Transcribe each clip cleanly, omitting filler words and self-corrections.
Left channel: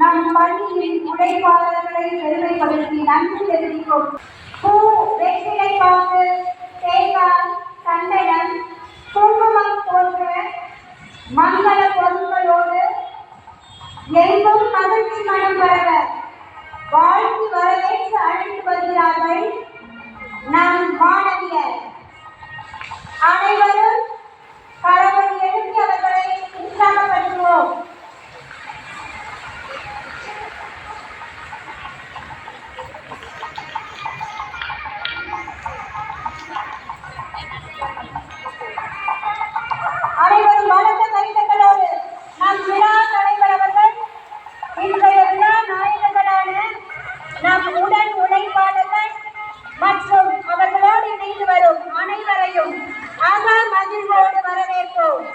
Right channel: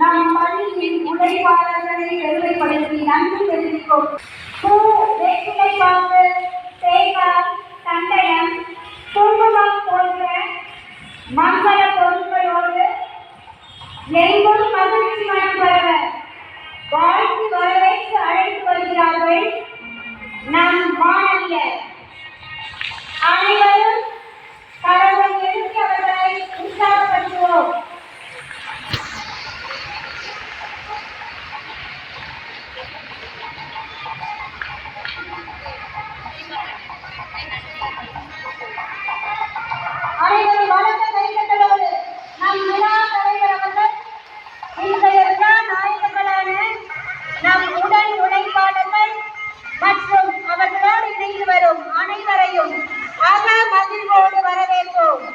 நம் பள்ளியின் உழைப்பாளர்களை பெருமைப்படுத்தி நன்றி தெரிவிக்கும் பூ, வேப்பிலை பாக்கு, தேங்காய், சந்தனம், குங்குமம் போன்ற மங்கள பொருட்களோடு எங்கும் மகிழ்ச்சி மனம் பரவ வாழ்த்து வரவேற்று அழைத்து வருகிறார்கள் நம் மாணவியர். அனைவரும் கரவை எழுப்பி அவர்களை உற்சாகப்படுத்துவோம். அனைவரும் பலத்த கைத்தட்டலோடு நம் விழா தலைவர் அவர்கள் இன்றைய விழா நாயகர்களான நம் உடன் உழைப்பாளர்கள் மற்றும் அவர்களோடு இணைந்து வரும் அனைவரையும் அக மகிழ்வோடு வரவேற்போம்.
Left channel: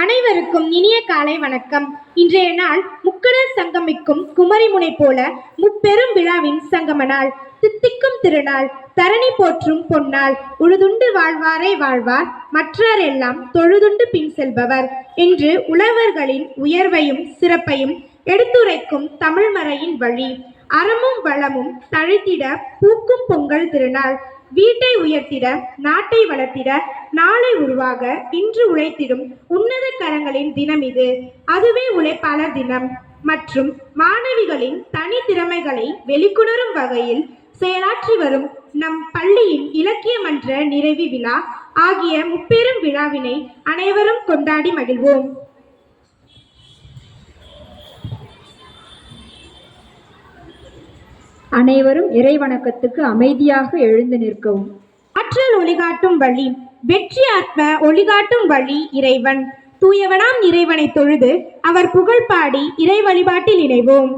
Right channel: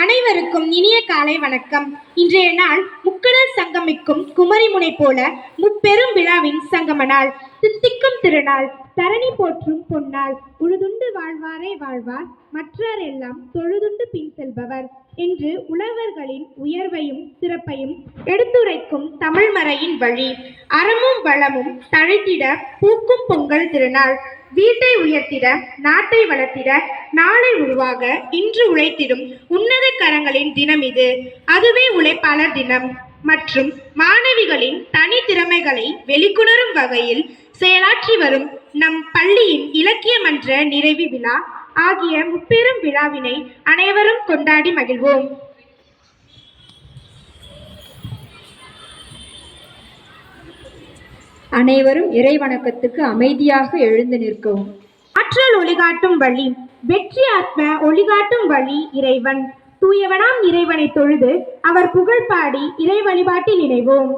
அனைவருக்கும் இனிய காலை வணக்கம். இன்றைய நாள் முக்கடல் சங்கமிக்கும் குமரிமுனை போல முப்பெரும் விழாவின் சங்கம நாள், தித்திக்கும் திருநாள், தரணி போற்றும் பொன்னாள். உழுதுண்டு வாழ்வாரே வாழ்வார், மற்றார் எல்லாம் தொழுதுண்டு பின் செல்பவர் என்று உழவர்களின் உயர்வையும் சிறப்பையும் எடுத்துரைக்கும் தமிழ்மறையின் வழி. அறமும் வளமும் தழைத்திட பூக்கும் பொங்கல் திருநாள். வீட்டை உயர்த்திட, நாட்டை வளர்த்திட, நாளை உருவாக இன்று உழைத்திடும் உன்னத கரங்களின் தினம் இது. அதுவே உழைப்பாளர் தினம் மற்றும் மாணவிகளின் தனி திறமைகளை வெளிக்கொணரும் வகையில் செயலாற்றி வரும் நம் பள்ளியின் இலக்கிய மன்ற நிறைவு விழா ஆகிய முப்பெரும் விழாவினை அனைவரும் கொண்டாடி மகிழ்வோம். அனைவரும் இறை வணக்கத்துக்கு அமைதியாக எழுந்து நிற்கவும். ஆற்றல் ஒளிகாட்டும் வழி, வெற்றி ஆத்ம ஒளிகாட்டும் வழி இறைவன். தூயவனாம் இறைவனை தொழுது அவர் புகழ் பாடி இறை வழிபாட்டில் இணைவோம்.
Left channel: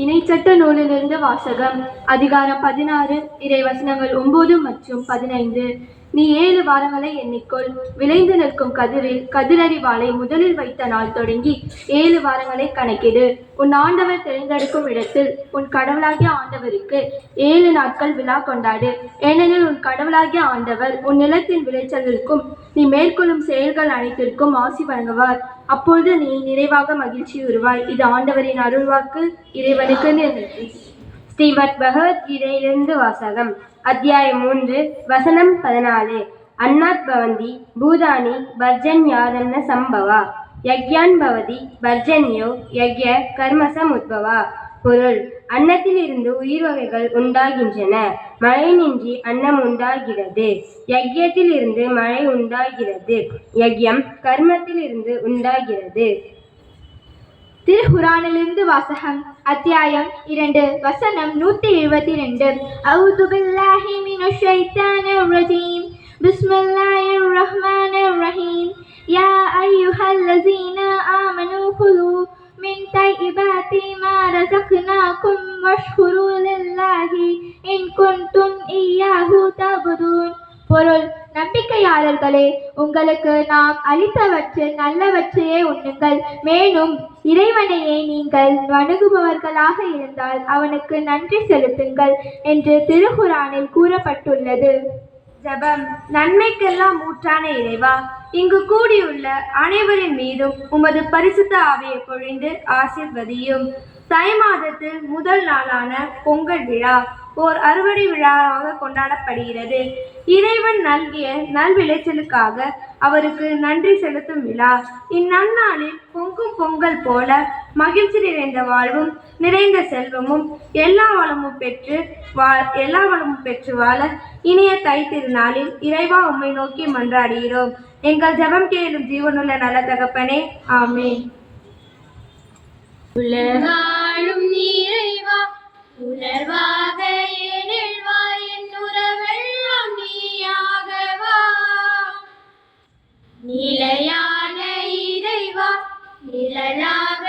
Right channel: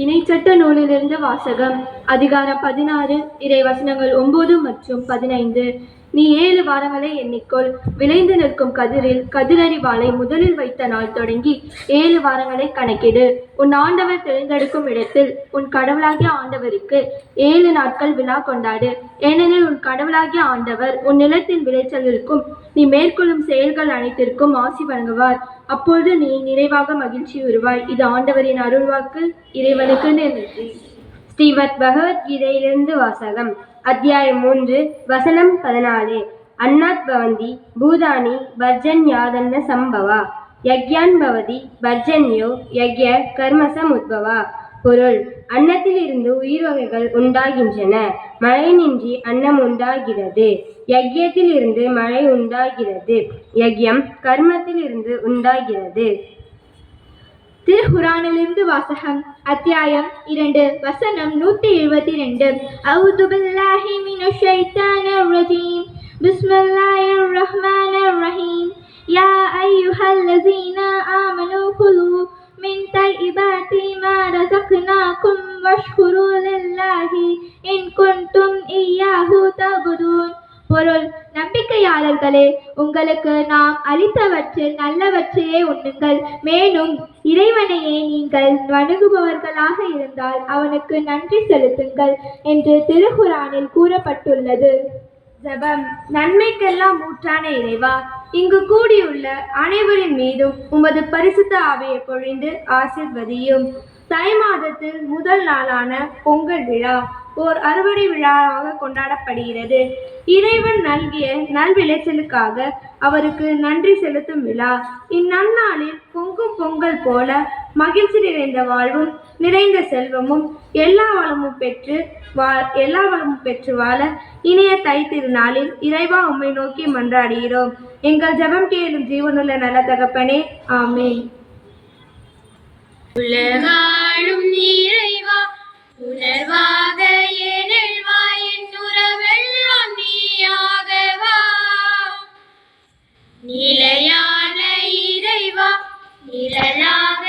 இணைச்சட்ட நூலிலிருந்து வாசகம். அதிகாரம் 16, இறை வசனங்கள் 9 மற்றும் 15. நீ 7 வாரங்களை எண்ணிக்கொள். விளைந்து நிற்கும் கதிரில் கதிரறிவாளை முதலில் வைத்த நாள் தொடங்கி 7 வாரங்களை கணக்கிடு. உன் ஆண்டவர் தெரிந்தெடுக்கும் இடத்தில் உன் கடவுளாகிய ஆண்டவருக்கு 7 நாட்கள் விழா கொண்டாடு. ஏனெனில் உன் கடவுளாகிய ஆண்டவர் உன் நிலத்தின் விளைச்சலிற்கும் நீ மேற்கொள்ளும் செயல்கள் அனைத்திற்கும் ஆசி வழங்குவார். அப்பொழுது நீ நிறைவாக மகிழ்ச்சி உருவாய். இது ஆண்டவரின் அருள்வாக்கு. இறைவனுக்கு நன்றி. ஸ்ரீமத் பகவத்கீதையிலிருந்து வாசகம். அத்தியாயம் 3, வசனம் 14. அன்னாத் பவந்தி பூதானி பர்ஜன்யாதன்ன சம்பவா யக்யான் பவதி பர்ஜன்யோ யக்ய கர்மசம் உத்பவா. பொருள்: அன்னத்தில் இருந்து உயிர் வகைகள் உண்டாகின்றன. மழை நின்றி அன்னம் உண்டாகிறது. யக்யத்தில் இருந்து மழை உண்டாகிறது. யக்யம் கர்மத்தில் இருந்து உண்டாகிறது. திருக்குரானிலிருந்து வாசகம். அத்தியாயம் 2, வசனம் 172. அஊது பில்லாஹி மினஷ் ஷைத்தானிர் ரஜீம். பிஸ்மில்லாஹிர் ரஹ்மானிர் ரஹீம். யா அய்யுஹல்லஸீன ஆமனூ குலூ من طيبات ما رزقناكم واشكروا لله إن كنتم إياه تعبدون. பொருள்: நம்பிக்கையாளர்களே, உங்களுக்கு நாம் அளித்தவற்றில் நல்லவற்றையே உண்ணுங்கள். மேலும் இறைவனையே நீங்கள் வணங்குபவர்களாக இருந்தால் அவனுக்கு நன்றி செலுத்துங்கள் என்று திருக்குரானில் கூறப்பட்டுள்ளது. ஜெபம். நன்மைக்கெல்லாம் ஊற்றான இறைவா, இங்கு கூடியுள்ள அனைவரின் மீதும் உமது பரிசுத்த ஆவியை பொழிந்து ஆசீர்வதியும். தை மாதத்தில் முதல் நாளான பொங்கல் விழா ஓர் அறுவடை விழாவாக கொண்டாடப்படுகிறது. இறைவன் நல்கிய நல்விளைச்சலுக்காக அவருக்கு நன்றி செலுத்தும் விழா. இந்நன்னாளில் பொங்கும் பொங்கல் போல மகிழ்ச்சி நிறைந்த வாழ்வும் நிறைந்த செல்வமும் எல்லா வளமும் பெற்று வாழ இனிய தை திருநாளில் இறைவா உம்மை நோக்கி மன்றாடுகிறோம். எங்கள் ஜெபம் கேளும் ஜீவனுள்ள நல்ல தகப்பனே, ஆமென். உலகாளும் இறைவா, உணர்வாக ஏனில் வா, என் உறவெல்லாம் நீயாகவா. நிலையான இறைவா, நிழலாக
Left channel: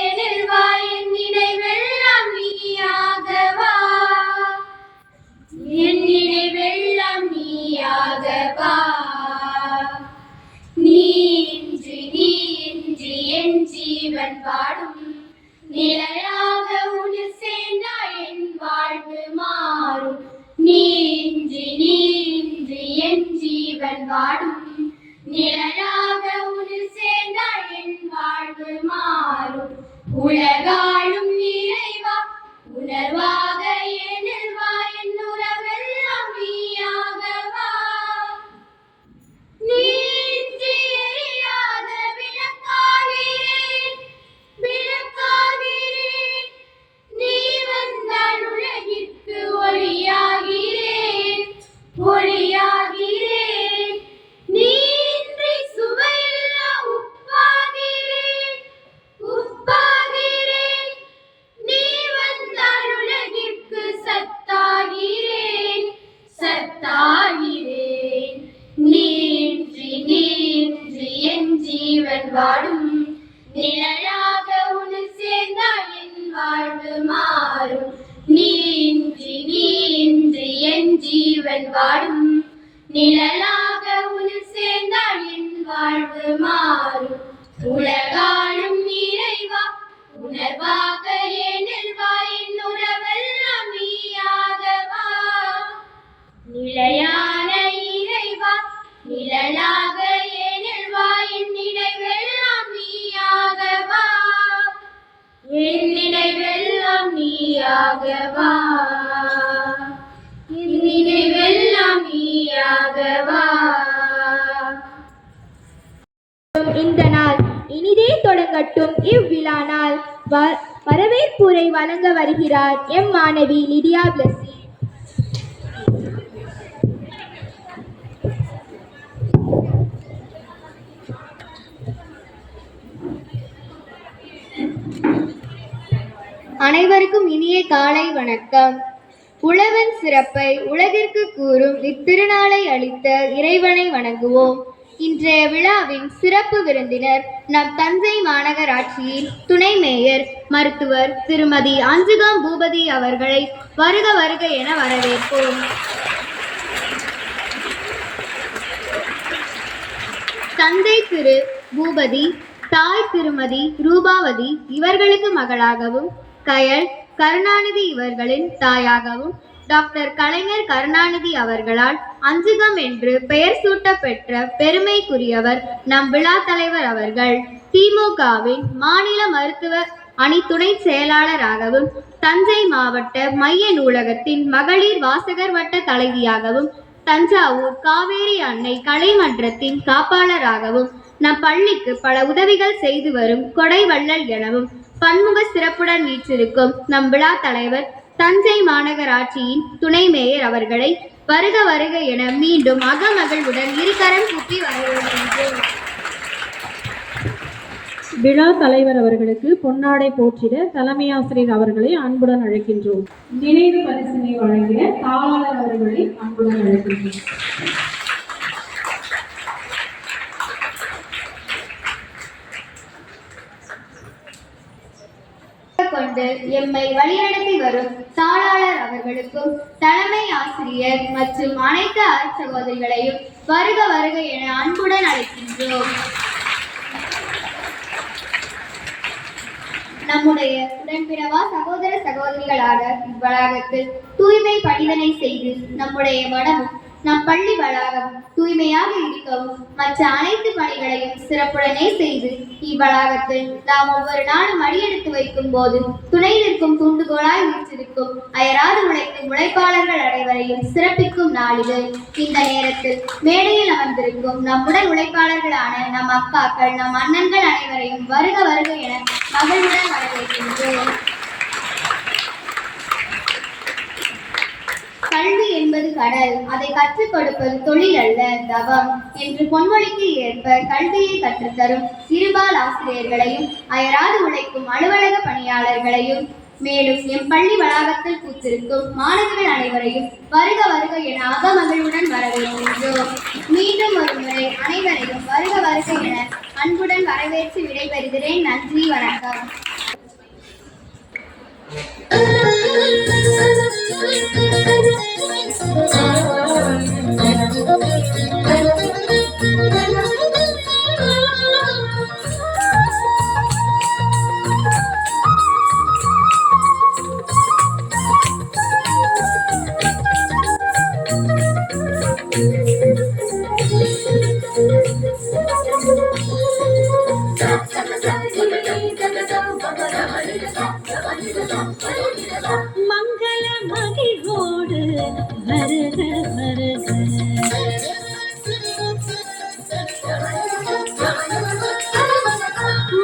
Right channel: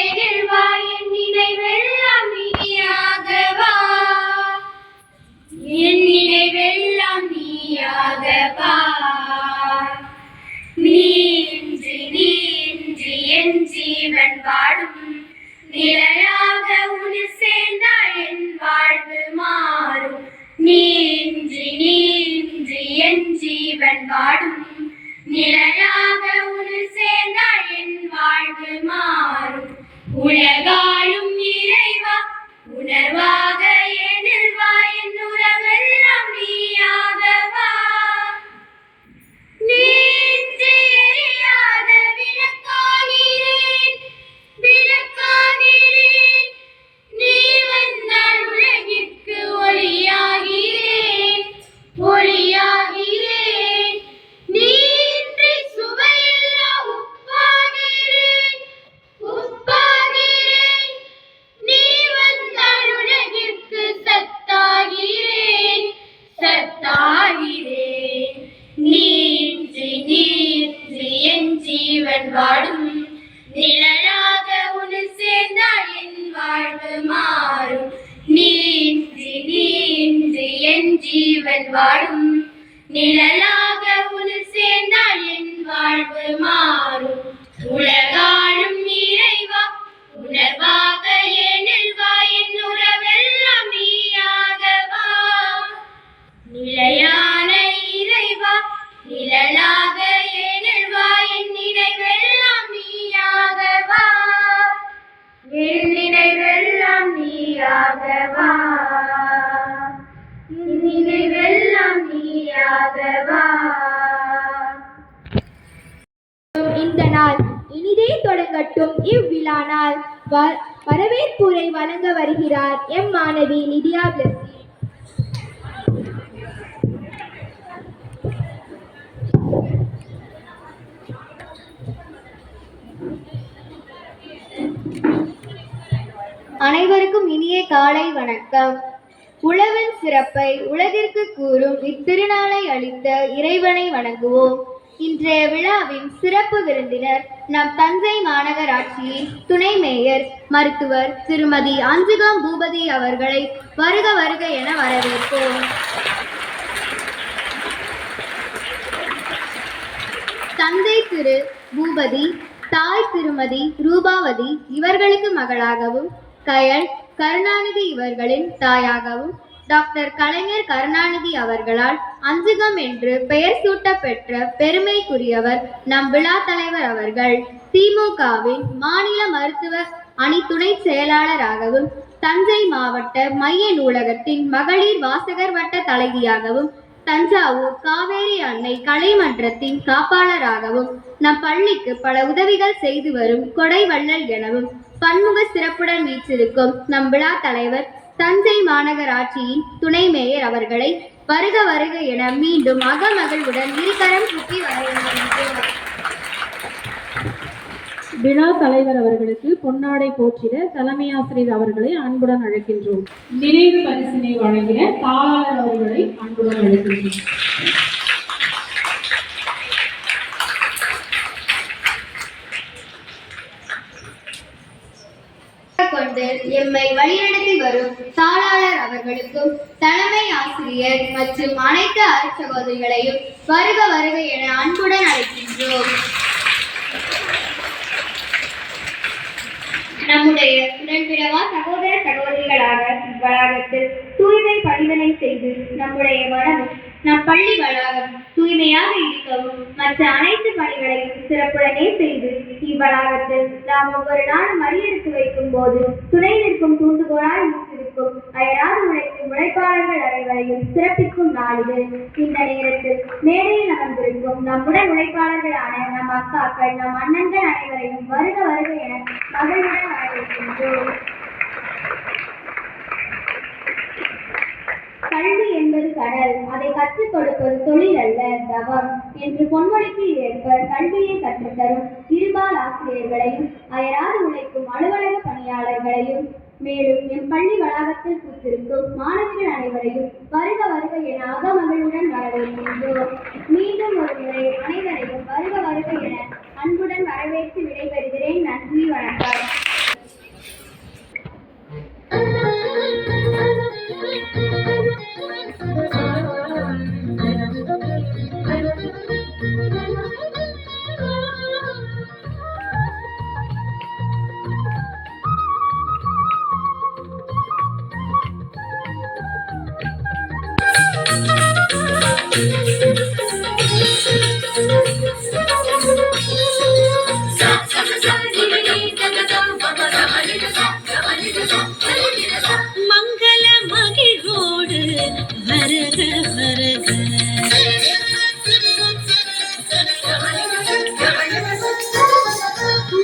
ஏனில் வா, என் நினைவெல்லாம் நீயாகவா. என் நினைவெல்லாம் நீயாகவா. நீன்றி என் ஜீவன் வாடும், நிலையாக உன்னில் சேர்ந்தால் என் வாழ்வு மாறும். நீன்றி என் ஜீவன் வாடும், நிலையாக உன்னில் சேர்ந்தால் என் வாழ்வு மாறும். உலகாளும் இறைவா, உணர்வாக ஏனில் வா, என் உறவெல்லாம் நீயாகவா. நீன்றி எரியாத விளக்காகிறேன், விளக்காகிறேன். நீ வந்தால் உலகிற்கு ஒளியாகிறேன், ஒளியாகிறேன். நீன்றி சுவையில்லா உப்பாகிறேன், உப்பாகிறேன். நீ வந்தால் உலகிற்கு சத்தாகிறேன், சத்தாகிறேன். நீன்றி என் ஜீவன் வாடும், நிழலாக உன்னில் சேர்ந்தால் என் வாழ்வு மாறும். நீன்றி என் ஜீவன் வாடும், நிழலாக உன்னில் சேர்ந்தால் என் வாழ்வு மாறும். உலகாளும் இறைவா, உணர்வாக ஏனில் வா, என் உறவெல்லாம் நீயாகவா. நிலையான இறைவா, நிழலாக ஏனில் வா, என் நினைவெல்லாம் நீயாகவா. என் நினைவெல்லாம் நீயாகவா. என் நினைவெல்லாம் நீயாகவா. இந்த நாள் இனிதே தொடங்கட்டும். இவ்விழா நாள் வரவேற்புரை வழங்க வருகிறார் எம் மாணவி லிடியா பிளஸி. அனைவருக்கும் இனிய காலை வணக்கம். உழவன் சிறப்பை உலகிற்கு கூறும் இத்திருநாளை அளித்த இறைவனை வணங்குவோம். இன்றைய விழாவின் சிறப்பு விருந்தினர் நம் தஞ்சை மாநகராட்சியின் துணை மேயர் மருத்துவர் திருமதி அஞ்சுகம் பூபதி அவர்களை வருக வருக என வரவேற்போம். தந்தை திரு பூபதி, தாய் திருமதி ரூபாவதி இவர்களுக்கு மகளாகவும், கயல் கருணாநிதி இவர்களின் தாயாகவும், டாக்டர் கலைஞர் கருணாநிதி அவர்களால் அஞ்சுகம் என்று பெயர் சூட்ட பெற்ற பெருமைக்குரியவர் நம் விழா தலைவர் அவர்கள். திமுகவின் மாநில மருத்துவ அணி துணை செயலாளராகவும், தஞ்சை மாவட்ட மைய நூலகத்தின் மகளிர் வாசகர் வட்ட தலைவியாகவும், தஞ்சாவூர் காவேரி அன்னை கலைமன்றத்தின் காப்பாளராகவும், நம் பள்ளிக்கு பல உதவிகள் செய்து வரும் கொடை வள்ளல் எனவும் பன்முக சிறப்புடன் வீற்றிருக்கும் நம் விழா தலைவர் தஞ்சை மாநகராட்சியின் துணை மேயர் அவர்களை வருக வருக என மீண்டும் அகமகிழ்வுடன் இருகரம் கூப்பி வரவேற்கின்றோம். விழா தலைவர் அவர்களுக்கு பொன்னாடை போற்றிட தலைமை ஆசிரியர் அவர்களை அன்புடன் அழைக்கின்றோம். நினைவு பரிசினை வழங்கிட தாளர் அவர்களை அன்புடன் அழைக்கின்றோம். கொண்டு எம்மை வழிநடத்தி வரும் தாளாளர் அவர்களுக்கும் தலைமை ஆசிரியர் மற்றும் அனைத்து அருட்சகோதரிகளையும் வருக வருக என அன்புடன் அழைக்கின்றோம். நம்முடைய உடன்பிறவா சகோதர சகோதரிகளாக இவ்வளாகத்தில் தூய்மை பணிதனை செய்து நம்முடைய மனமும் நம் பள்ளி வளாகம் தூய்மையாக இருக்கவும் மற்ற அனைத்து பணிகளையும் சிறப்புடனே செய்து இவ்வளாகத்தில் நாம் ஒவ்வொரு நாளும் அடியெடுத்து வைக்கும் போது துணை நிற்கும் தூண்டுகோலாய் வீற்றிருக்கும் அயராது உழைக்கும் உழைப்பாளர்கள் அனைவரையும் சிறப்பிக்கும் நாளிது. இந்த நேரத்தில் மேடையில் அமர்ந்திருக்கும் நம்முடன் உழைப்பாளர்களான நம் அக்காக்கள் நம் அண்ணன்கள் அனைவரையும் வருக வருக என மகிழ்வுடன் வரவேற்கின்றோம். கல்வி என்பது கடல், அதை கற்றுக் கொடுப்பது தொழில் அல்ல தவம் என்று பொன்மொழிக்கு ஏற்ப கல்வியை கற்றுத்தரும் இருபால் ஆசிரியர்களையும் அயராது உழைக்கும் அலுவலக பணியாளர்களையும் மேலும் எம் பள்ளி வளாகத்தில் கூத்திருக்கும் மாணவர்கள் அனைவரையும் வருக வருக என அகமகிழ்வுடன் வரவேற்கின்றோம். மீண்டும் ஒரு முறை அனைவரையும் வருக வருக என அன்புடன் வரவேற்று விடைபெறுகிறேன். நன்றி, வணக்கம். மங்கள மகிழ்வோடு வருக வருக,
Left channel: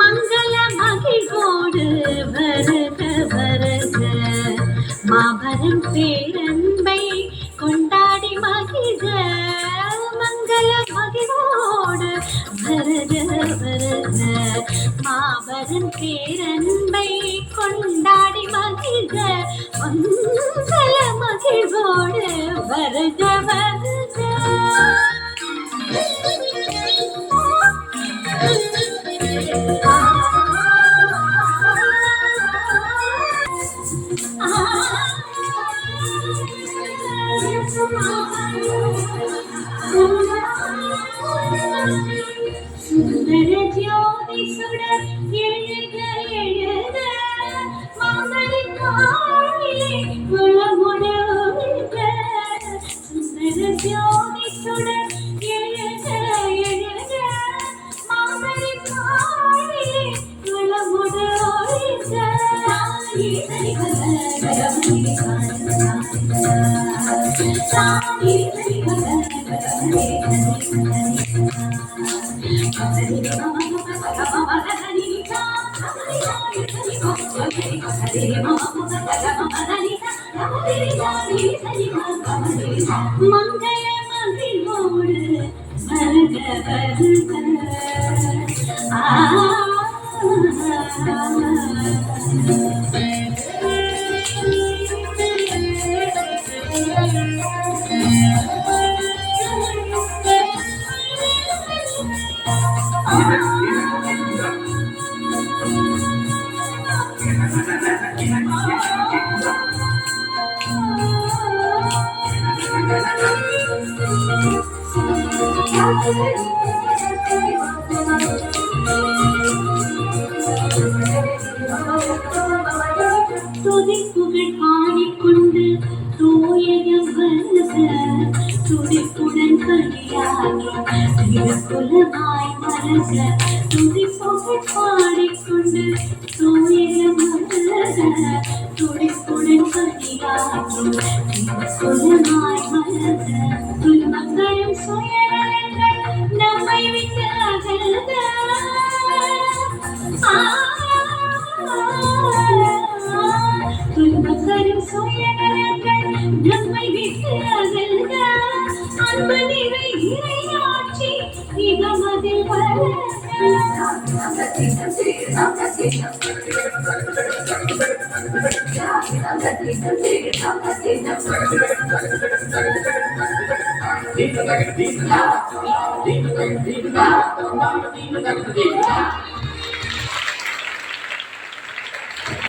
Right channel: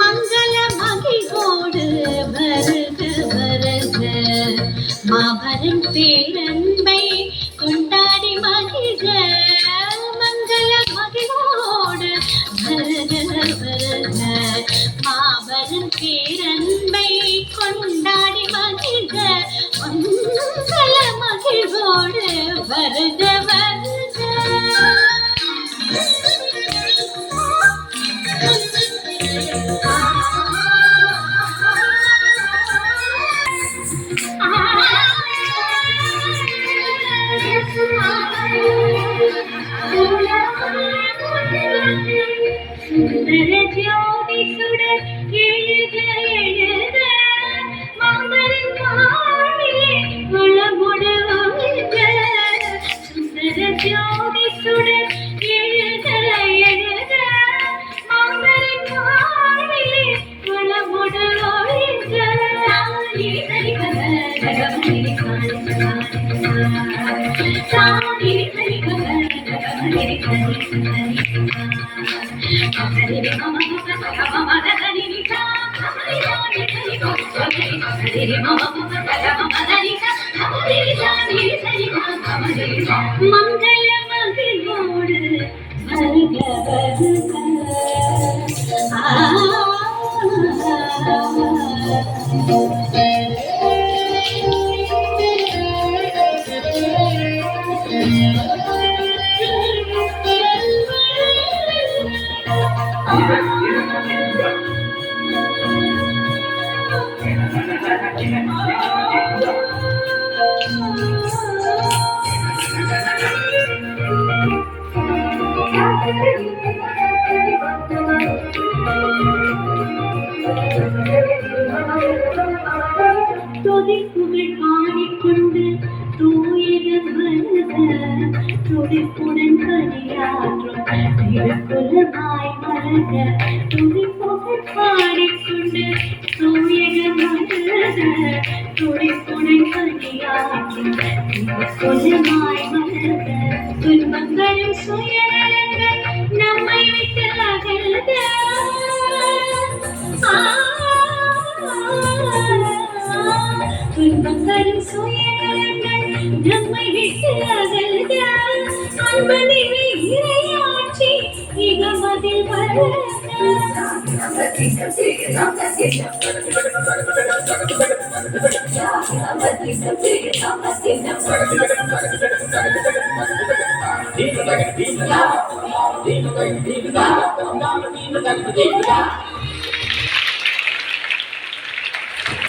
மங்கள மகிழ்வோடு வருக வருக, மாபெரும் பேரன்பை கொண்டாடி மகிழ்க. மங்கள மகிழ்வோடு வருக வருக, மாபெரும் பேரன்பை கொண்டாடி மகிழ்க. மங்கள மகிழ்வோடு வருக வருக. சுந்தர ஜோதி சுடர் எழுக எழுக, மாதரின் வாழ்விலே வளமுடு வாழ்க. சுந்தர ஜோதி சுடர் எழுக எழுக, மாதரின் வாழ்விலே வளமுடு வாழ்க. மங்கள மகிழ்வோடு வருக வருக. துதிப்புகள் பாடிக்கொண்டு தூயகம் வருக, துடிப்புடன் பணியாற்றும் திருக்குலமாய் வருக. துதிப்புகள் பாடிக்கொண்டு தூயகம் வருக, துடிப்புடன் பணியாற்றும் திருக்குலமாய் வருக. துன்பங்களும் சுயநலங்கள் நம்மை விட்டு அகல்க. துன்பங்களும் சுயநலங்கள் நம்மை விட்டு அகல்க. அன்பு நிறை இறையாட்சி இகமதில் வளர்க.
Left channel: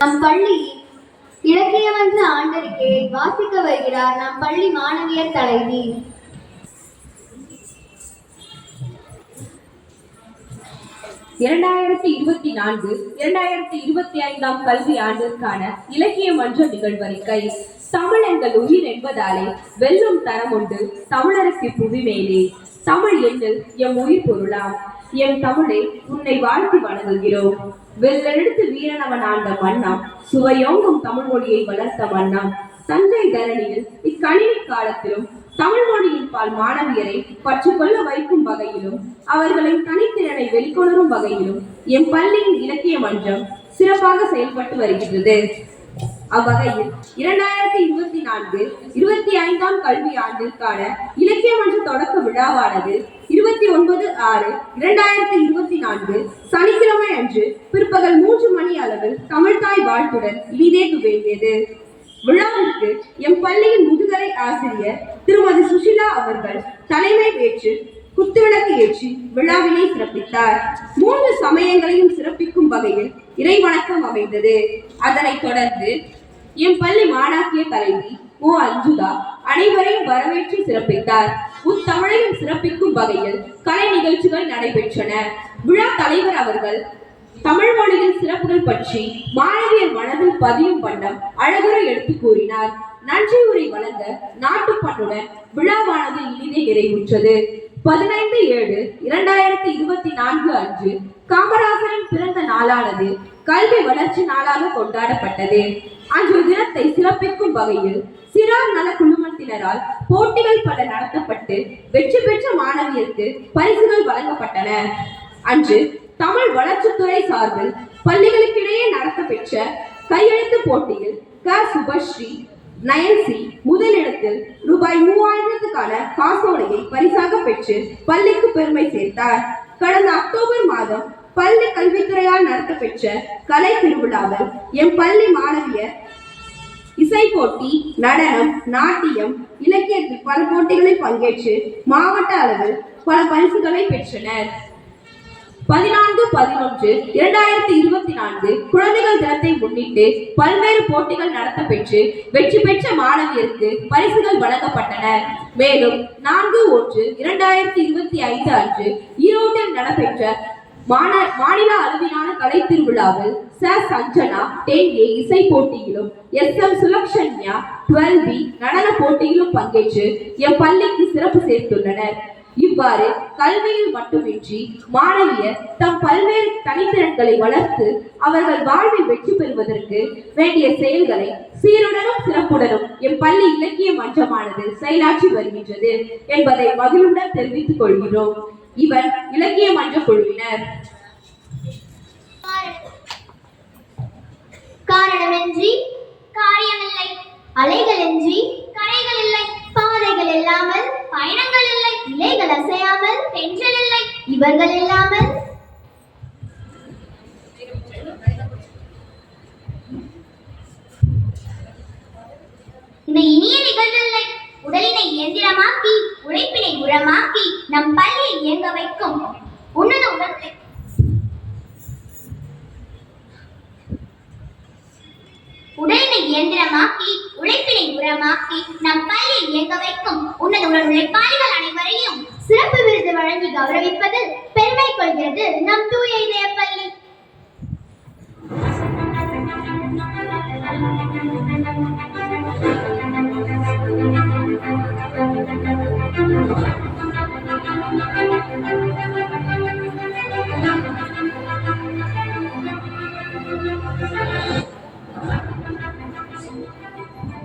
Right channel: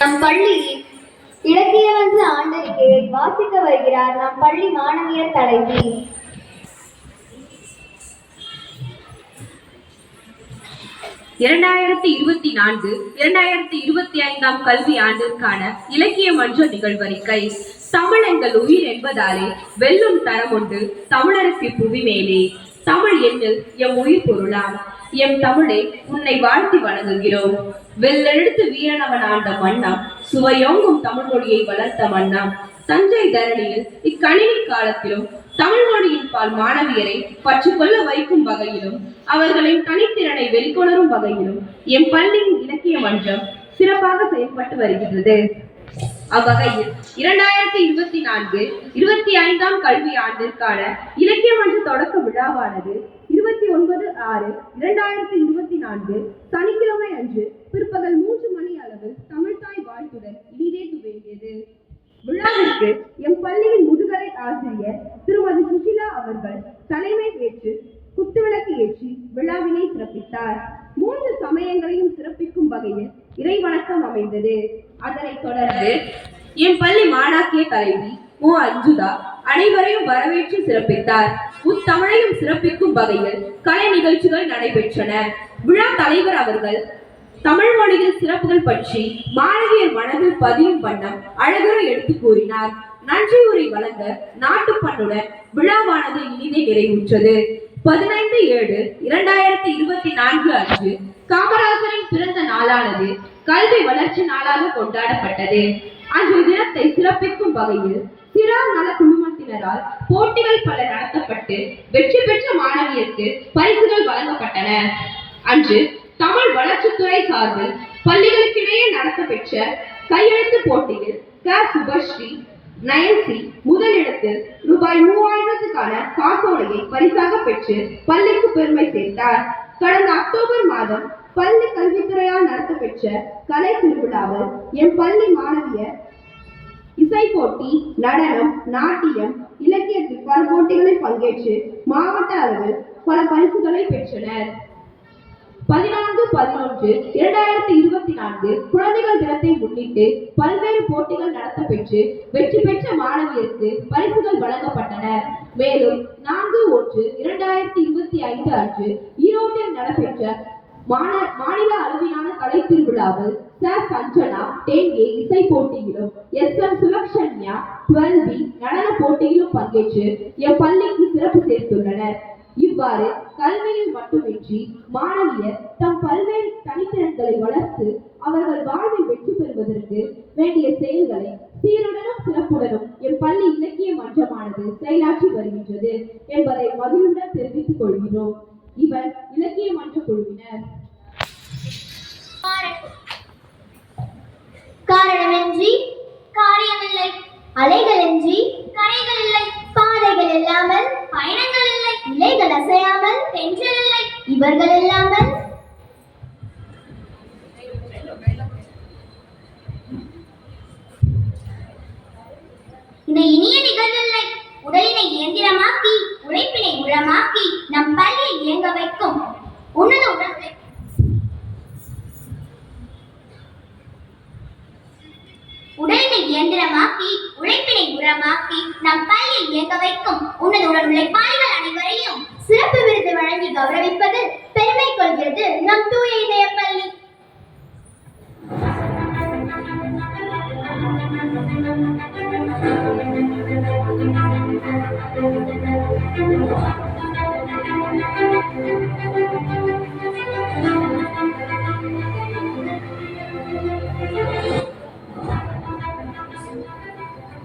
நம் பள்ளியில் இலக்கியமன்ற ஆண்டறிக்கையை வாசிக்க வருகிறார் நம் பள்ளி மாணவியர் தலைவி. இரண்டாயிரத்தி 2024-2025 கல்வி ஆண்டிற்கான இலக்கிய மன்ற நிகழ்வறிக்கை. தமிழ் எங்கள் உயிர் என்பதாலே வெல்லும் தரம் உண்டு தமிழருக்கு புவி மேலே. தமிழ் எண்ணில் எம் உயிர் பொருளாம். எம் தமிழே உன்னை வாழ்த்தி வணங்குகிறோம். வெள்ளெடுத்து வீரனவன் ஆண்ட மன்னாம், சுவையோங்கும் தமிழ் மொழியை வளர்த்த மன்னாம். தஞ்சை தரணியில் இக்கணினி காலத்திலும் தமிழ் மொழியின் பால் மாணவியரை பற்றுக்கொள்ள வைக்கும் வகையிலும் அவர்களின் தனித்திறனை வெளிக்கொணரும் வகையிலும் எம் பள்ளியின் இலக்கிய மன்றம் சிறப்பாக செயல்பட்டு வருகிறது. அவ்வகையில் 2024-25 கல்வி ஆண்டிற்கான இலக்கிய மன்ற தொடக்க விழாவானது 29/6/2024 சனிக்கிழமை அன்று பிற்பகல் 3 மணி அளவில் தமிழ்தாய் வாழ்த்துடன் இனிதே துவங்கியது. விழாவிற்கு எம் பள்ளியின் முதுகலை ஆசிரியர் திருமதி சுஷிலா அவர்கள் தலைமை ஏற்று குத்துவிளக்கு ஏற்றி விழாவினை சிறப்பித்தார். 3 சமயங்களையும் சிறப்பிக்கும் வகையில் இறைவணக்கம் அமைந்தது. அதனைத் தொடர்ந்து எம் பள்ளி மாணாக்கிய தலைவி மு. அஞ்சுதா அனைவரையும் வரவேற்று சிறப்பித்தார். முத்தமிழையும் சிறப்பிக்கும் வகையில் கலை நிகழ்ச்சிகள் நடைபெற்றன. விழா தலைவர் அவர்கள் தமிழ் மொழியின் சிறப்புகள் பற்றி மாணவியர் மனதில் பதியும் வண்ணம் அழகுற எடுத்து கூறினார். நன்றி உரை வழங்க நாட்டுப்பண்ணுடன் விழாவானது இனிதே நிறைவுற்றது. 15/7/2024 அன்று காமராசரின் பிறந்த நாளானது கல்வி வளர்ச்சி நாளாக கொண்டாடப்பட்டது. அன்றைய தினத்தை சிறப்பிக்கும் வகையில் சிறார் நல குழுமத்தினரால் போட்டிகள் பல நடத்தப்பட்டு வெற்றி பெற்ற மாணவியருக்கு பரிசுகள் வழங்கப்பட்டன. அன்று தமிழ் வளர்ச்சித்துறை சார்பில் பள்ளிகளுக்கிடையே நடத்தப்பெற்ற கையெழுத்து போட்டியில் க. சுபஸ்ரீ நயன்சி முதலிடத்தில் ரூபாய் 3000க்கான காசோலையை பரிசாக பெற்று பள்ளிக்கு பெருமை சேர்த்தார். கடந்த அக்டோபர் மாதம் பள்ளி கல்வித்துறையால் நடத்தப்பெற்ற கலை திருவிழாவில் எம் பள்ளி மாணவியர் இசை போட்டி, நடனம், நாட்டியம், இலக்கியத்தில் பல போட்டிகளில் பங்கேற்று மாவட்ட அளவில் பல பரிசுகளை பெற்றனர். 14/11/2024 குழந்தைகள் தினத்தை முன்னிட்டு பல்வேறு போட்டிகள் நடத்தப்பெற்று வெற்றி பெற்ற மாணவியருக்கு பரிசுகள் வழங்கப்பட்டன. மேலும் 4/1/2025 அன்று ஈரோட்டில் நடைபெற்ற மாநில அளவிலான கலை திருவிழாவில் ச. சஞ்சனா 10A இசை போட்டியிலும் SM சுலக்ஷன்யா 12B நடன போட்டியிலும் பங்கேற்று எம் பள்ளிக்கு சிறப்பு சேர்த்துள்ளனர். இவ்வாறு கல்வியில் மட்டுமின்றி மாணவியர் தம் பல்வேறு தனித்திறன்களை வளர்த்து அவர்கள் வாழ்வில் வெற்றி பெறுவதற்கு வேண்டிய செயல்களை சீருடனும் சிறப்புடனும் எம் பள்ளி இலக்கிய மன்றமானது செயலாற்றி வருகின்றது என்பதை மகிழ்வுடன் தெரிவித்துக் கொள்கிறோம். இவர் இலக்கிய மன்ற குழுவினர். காரணமின்றி காரியமில்லை, அலைகளின்றி கரைகள் இல்லை, பாதைகள் இல்லாமல் பயணங்கள் இல்லை, இலைகள் அசையாமல் தென்றல் இல்லை, இவர்கள் இல்லாமல் இந்த இனிய நிகழ்வில்லை. உடலினை இயந்திரமாக்கி உழைப்பினை உரமாக்கி நம் பள்ளியை இயங்க வைக்கும் உன்னத உடலை உடலினை இயந்திரமாக்கி உழைப்பினை உரமாக்கி நம் பள்ளியை இயங்க வைக்கும் உன்னத உடல் உழைப்பாளிகள் அனைவரையும் சிறப்பு விருது வழங்கி கௌரவிப்பதில் பெருமை கொள்கிறது நம் தூய இதய பள்ளி.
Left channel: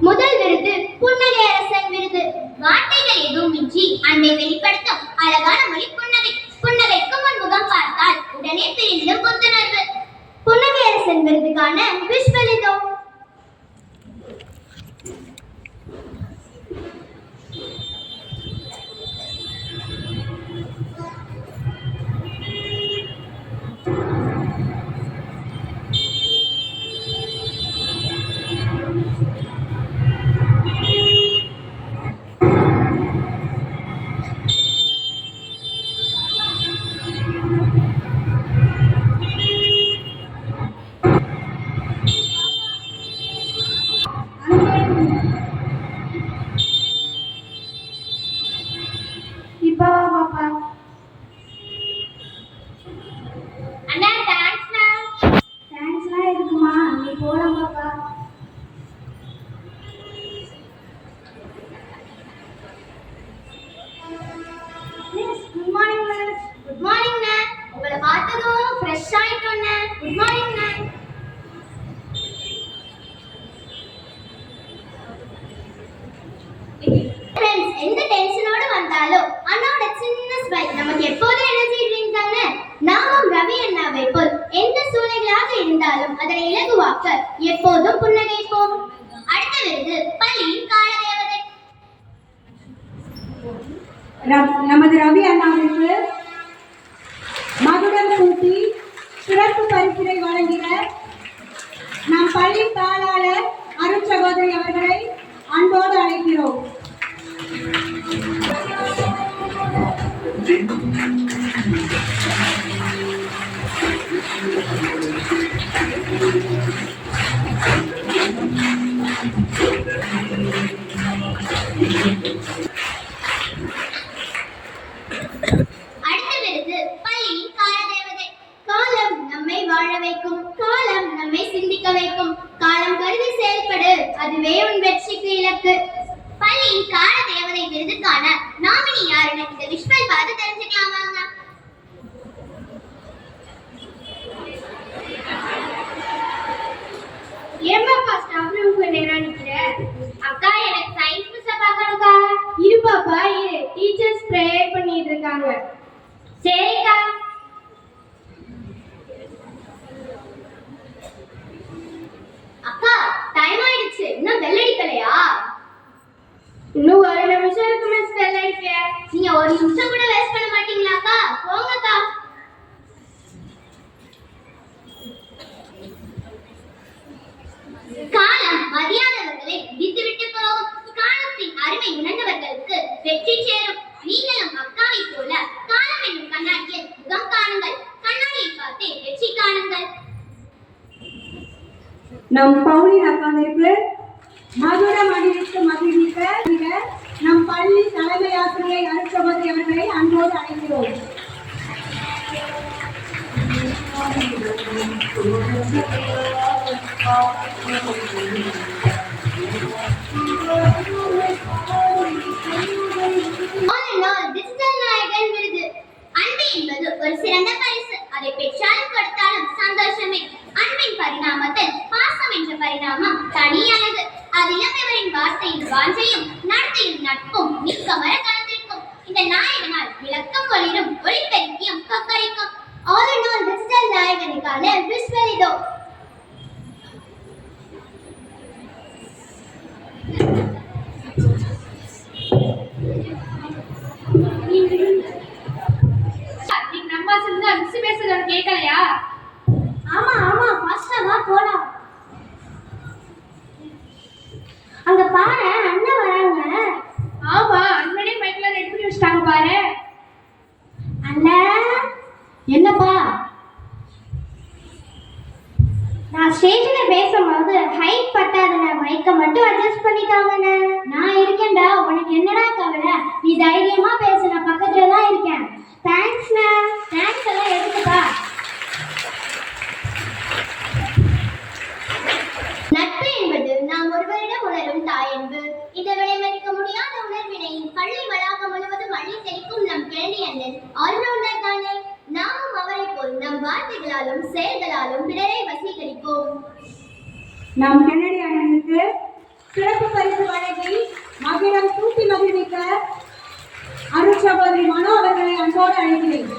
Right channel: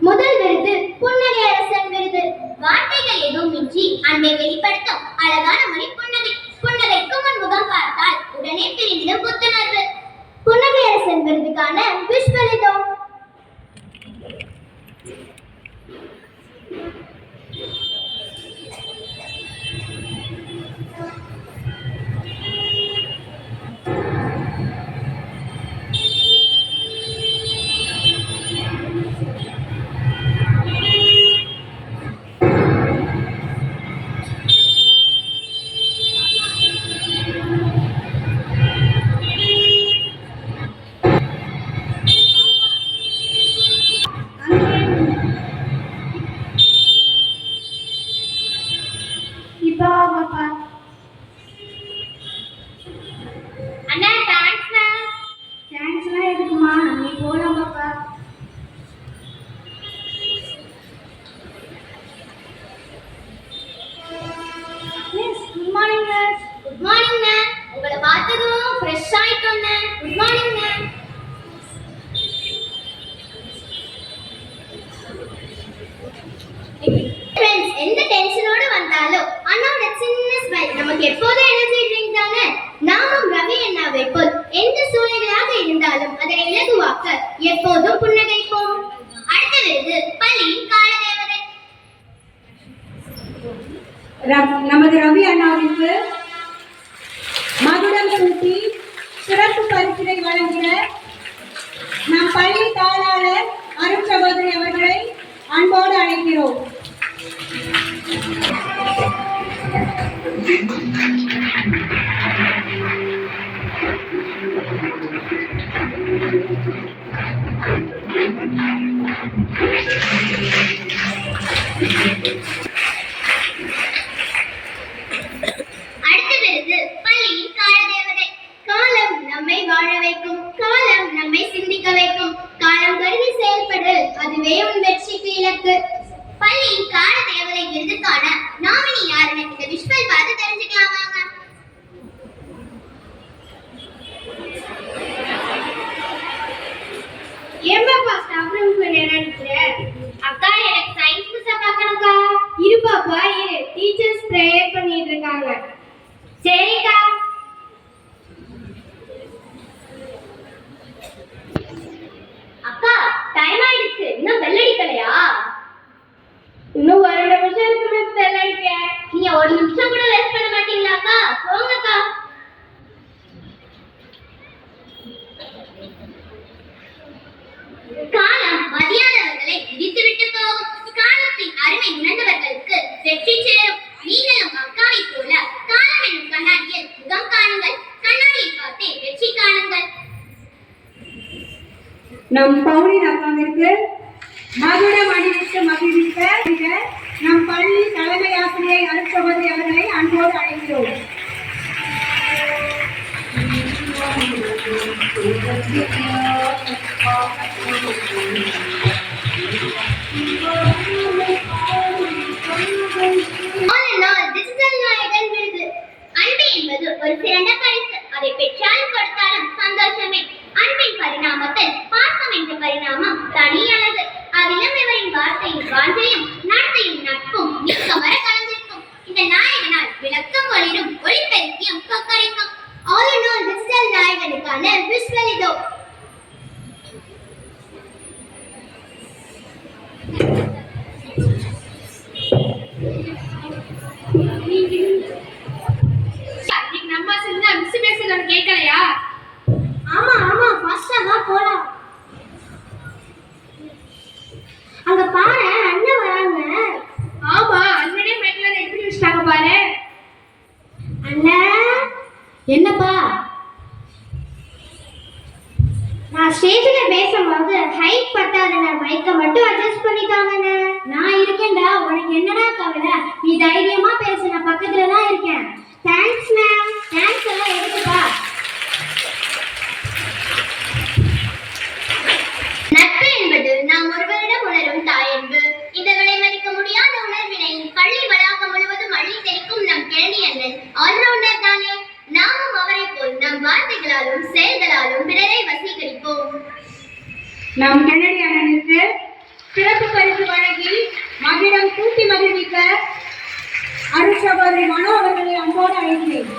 முதல் விருது புன்னகை அரசன் விருது. வார்த்தைகள் எதுவுமின்றி அன்பை வெளிப்படுத்தும் அழகான மொழி புன்னகை. புன்னகைக்கு முன் முகம் பார்த்தால் உடனே பிரிந்திடும் புத்துணர்வு. புன்னகை அரசன் விருதுக்கான விஸ்வலிதோ. நமது ரவி அண்ணாவிற்கு மகுடம் சூட்டி சிறப்பு பரிசினை வழங்கின நம் பள்ளி தாளாளர் அருட்சகோதரி அவர்களை அன்போடு அழைக்கிறோம். அடுத்த பள்ளியின் காலதேவதை. காலம் நம்மை வாழ வைக்கும், காலம் நம்மை சிந்திக்க வைக்கும். காலம் கருதி செயல்படு, அதுவே உன் வெற்றிக்கு இலக்கு. பள்ளியின் கால தேவதை விருதுக்கான நாமினி யாருன்னு இந்த விஷுவல் பார்த்து தெரிஞ்சுக்கலாம் வாங்க. ஏம்பாப்பா ஸ்டாஃப் ரூம்க்கு என்ன நினைக்கிற? அக்கா எனக்கு சயின்ஸ் புக்ஸை பார்க்கணும்க்கா. இரு பாப்பா இரு, டீச்சர்ஸ் ப்ரேயர் பண்ணிட்டு இருக்காங்க. சரிக்கா. அக்கா டைம் ஆயிடுச்சு, இன்னும் பெல் அடிக்கலையா? இன்னும் ஒரு நிமிஷம் இருக்கு மிஸ், பெல் அடிக்க. நீங்க ஒரு நிமிஷம் கூட வேஸ்ட் பண்ண மாட்டீங்களா அக்கா? போங்கக்கா. காலம் மதியாதவர்களை விதித்துவிட்டு போகும். காலத்தின் அருமை உணர்ந்தவர்களுக்கு வெற்றி சேரும். நீங்களும் அக்காவை போல காலம் என்னும் கண்ணாடியில் முகம் காணுங்கள். கண்ணாடியை பார்த்தே வெற்றி காணுங்கள். நம் பவுலின் அக்காவிற்கு மகுடம் அணிவித்து மகிழ்விக்க நம் பள்ளி தலைமை ஆசிரியை அருட்சகோதரி அவர்களை அன்போடு அழைக்கிறோம். டிஜிட்டல் நாயகன் விருது. அன்பு என்பது ஒரு சிறந்த பரிசு. அதை பெற்றாலும் கொடுத்தாலும் சந்தோஷமே. அன்பின் பரிணாமத்தில் பாசம் என்ற பரிணாமம் தனி அழகு. அதிலும் இவரின் வார்த்தையும் வாஞ்சையும் நடத்தையும் நட்பும் நீக்கமர கலந்திருக்கும். இந்த நாயகனால் விளக்கம் ஒளிரும், ஒளிப்பெருக்கியும் கொக்கரிக்கும். ஆல் இன் ஆல் டிஜிட்டல் நாயகனுக்கான விஷுவல் இதோ. நம்ம சின்ன மிஸ் பேசுறத கேட்கலையா? ஆமா ஆமா, ஃபாஸ்டா வா போலாம். அங்க பாரு, அண்ணன் வராங்க. ஆமா, அண்ணனே மைக்ல எப்படி வச்சிட்டாங்க பாரு. அண்ணன் என்னப்பா? நான் ஸ்டேஜ்ல பேசும்போது ஹைட் பத்தாதன, மைக்க மட்டும் அட்ஜஸ்ட் பண்ணிட்டாங்கண்ணே. நான் இருக்கேன்டா, உனக்கு என்னடா கவலை? நீ தைரியமா பேசு, நான் பக்கத்துல தான் இருக்கேன். தேங்க்ஸ்ண்ணே. தேங்க்ஸ் எல்லாம் எதுக்குப்பா? நட்பு என்பது நாம் ஒருவரிடம் உணரும் தாயன்பு. இந்த விலைமதிக்க முடியாத உணர்வினை பள்ளி வளாகம் முழுவதும் அள்ளி தெளிக்கும் நம் கிழனி அண்ணன் ஆல்ரவுண்டர் தானே. நாமும் அவரை போல் நம் வார்த்தைகளாலும் செயல்களாலும் பிறரை வசீகரிப்போம். நம் கென்னடி அண்ணனுக்கு சிறப்பு பரிசு வழங்கி மகிடம் கூட்டி மகிழ்விக்க அருட்சகோதரி மனோ அவர்களை அன்போடு அழைக்கிறேன்.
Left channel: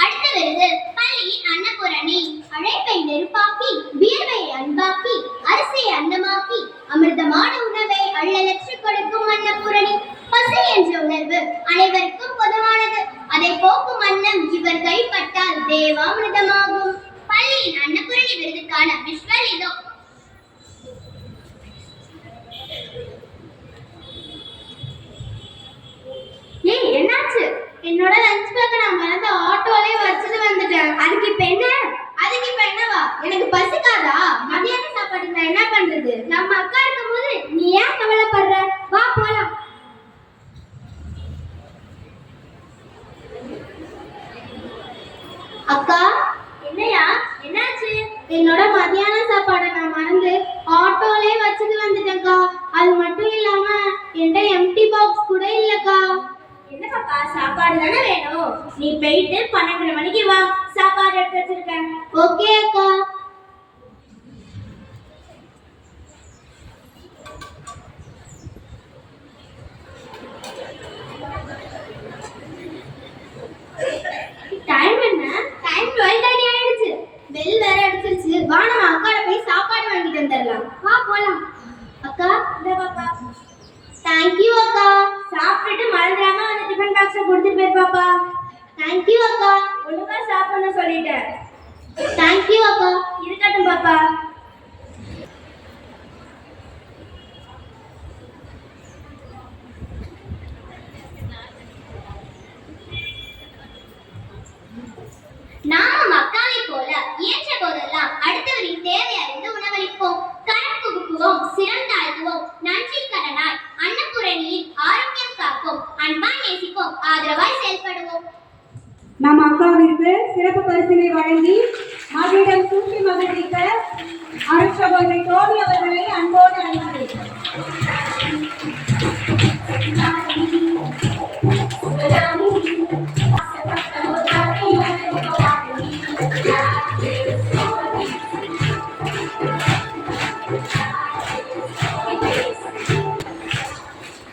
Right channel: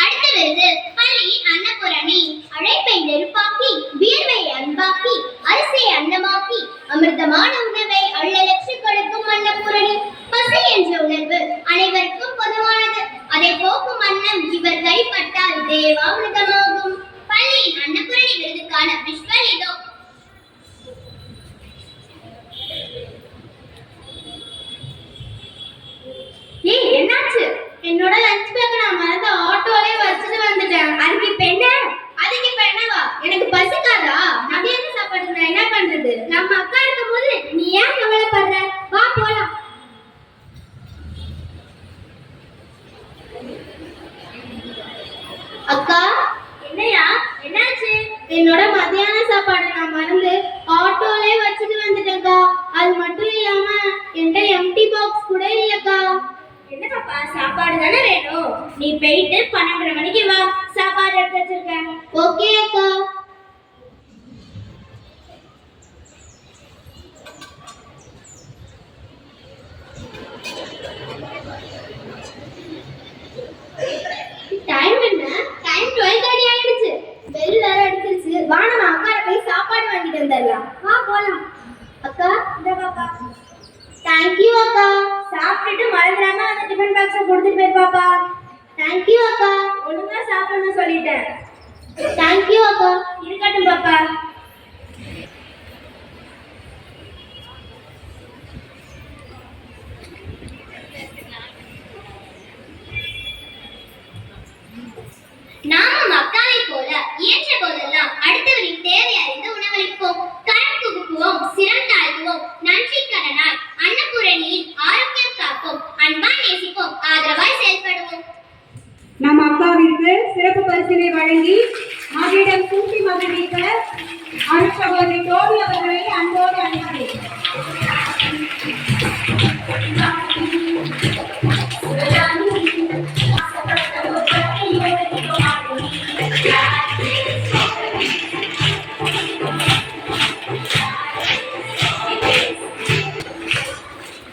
அடுத்த விருது பள்ளி அன்னபூரணி. அழைப்பை நெருப்பாக்கி, வியர்வை அன்பாக்கி, அரிசியை அன்னமாக்கி, அமிர்தமான உணவை அள்ளலற்று கொடுக்கும் அன்னபூரணி. பசி என்ற உணர்வு அனைவருக்கும் பொதுவானது. அதை போக்கும் அன்னம் இவர் கைப்பட்டால் தேவாமிர்தமாகும். பள்ளியின் அன்னபூரணி விருதுக்கான விஷுவல் இதோ. ஏய் என்னாச்சு? என்னோட லஞ்ச் பேக் நான் மறந்து ஆட்டோலே வச்சுட்டு வந்துட்டேன். அதுக்கு இப்ப என்ன? அதுக்கு இப்ப என்னவா? எனக்கு பசிக்காதா? மதியான சாப்பாடு நான் என்ன பண்றது? நம்ம அக்கா இருக்கும்போது நீ ஏன் கவலைப்படுற? வா போலாம். அக்கா என்னையா? என்னாச்சு? என்னோட மதியான சாப்பாடு நான் மறந்து ஆட்டோலே வச்சுட்டு வந்துட்டேன்க்கா. அது மட்டும் இல்லாம என்கிட்ட எம்டி பாக்ஸ் கூட இல்லக்கா. என்னப்பா, சாப்பாடு தானே வேணும்? நீ போயிட்டு 12:30 மணிக்கு வா, சாப்பாடு எடுத்து வச்சிருக்கேன். ஓகே அக்கா. டைம் என்ன? டைம் 12:30 ஆயிடுச்சு. பெல் வேற அடிச்சிருச்சு. வா பாப்பா. தேங்க்யூ அக்கா. ஒழுங்கா சாப்பிடணும் சொல்லிட்டேன். தேங்க்யூ அக்கா. இருக்கட்டும் பாப்பா. நாமும் அக்காவை போல இயன்ற போதெல்லாம் அடுத்தவரின் தேவை அறிந்து உணவளிப்போம், கடன் புகுப்புவோம், சிரம் தாழ்த்துவோம், நன்றி கடனாய் அன்னபூரணியின் ஆரோக்கியம் காப்போம், அன்பாய் நேசிப்போம், ஆதரவாய் செயல்படுவோம். நம் அக்காவிற்கு சிறப்பு பரிசினை வழங்கி மகளிடம் சூட்டி மகிழ்வித்த அருட்சகோதரி டோபி அவர்களை அன்போடு அழைக்கிறேன்.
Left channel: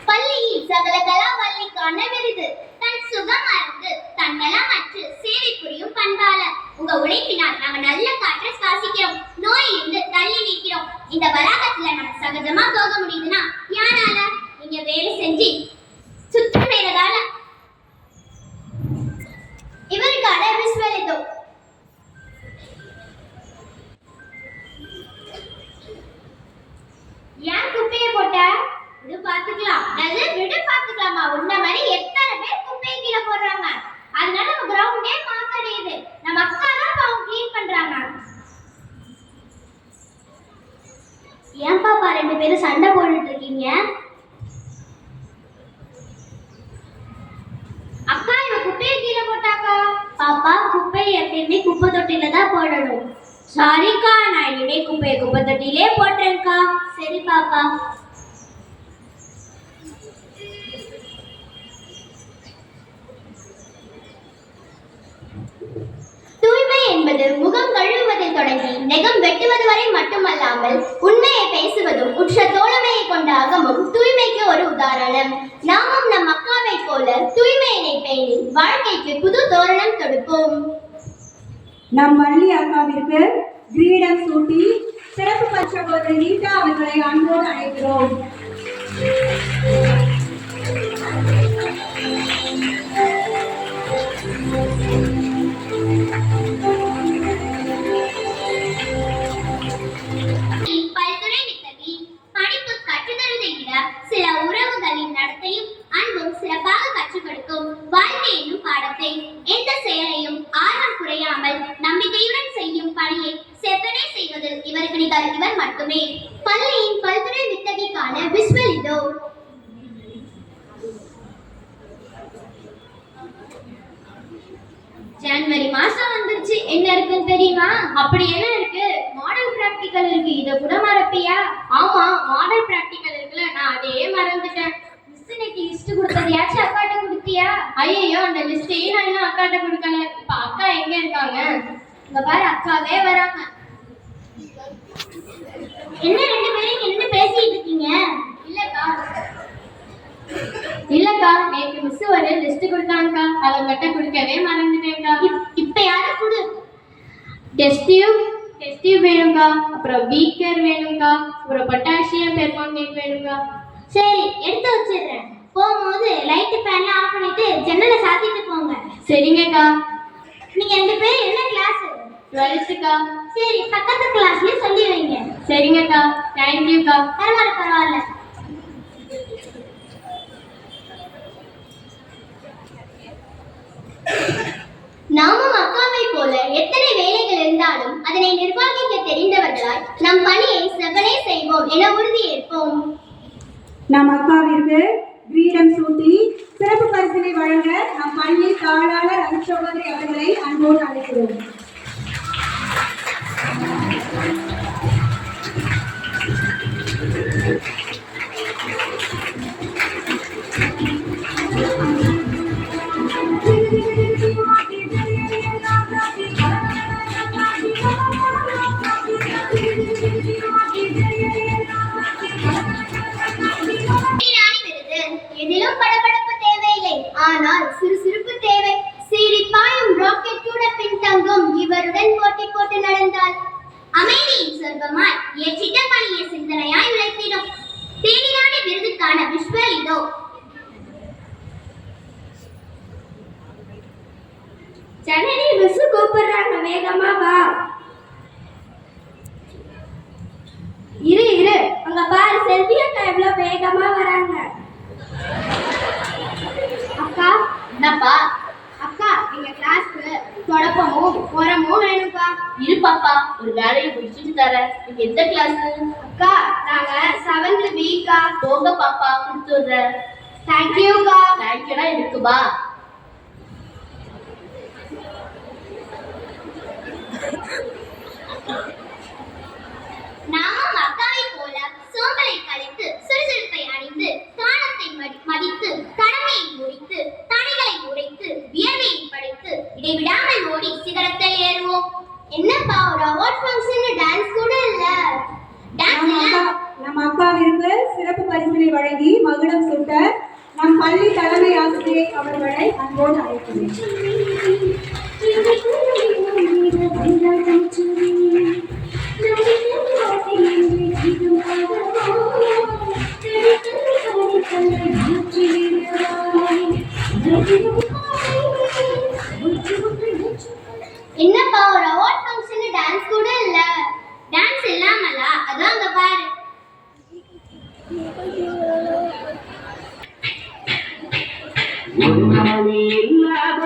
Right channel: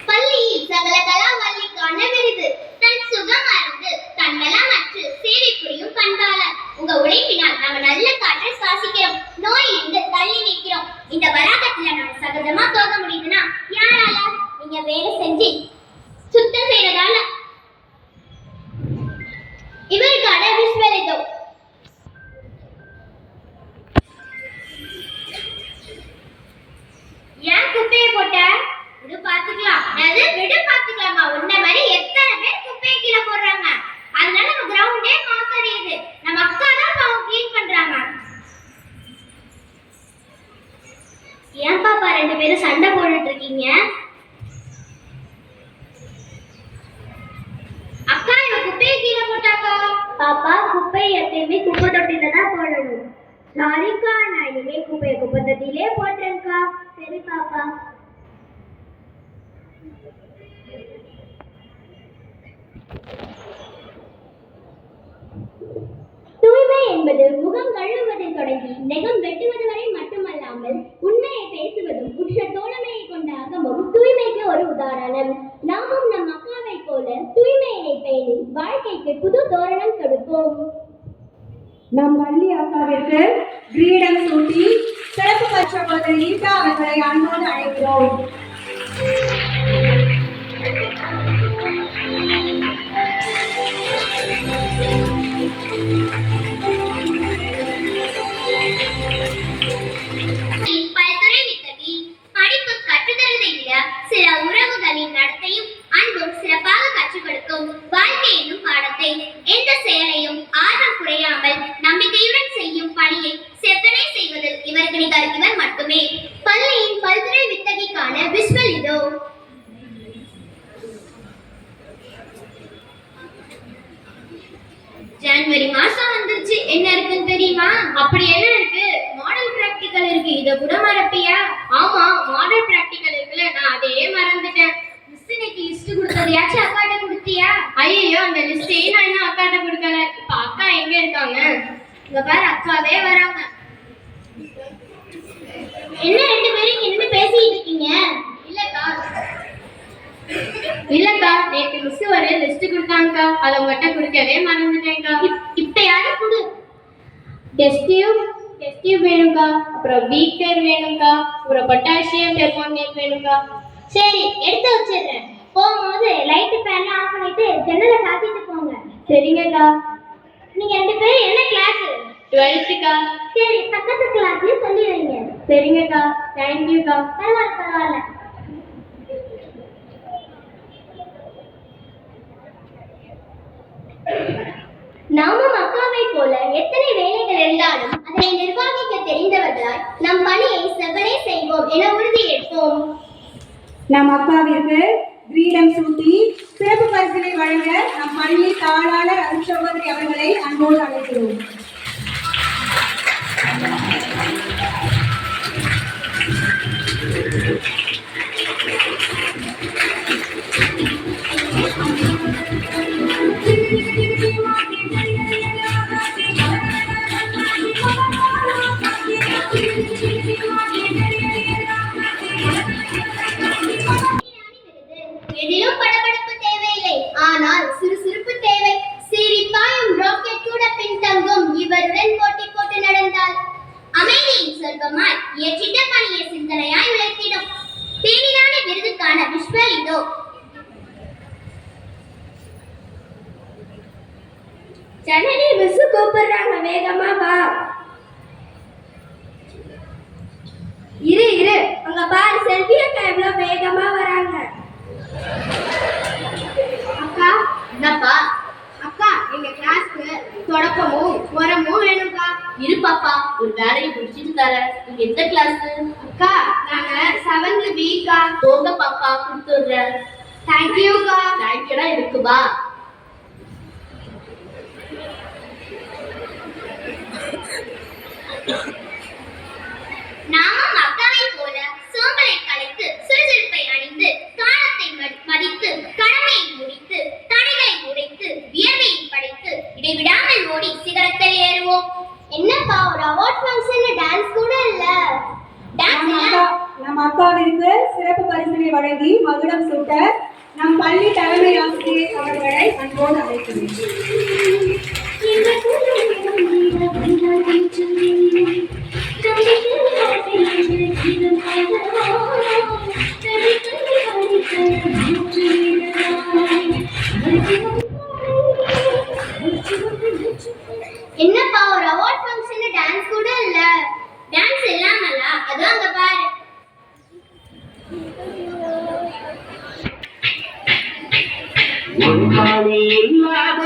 பள்ளியில் சகல கலாவல்லிக்கான விருது, தன் சுகம் மறந்து தன்னலமற்று சேவை புரியும் பண்பாளர். உங்க உழைப்பினால் நம்ம நல்ல காற்றை சுவாசிக்கிறோம், நோயிலிருந்து தள்ளி நிற்கிறோம். இந்த வளாகத்துல நம்ம சகஜமா போக முடியுதுன்னா யாரால? நீங்க வேலை செஞ்சு சுத்தம் செய்யறதால. இவருக்கான விஸ்வலிதோ. ஏன் குப்பையை போட்ட? விடு பாத்துக்கலாம். அது விடு பாத்துக்கலாமா? உன்ன மாதிரி எத்தனை பேர் குப்பையை கீழே போடுறாங்க. அதனால நம்ம கிரவுண்டே மாசடையுது. நம்ம அக்கா தான் அவங்க க்ளீன் பண்றாங்க. ஏன் பாப்பா ரெண்டு பேரும் சண்டை போட்டுட்டு இருக்கீங்க? அக்கா இவ குப்பையை கீழே போட்டாக்கா. பாப்பா குப்பையை எப்பயுமே குப்பை தொட்டில தான் போடணும். சாரிக்கா, நான் இனிமே குப்பையை குப்பை தொட்டிலே போட்டுறேன்க்கா. சரி பாப்பா. தூய்மை என்பது முகம் கழுவுவதில் தொடங்கி நெகம் வெட்டுவது வரை மட்டுமல்லாமல் உண்மையை பேசுவதும் உற்ற தோழமையை கொண்ட அகமும் தூய்மைக்கு ஒரு உதாரணம். நாமும் நம் அக்காவை போல தூய்மையினை பேணி வாழ்க்கைக்கு புது தோரணம் தொடுப்போம். நம் மல்லி அக்காவிற்கு கிரீடம் சூட்டி சிறப்பு பரிசகோதரி ரீட்டா அவர்களை அன்போடு அழைக்கிறோம். பல்துறை வித்தகி. படிப்பு கற்றுத்தருவதை விட சில உறவுகளின் நடத்தையும் அன்பும் சிறப்பாக கற்றுக் கொடுக்கும். வாழ்க்கை என்னும் பாடத்தை எந்த செயலையும் ஆர்வம் குறையாமல் நம்பிக்கையுடன் செய்யும் பணியை செவ்வனே செய்வதில் இவருக்கு நிகர் இவர் மட்டுமே. பள்ளியின் பல்துறை வித்தகிக்கான விஸ்வல் இதோ. ஜனவரி மாசம் வந்துருச்சு. என்ன இருக்குன்னு தெரியுமா? அப்படி என்ன இருக்கு? மாடல் பிராக்டிகல் இருக்கு. இத கூட மறப்பியா? ஆமா, மாடல் பிராக்டிகல் இருக்குல்ல, நான் அதே மறந்துட்டேன். மிஸ் இன்னைக்கு லிஸ்ட் கொடுத்ததையாச்சும் அக்காட்ட கொடுத்தியா? ஐயோ, அந்த லிஸ்டையும் நான் இன்னும் அக்காட்ட கொடுக்கல. இப்ப அக்கா எங்க இருக்காங்க? இங்க பாரு, அக்காவே வராங்க. என்ன ரெண்டு பேரும் என்ன பேசிட்டு இருக்கீங்க? இல்லக்கா, நேற்று மிஸ் ஒரு லிஸ்ட் கொடுத்தாங்கக்கா, அதை உங்கள்கிட்ட கொடுக்கவே மறந்துட்டேன்க்கா. இப்ப யாரு கொடு? டெஸ்ட் டியூப் வேணும்க்கா, அப்புறம் பீக்கர் வேணும்க்கா, அப்புறம் பொட்டாசியம் பெர்மாங்கனேட் வேணும்க்கா. சரி, எடுத்து வச்சிடுறேன். போகும்போது லைட் ஃபேன் ஆஃப் பண்ணிட்டு ஜன்னலை சாத்திட்டு போங்க. சரிங்கக்கா. நீங்க ரெண்டு பேரும் என்ன கிளாஸ்? 12க்கா. சரி, பக்கத்து கிளாஸ்லயே சொல்லி வைங்க. சரிங்கக்கா. தேங்க்யூக்கா. பரவாயில்ல. நாமும் அக்காவை போல எத்தனை வேலைகள் இருந்தாலும் அதனை நிர்வகிக்க தெரிந்தவர்களாய் நம் பணியை செவ்வனே செய்வோம் என உறுதி ஏற்போம். நம் அக்காவிற்கு கிரீடம் சூட்டி சிறப்பு பரிசினை வழங்க நம் பள்ளி தாளாளர் அருட்சகோதரி அவர்களை அன்போடு அழைக்கிறோம். எதிலும் படபடப்பு தேவையில்லை, ஆனால் சிறுசிறுப்பு தேவை. சீரிப்பாயும் ராக்கெட் கூட பின்தங்கும் இவருடன் போட்டி போட்டு நடந்தால் அமைதியின் சொர்க்கமாய் ஏற்றிட்ட பணியை சிந்தனையாய் விளக்கிடும். தேனிராணி விருதுக்கான விஸ்வல் இதோ. ஜனனி மிஸ் கூப்பிடுறாங்க, வேகமா வா. இரு இரு, அங்க பாரு செல்வி அக்கா எவ்வளவு வேகமா வராங்க. அக்கா என்னப்பா? அக்கா எங்க கிளாஸ்க்கு தொடப்பமும் உரமும் வேணும்க்கா. இரு பாப்பா, ஒரு வேலையை முடிச்சிட்டு தரேன். நீங்க எந்த கிளாஸ்? அக்கா நாங்க 7th B க்கா. போங்க பாப்பா, கொடுத்துடுறேன். தேங்க்யூக்கா. தேங்க்யூடா இருக்குப்பா. நாமும் அக்காவை போல சோம்பலை கலைத்து சுறுசுறுப்பை அணிந்து காலத்தை மதித்து கடமையை முடித்து தடைகளை உடைத்து வியர்வையை படைத்து இடைவிடாமல் ஓடி சிகரத்தில் ஏறுவோம். என்னப்பா ஒரு அவார்ட் ஃபங்க்ஷன்ல டான்ஸ் கூட இல்ல? நம் அக்காவிற்கு சிறப்பு பரிசினை வழங்கி மகுடம் சூட்ட நம் பள்ளி தலைமை ஆசிரியர் அவர்களை அன்போடு அழைக்கிறேன். என்னப்பா ஒரு அவார்ட் ஃபங்க்ஷன்ல டான்ஸ் கூட இல்ல? டான்ஸ் இல்லாமல அதான் அங்க பாரு. இல்லாத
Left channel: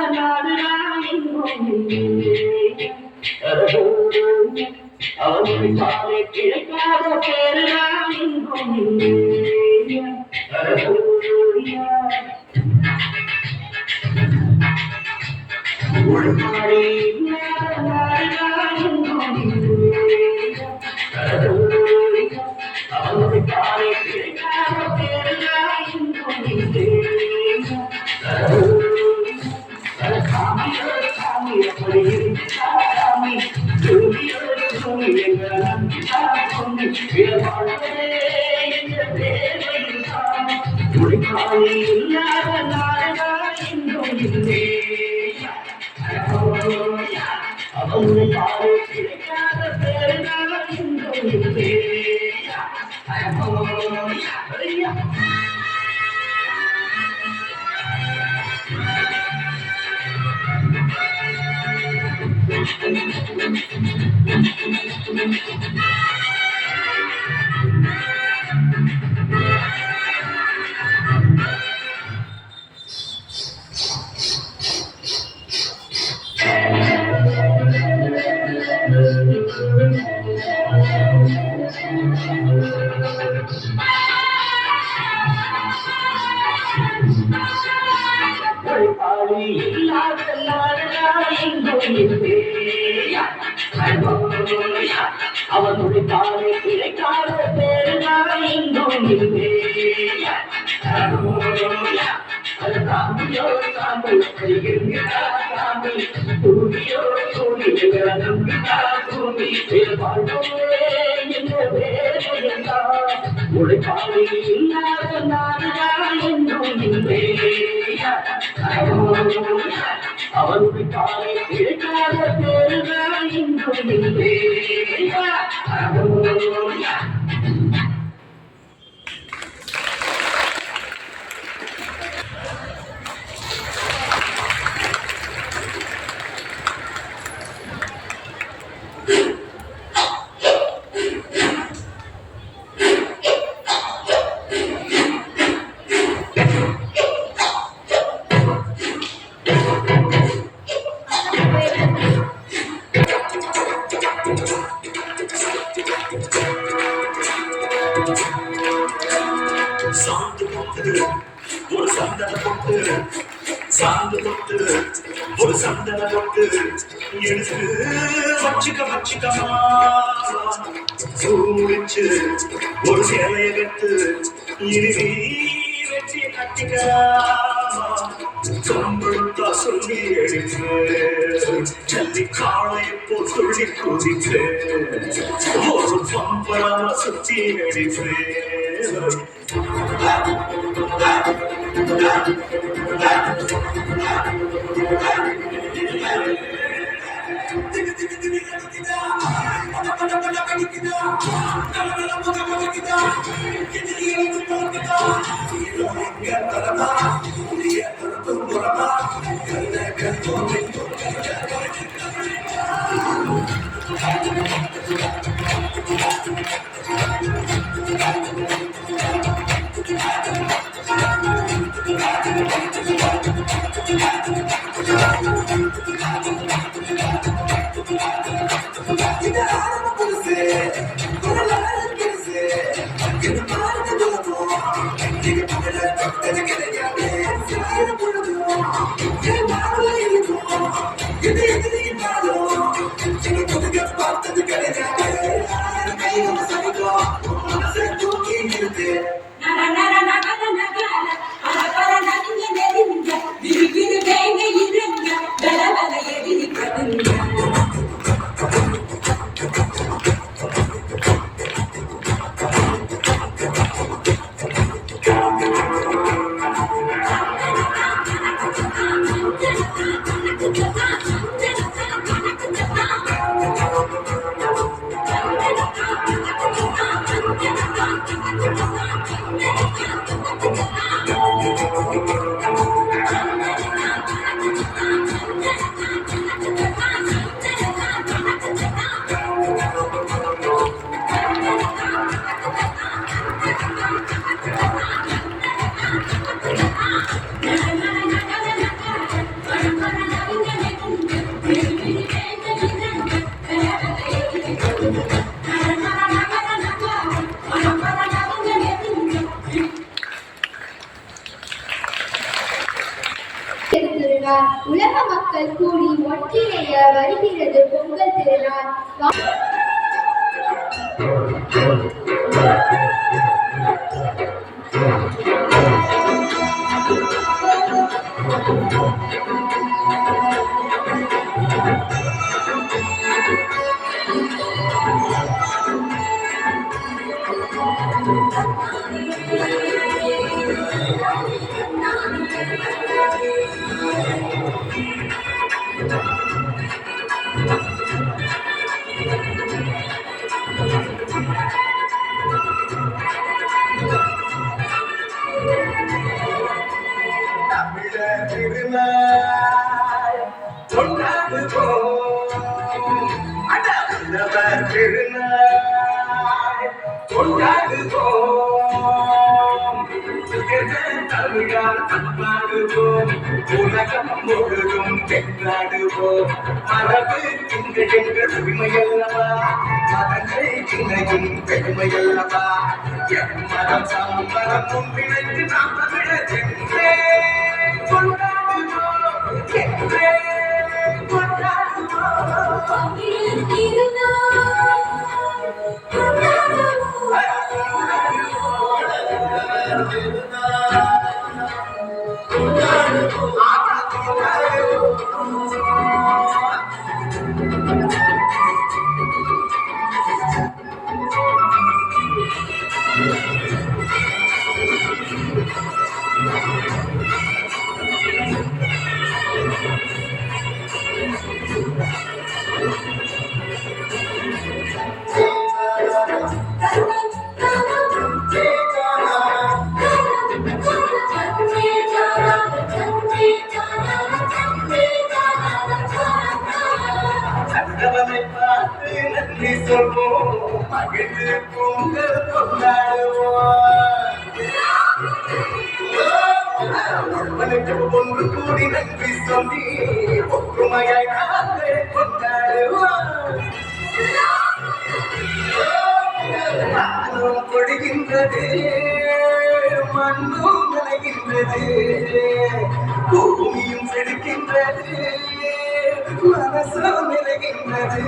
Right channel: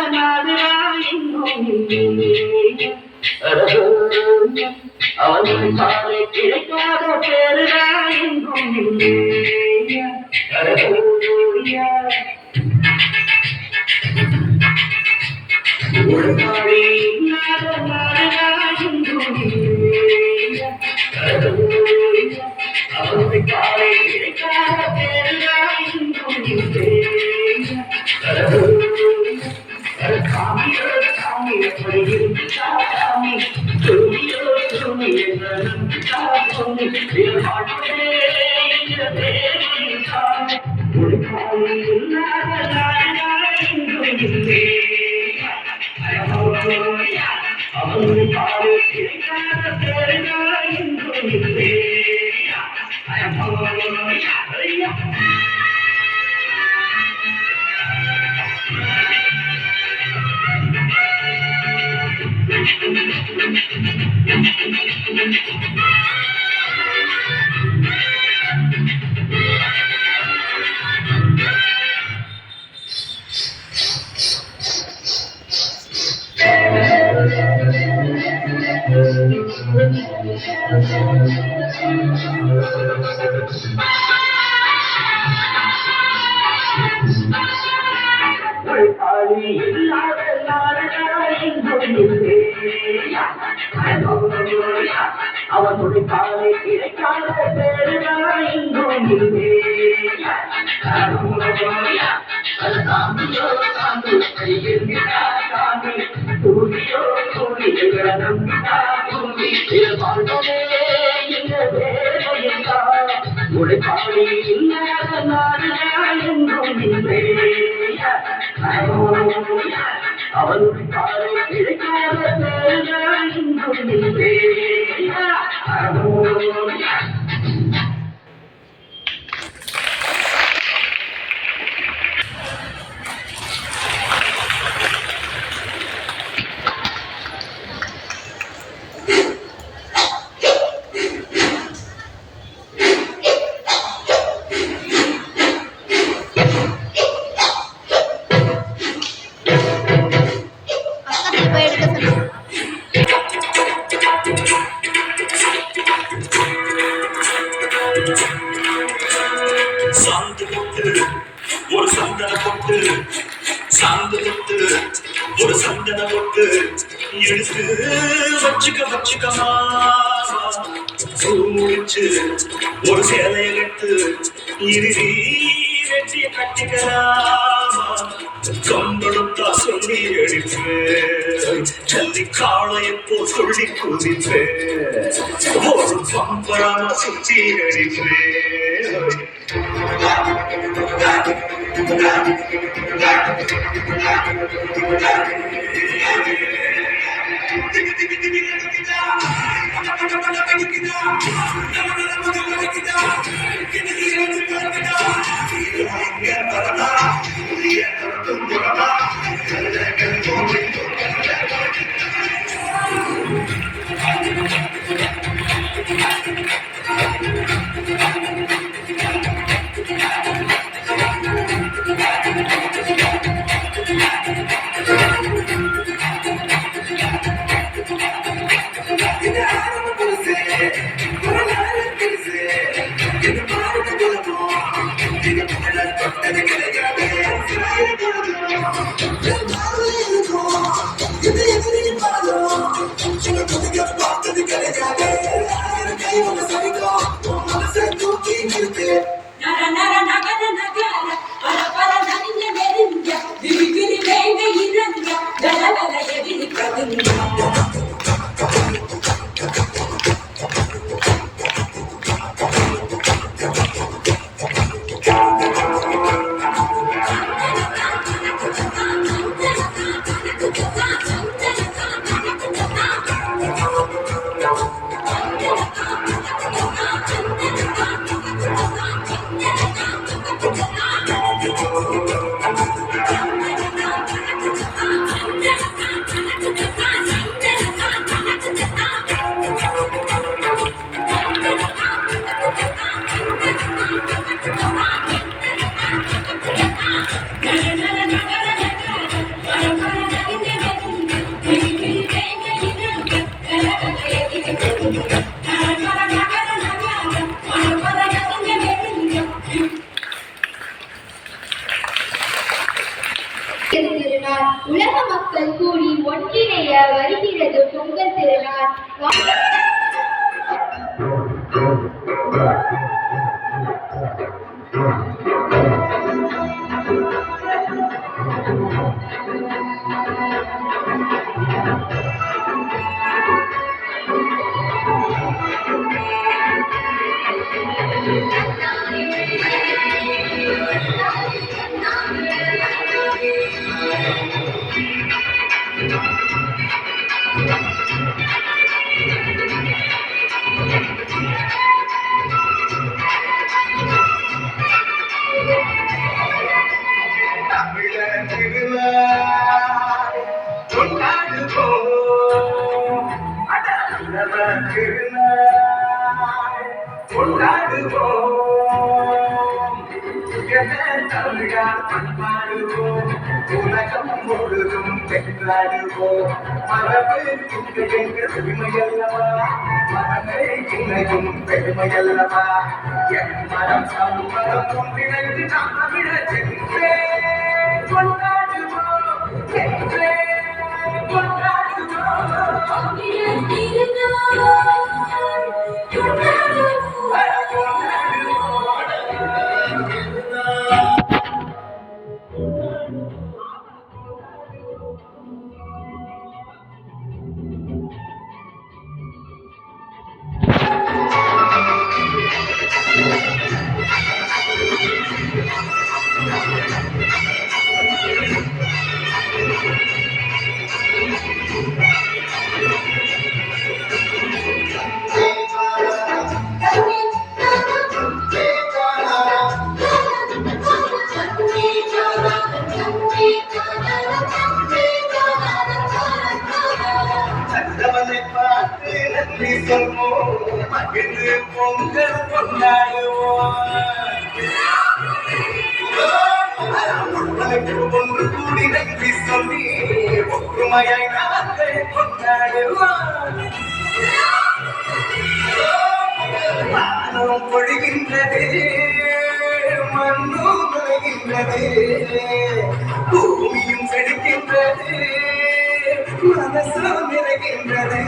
அவர்கள் சாலை கிடைக்காத பேருடா என்றும் ஒழுங்காடி இல்லாத நாடுடா என்றும் அவர்கள் சாலை கிடைக்காத பேருடா என்றும் சாமி எப்படி சாமி அவனுடைய காலை கிடைக்காத பேருடா என்றும் இல்லை. அவனுடைய காலை கிடைக்காத பேருடா என்றும் இல்லை. அது தாம்பியோ தாம்பு கைகிட்டா தாம்பி தூடியோ தூடிய நம்பிக்கா தூண்டி வாழ்வதே என்ற வேலையெல்லா உழைப்பாளி இல்லாத நாடுடா என்றும் இல்லை. அவனுடைய காலை கிடைக்காத பேருடா என்றும் இல்லை. சாந்து தொட்டு ஒரு சந்தன பொட்டு சாந்து தொட்டு ஒரு சந்தன பொட்டு எடுத்து வச்சுக்கமா முடிச்சு ஒரு சேலைய கட்டு இறுதி வெற்றிய கட்டிக்கலாமா கம்பளத்தா சொல்லி அடிப்பேன் ஜல்லி காளையப்போ சொல்லி குதிப்பேன் ஒரு பம்பராமா சுத்தி அடிப்பேன். திருநாள் உலக மக்கள் கூடி ஒன்றிணைய வருகிறது பொங்கல் திருநாள். தமிழர் திருநாள் கொண்டாடுவோம். தமிழர் திருநாள் கொண்டாடுவோம். தமிழால் கொண்டாடுவோம். உலகம் முழுதும் வென்றாடுவோம். மரபு எங்கள் உரிமையல்லவா, மதங்கள் இணையும் பெருமையல்லவா. எம்மரம் சம்மரம் ஒன்றிணைந்து நாம் தமிழர் என்றே கொண்டாடுவோம், என்றே கொண்டாடுவோம். சந்தவனை பார்த்து நன்றி சொல்வோம், மகிழ்ந்து பொங்கல் கொண்டாடுவோம். ஒன்று கூடி நன்றி சொல்லி ஒற்றுமையாய் நாங்கள் கொண்டாடுவோம். வானம் பொழிகின்றது, மண்ணும் நனைகின்றது, பூமியும் செழிக்கின்றது, மனசும் நிறைகின்றது.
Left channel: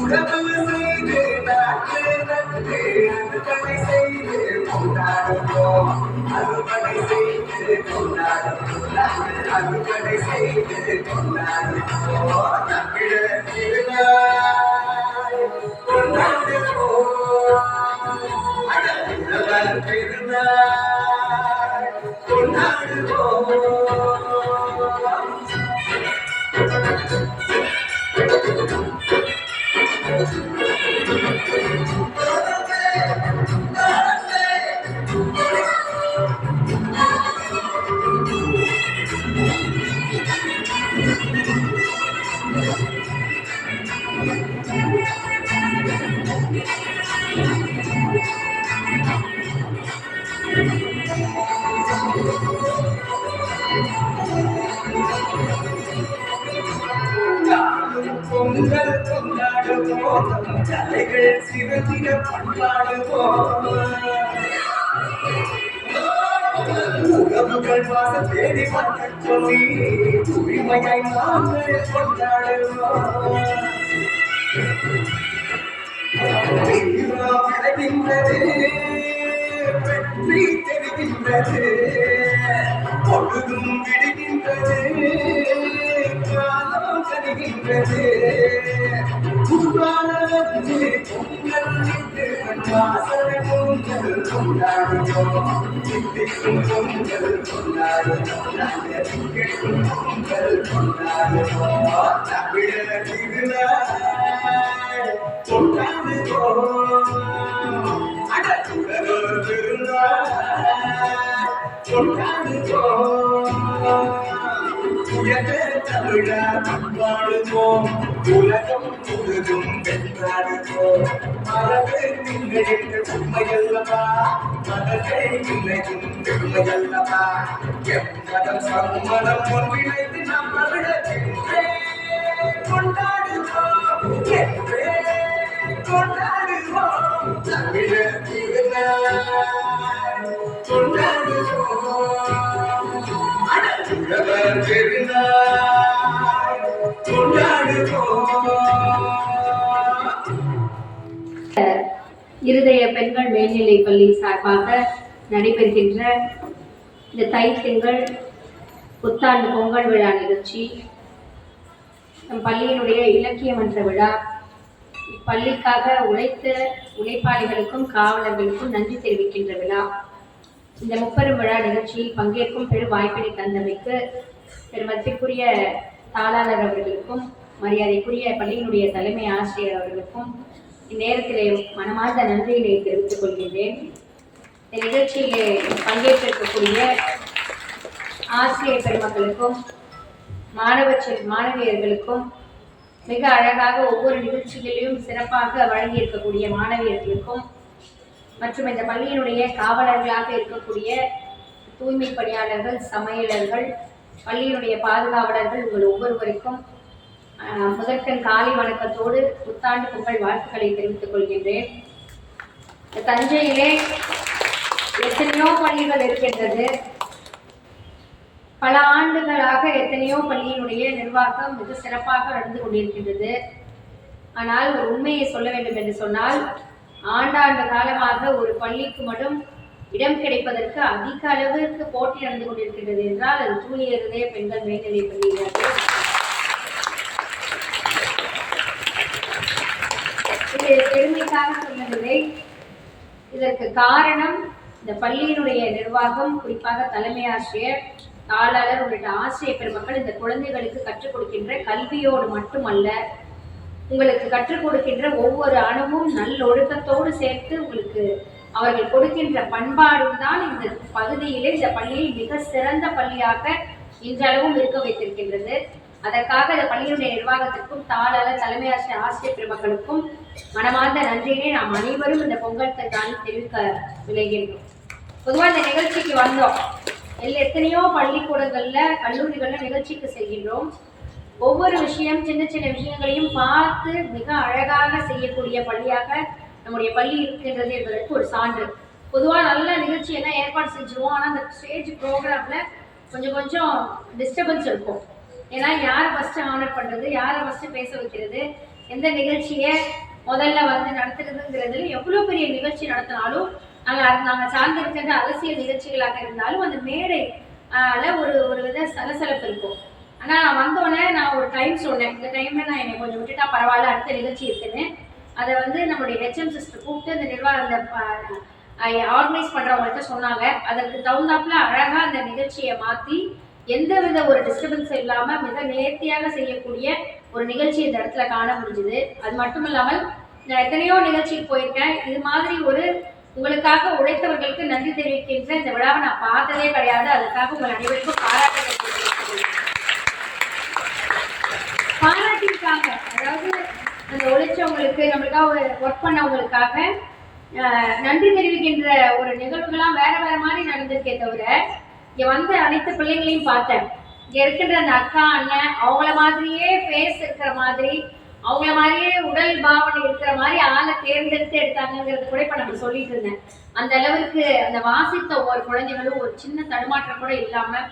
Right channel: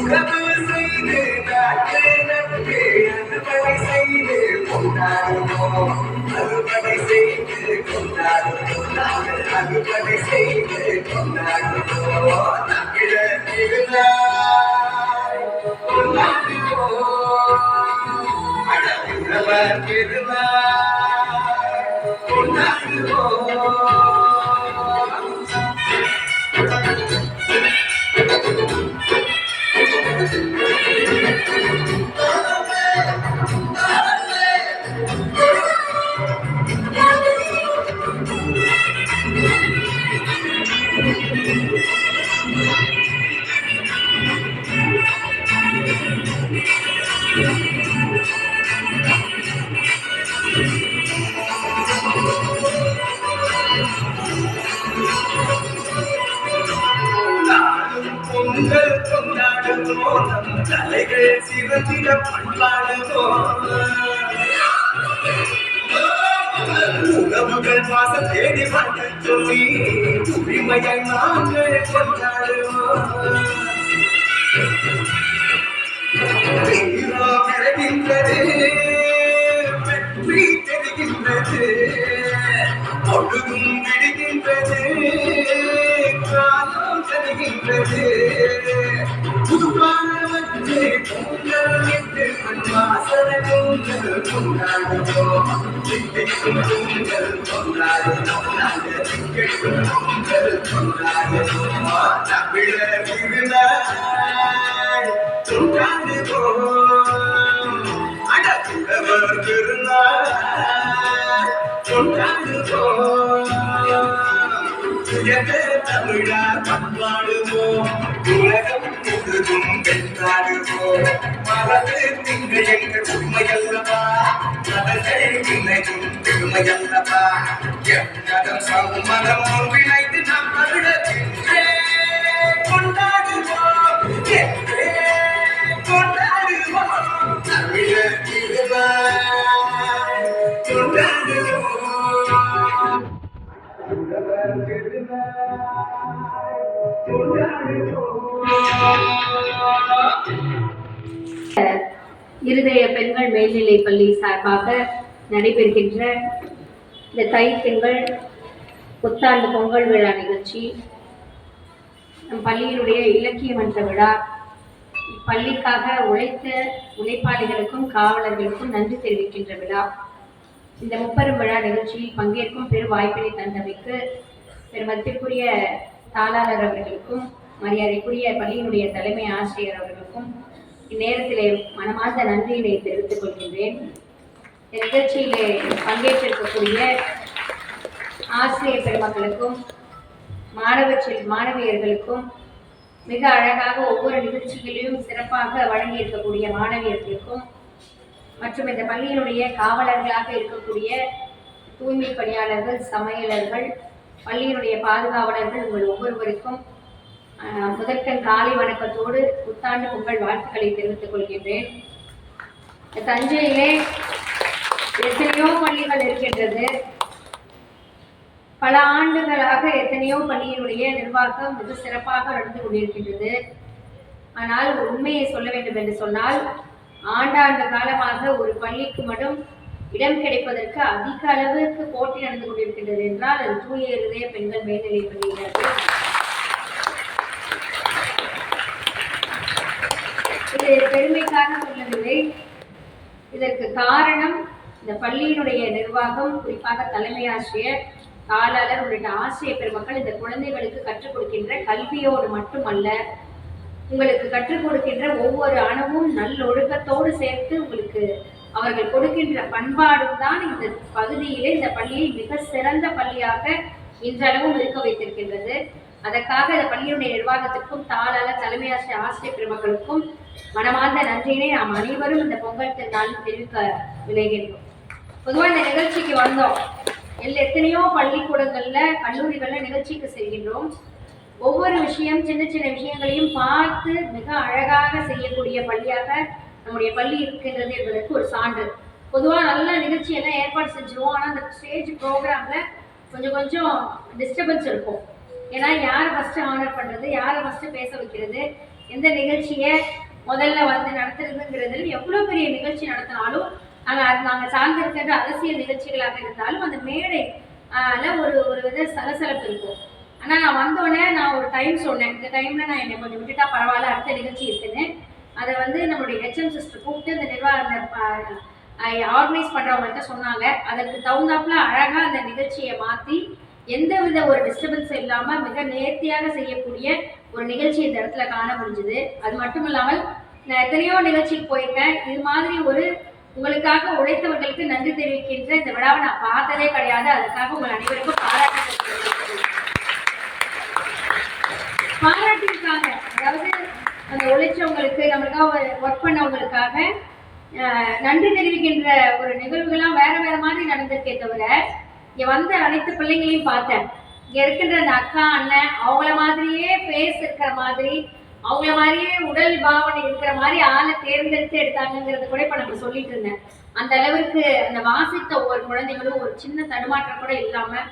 உறவு செய்து நாட்டு நட்பு அறுவடை செய்து கொண்டாடுவோம், அறுவடை செய்து கொண்டாடுவோம், நாங்கள் அறுவடை செய்து கொண்டாடுவோம். தமிழர் திருநாள் கொண்டாடுவோம், அழகுள்ளவர் திருநாள் கொண்டாடுவோம். பொங்கல் கொண்டாடுவோம், நம் தலைகள் சிவத்திட பண்பாடுவோம். உறவுகள் மாச தேடி வந்து சொல்லி உரிமையாய் நாங்கள் கொண்டாடுவோம். தீரா விளைகின்றது, வெற்றி தெரிகின்றது, பொழுதும் விடுகின்றது, காலம் தருகின்றது. புதுவானவற்று பொங்கல் என்று வாசனை பொங்கல் கொண்டாடுவோம். தித்திக்கும் பொங்கல் கொண்டாடுவோம். நாங்கள் திகட்டும் பொங்கல் கொண்டாடுவோம். தமிழர் திருநாள் கொண்டாடுவோம். அடக்குறவர் திருநாள் கொண்டாடுவோம். தமிழா கொண்டாடுவோம். உலகம் முழுதும் கொண்டாடுவோம். மரபு திங்கள் எங்கள் உண்மையல்லவா, மதங்கள் இன்னைக்கும் பெருமையல்லவா. எம்மதம் சம்மதம் ஒன்றிணைந்து நாம் தமிழத்தின்றே கொண்டாடுவோம். என்றே கொண்டாடுவோம். தமிழர் திருநாள் கொண்டாடுவோம். அடக்குறவர் திருநாள் கொண்டாடுவோம். இருதய பெண்கள் மேல்நிலைப் பள்ளி சார்பாக நடைபெறுகின்ற இந்த தை திங்கள் புத்தாண்டு பொங்கல் விழா நிகழ்ச்சி, நம் பள்ளியினுடைய இலக்கிய மன்ற விழா, பள்ளிக்காக உழைத்த உழைப்பாளிகளுக்கும் காவலர்களுக்கும் நன்றி தெரிவிக்கின்ற விழா. இந்த முப்பெரும் விழா நிகழ்ச்சியில் பங்கேற்கும் பெரு வாய்ப்பினை தந்தமைக்கு பெருமதிப்பிற்குரிய தாளாளர் அவர்களுக்கும் மரியாதைக்குரிய பள்ளியினுடைய தலைமை ஆசிரியர் அவர்களுக்கும் இந்நேரத்திலே மனமார்ந்த நன்றியினை தெரிவித்துக் கொள்கின்றேன். இந்த நிகழ்ச்சியிலே பங்கேற்றிருக்கக்கூடிய ஆசிரியர் பெருமக்களுக்கும் மாணவியர்களுக்கும் மிக அழகாக ஒவ்வொரு நிகழ்ச்சிகளிலும் சிறப்பாக வழங்கியிருக்கக்கூடிய மாணவியர்களுக்கும் மற்றும் இந்த பள்ளியினுடைய காவலர்களாக இருக்கக்கூடிய தூய்மை பணியாளர்கள், சமையலர்கள், பள்ளியினுடைய பாதுகாவலர்கள், உங்கள் ஒவ்வொருவருக்கும் முதற்கண் காலை வணக்கத்தோடு புத்தாண்டு பொங்கல் வாழ்த்துக்களை தெரிவித்துக் கொள்கின்றேன். தஞ்சையிலே எத்தனையோ பள்ளிகள் இருக்கின்றது. பல ஆண்டுகளாக எத்தனையோ பள்ளியினுடைய நிர்வாகம் மிக சிறப்பாக நடந்து கொண்டிருக்கின்றது. ஆனால் ஒரு உண்மையை சொல்ல வேண்டும் என்று சொன்னால், ஆண்டாண்டு காலமாக ஒரு பள்ளிக்கு மட்டும் இடம் கிடைப்பதற்கு அதிக அளவிற்கு போட்டி நடந்து கொண்டிருக்கின்றது என்றால் அது தூய இருதய பெண்கள் மேல்நிலை பள்ளியாகும். இது பெருமைக்காக சொல்லவில்லை. இதற்கு காரணம் இந்த பள்ளியினுடைய நிர்வாகம், குறிப்பாக தலைமை ஆசிரியர், தாளாளர் உள்ளிட்ட ஆசிரியர் பெருமக்கள் இந்த குழந்தைகளுக்கு கற்றுக் கொடுக்கின்ற கல்வியோடு மட்டுமல்ல, உங்களுக்கு கற்றுக் கொடுக்கின்ற ஒவ்வொரு அணுவும் நல்லொழுக்கத்தோடு சேர்த்து உங்களுக்கு அவர்கள் கொடுக்கின்ற பண்பாடும் தான் இந்த பகுதியிலே இந்த பள்ளியை மிக சிறந்த பள்ளியாக இன்றளவும் இருக்க வைத்திருக்கின்றது. அதற்காக இந்த பள்ளியினுடைய நிர்வாகத்திற்கும் தாளாளர், தலைமை ஆசிரியர், ஆசிரியர் பெருமக்களுக்கும் மனமார்ந்த நன்றியினை நாம் அனைவரும் இந்த பொங்கல் திருநாளில் தெரிவிக்க விளைகின்றோம். பொதுவாக இந்த நிகழ்ச்சிக்கு வந்தோம், எத்தனையோ பள்ளிக்கூடங்கள்ல கல்லூரிகள்ல நிகழ்ச்சிக்கு செல்கின்றோம். ஒவ்வொரு விஷயம், சின்ன சின்ன விஷயங்களையும் பார்த்து மிக அழகாக செய்யக்கூடிய பள்ளியாக நம்முடைய பள்ளி இருக்கின்றது என்பதற்கு ஒரு சான்று. பொதுவாக நல்ல நிகழ்ச்சி எல்லாம் ஏற்பாடு செஞ்சிருவோம். ஆனால் அந்த ஸ்டேஜ் ப்ரோக்ராம்ல கொஞ்சம் டிஸ்டர்பன்ஸ் இருக்கும். ஏன்னா யாரை ஃபர்ஸ்ட் ஆனர் பண்றது, யாரை ஃபர்ஸ்ட் பேச வைக்கிறது, எந்த நிகழ்ச்சியை முதல்ல வந்து நடத்துறதுங்கிறதுல எவ்வளோ பெரிய நிகழ்ச்சி நடத்தினாலும் நாங்கள் சார்ந்திருக்கின்ற அரசியல் நிகழ்ச்சிகளாக இருந்தாலும் அந்த மேடைல ஒரு வித சலசலப்பு இருக்கும். ஆனால் நான் வந்தோடனே நான் ஒரு டைம் சொன்னேன், இந்த டைம்ல நான் என்னை கொஞ்சம் விட்டுட்டா பரவாயில்ல, அடுத்த நிகழ்ச்சி இருக்குன்னு. அதை வந்து நம்முடைய ஹெச்எம் சிஸ்டர் கூப்பிட்டு அந்த ஆர்கனைஸ் பண்றவங்கள்ட்ட சொன்னாங்க. அதற்கு தகுந்தாப்புல அழகா அந்த நிகழ்ச்சியை மாற்றி எந்தவித ஒரு டிஸ்டர்பன்ஸ் இல்லாம மிக நேர்த்தியாக செய்யக்கூடிய ஒரு நிகழ்ச்சி இந்த இடத்துல காண முடிஞ்சுது. அது மட்டும் இல்லாமல் நான் எத்தனையோ நிகழ்ச்சிக்கு போயிருக்கேன். இது மாதிரி ஒரு உங்களுக்காக உழைத்தவர்களுக்கு நன்றி தெரிவிக்கின்ற இந்த விழாவை நான் பார்த்ததே கிடையாது. அதுக்காக உங்கள் அனைவருக்கும் பாராட்டியிருக்காங்க. அதாவது அந்த உழைச்சவங்களுக்கு, நம்மளுக்காக ஒர்க் பண்ணவங்களுக்காக நன்றி தெரிவிக்கின்ற ஒரு நிகழ்வுகள்லாம் வேற வேற மாதிரி நடந்திருக்கே தவிர, இங்க வந்து அனைத்து பிள்ளைங்களையும் பார்த்தேன். இங்க இருக்கின்ற அந்த அக்கா, அண்ணன் அவங்கள மாதிரியே ஃபேஸ் இருக்கிற மாதிரி, அவங்கள மாதிரியே உடல் பாவனை இருக்கிற மாதிரி ஆளை தேர்ந்தெடுத்து எடுத்தாங்கிறது கூட இப்ப நம்ம சொல்லிட்டு இருந்தேன். அந்த அளவுக்கு அந்த வாசித்த ஒவ்வொரு குழந்தைகளும் ஒரு சின்ன தடுமாற்றம் கூட இல்லாம,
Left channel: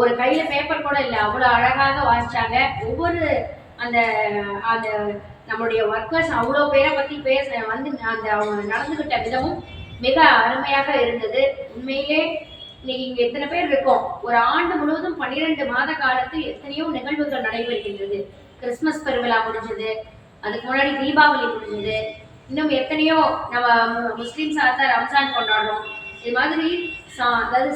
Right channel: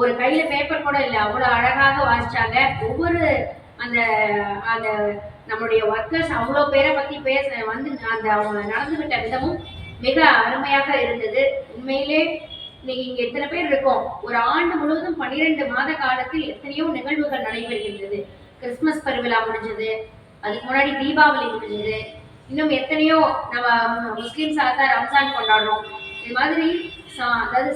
ஒரு கையில பேப்பர் கூட இல்லை, அவ்வளவு அழகாக வாசிச்சாங்க. ஒவ்வொரு அந்த அந்த நம்மளுடைய ஒர்க்கர்ஸ் அவ்வளோ பேரை பத்தி வந்து அந்த அவங்க நடந்துகிட்ட விதமும் மிக அருமையாக இருந்தது. உண்மையிலே இன்னைக்கு இங்க எத்தனை பேர் இருக்கோம், ஒரு ஆண்டு முழுவதும் 12 மாத காலத்தில் எத்தனையோ நிகழ்வுகள் நடைபெறுகின்றது. கிறிஸ்துமஸ் பெருவிழா முடிஞ்சது, அதுக்கு முன்னாடி தீபாவளி முடிஞ்சது, இன்னும் எத்தனையோ நம்ம முஸ்லிம்ஸ் தான் ரம்ஜான் கொண்டாடுறோம். இது மாதிரி அதாவது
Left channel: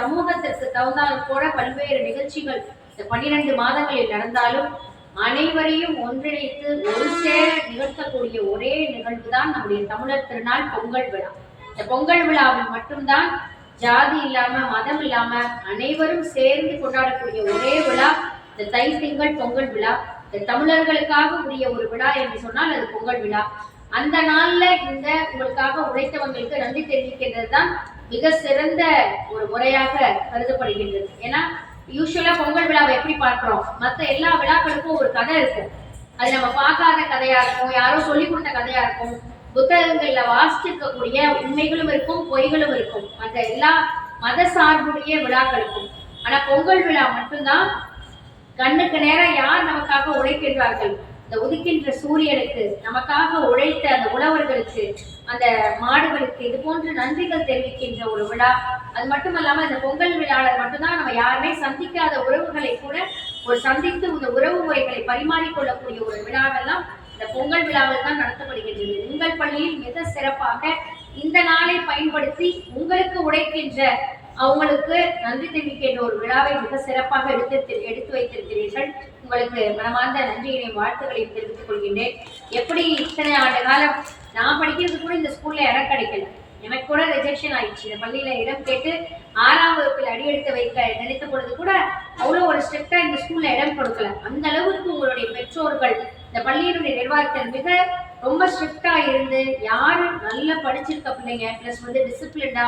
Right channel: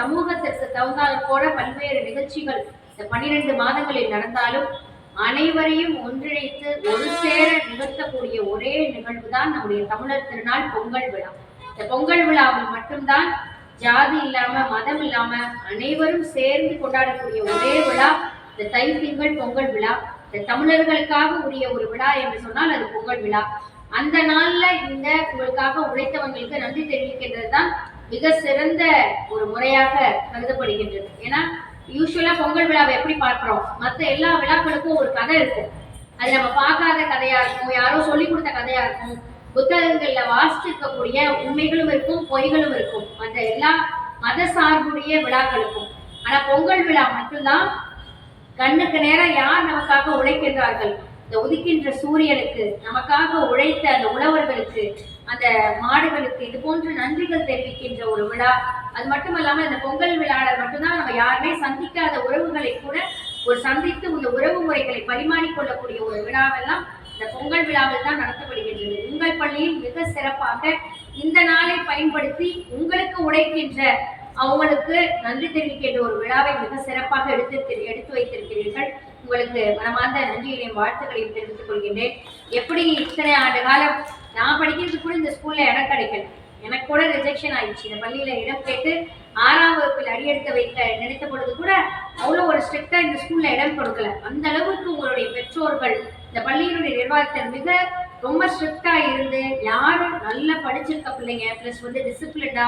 சமூகத்திற்கு தகுந்தால் கூட பல்வேறு நிகழ்ச்சிகள் இந்த 12 மாதங்களில் நடந்தாலும் அனைவரையும் ஒன்றிணைத்து ஒரு சேர நிகழ்த்தக்கூடிய ஒரே நிகழ்வு தான் நம்முடைய தமிழர் திருநாள் பொங்கல் விழா. இந்த பொங்கல் விழாவில் மட்டும்தான் ஜாதி இல்லாம மதம் இல்லாம அனைவரும் சேர்ந்து கொண்டாடக்கூடிய ஒரே விழா இந்த தை திங்கள் பொங்கல் விழா. இந்த தமிழர்களுக்காக உரிய ஒரு விழா என்று சொன்னால் அது பொங்கல் விழா. அந்த நாள்ல இந்த உங்களுக்காக உழைத்தவங்களுக்கு நன்றி தெரிவிக்கின்றது தான் மிக சிறந்த ஒரு முறையாக கருதப்படுகின்றது. ஏன்னா யூஸ்வலா பொங்கல் விழாவை எப்படி பார்க்கிறோம், மற்ற எல்லா விழாக்களுக்கும் ஒரு கதை இருக்கும். அது நம்ம பார்க்காத கதையா இருக்கும், யாரோ சொல்லி கொடுத்த கதையா இருக்கும், புத்தகங்கள்ல வாசிச்சிருக்கக்கூடிய உண்மைகளும் இருக்கும், பொய்களும் இருக்கும், மற்ற எல்லா மத சார்புடைய விழாக்களுக்கும். ஆனா பொங்கல் விழா மட்டும்தான் கண்ணுக்கு நேரம் யார் நமக்காக உழைக்கின்றார்கள், இந்த உதிக்கின்ற சூரியனுக்கு, நமக்காக உழைத்த அந்த உழவர்களுக்கு, அந்த மாடுகளுக்கு, இது போன்ற நன்றிகள் தெரிவிக்கின்ற ஒரு விழா. அது மட்டும் இல்லாம இந்த பொங்கல் விழாவில் மட்டும்தான் நம்ம யாருமே சந்திக்காத உறவுகளை கூட ஒரு சந்தித்து இந்த உறவு முறைகளை பரிமாறிக்கொள்ளக்கூடிய ஒரு விழாவெல்லாம் இந்த பொங்கல் விழாவில் தான் நடத்தப்படுகின்றது. உங்கள் பள்ளியில் மிக சிறப்பாக இந்த நாளை பயன்படுத்தி உங்களுக்கு உழைக்கின்ற அவங்களுக்கு நன்றி தெரிவிக்கின்ற ஒரு விழாவை மிக சிறப்பாக எடுத்து வைத்திருக்கிறீர்கள். உங்களுக்கு மனமார்ந்த நன்றியினையும் வாழ்த்துக்களையும் தெரிவித்துக் கொள்கின்றேன். எப்படி இத்தனை ஆண்டு காலம் நான் படிக்கிறது கூட இந்த ஸ்கூல்ல இடம் கிடைக்கல, எனக்கு கூட ரிஜெக்ஷன் ஆயிடுச்சு. இந்த பள்ளியில இடம் கேட்டு 6ஆம் வகுப்பில் அடியெடுத்து வைக்க நினைத்த பொழுது கூட அவ்வளோ ஒரு ஸ்ட்ரிக்டா இந்த ஸ்கூல்ல இடம் கொடுக்கல. அந்த அளவுக்கு உங்களுடைய பெற்றோர்கள் இந்த பள்ளியினுடைய நிர்வாகத்தில் மிக ரொம்ப ஸ்ட்ரிக்டா இருந்து யாரு நல்லா படிச்சிருக்க பிள்ளைங்க பிளஸ் டிசிப்ளின்டா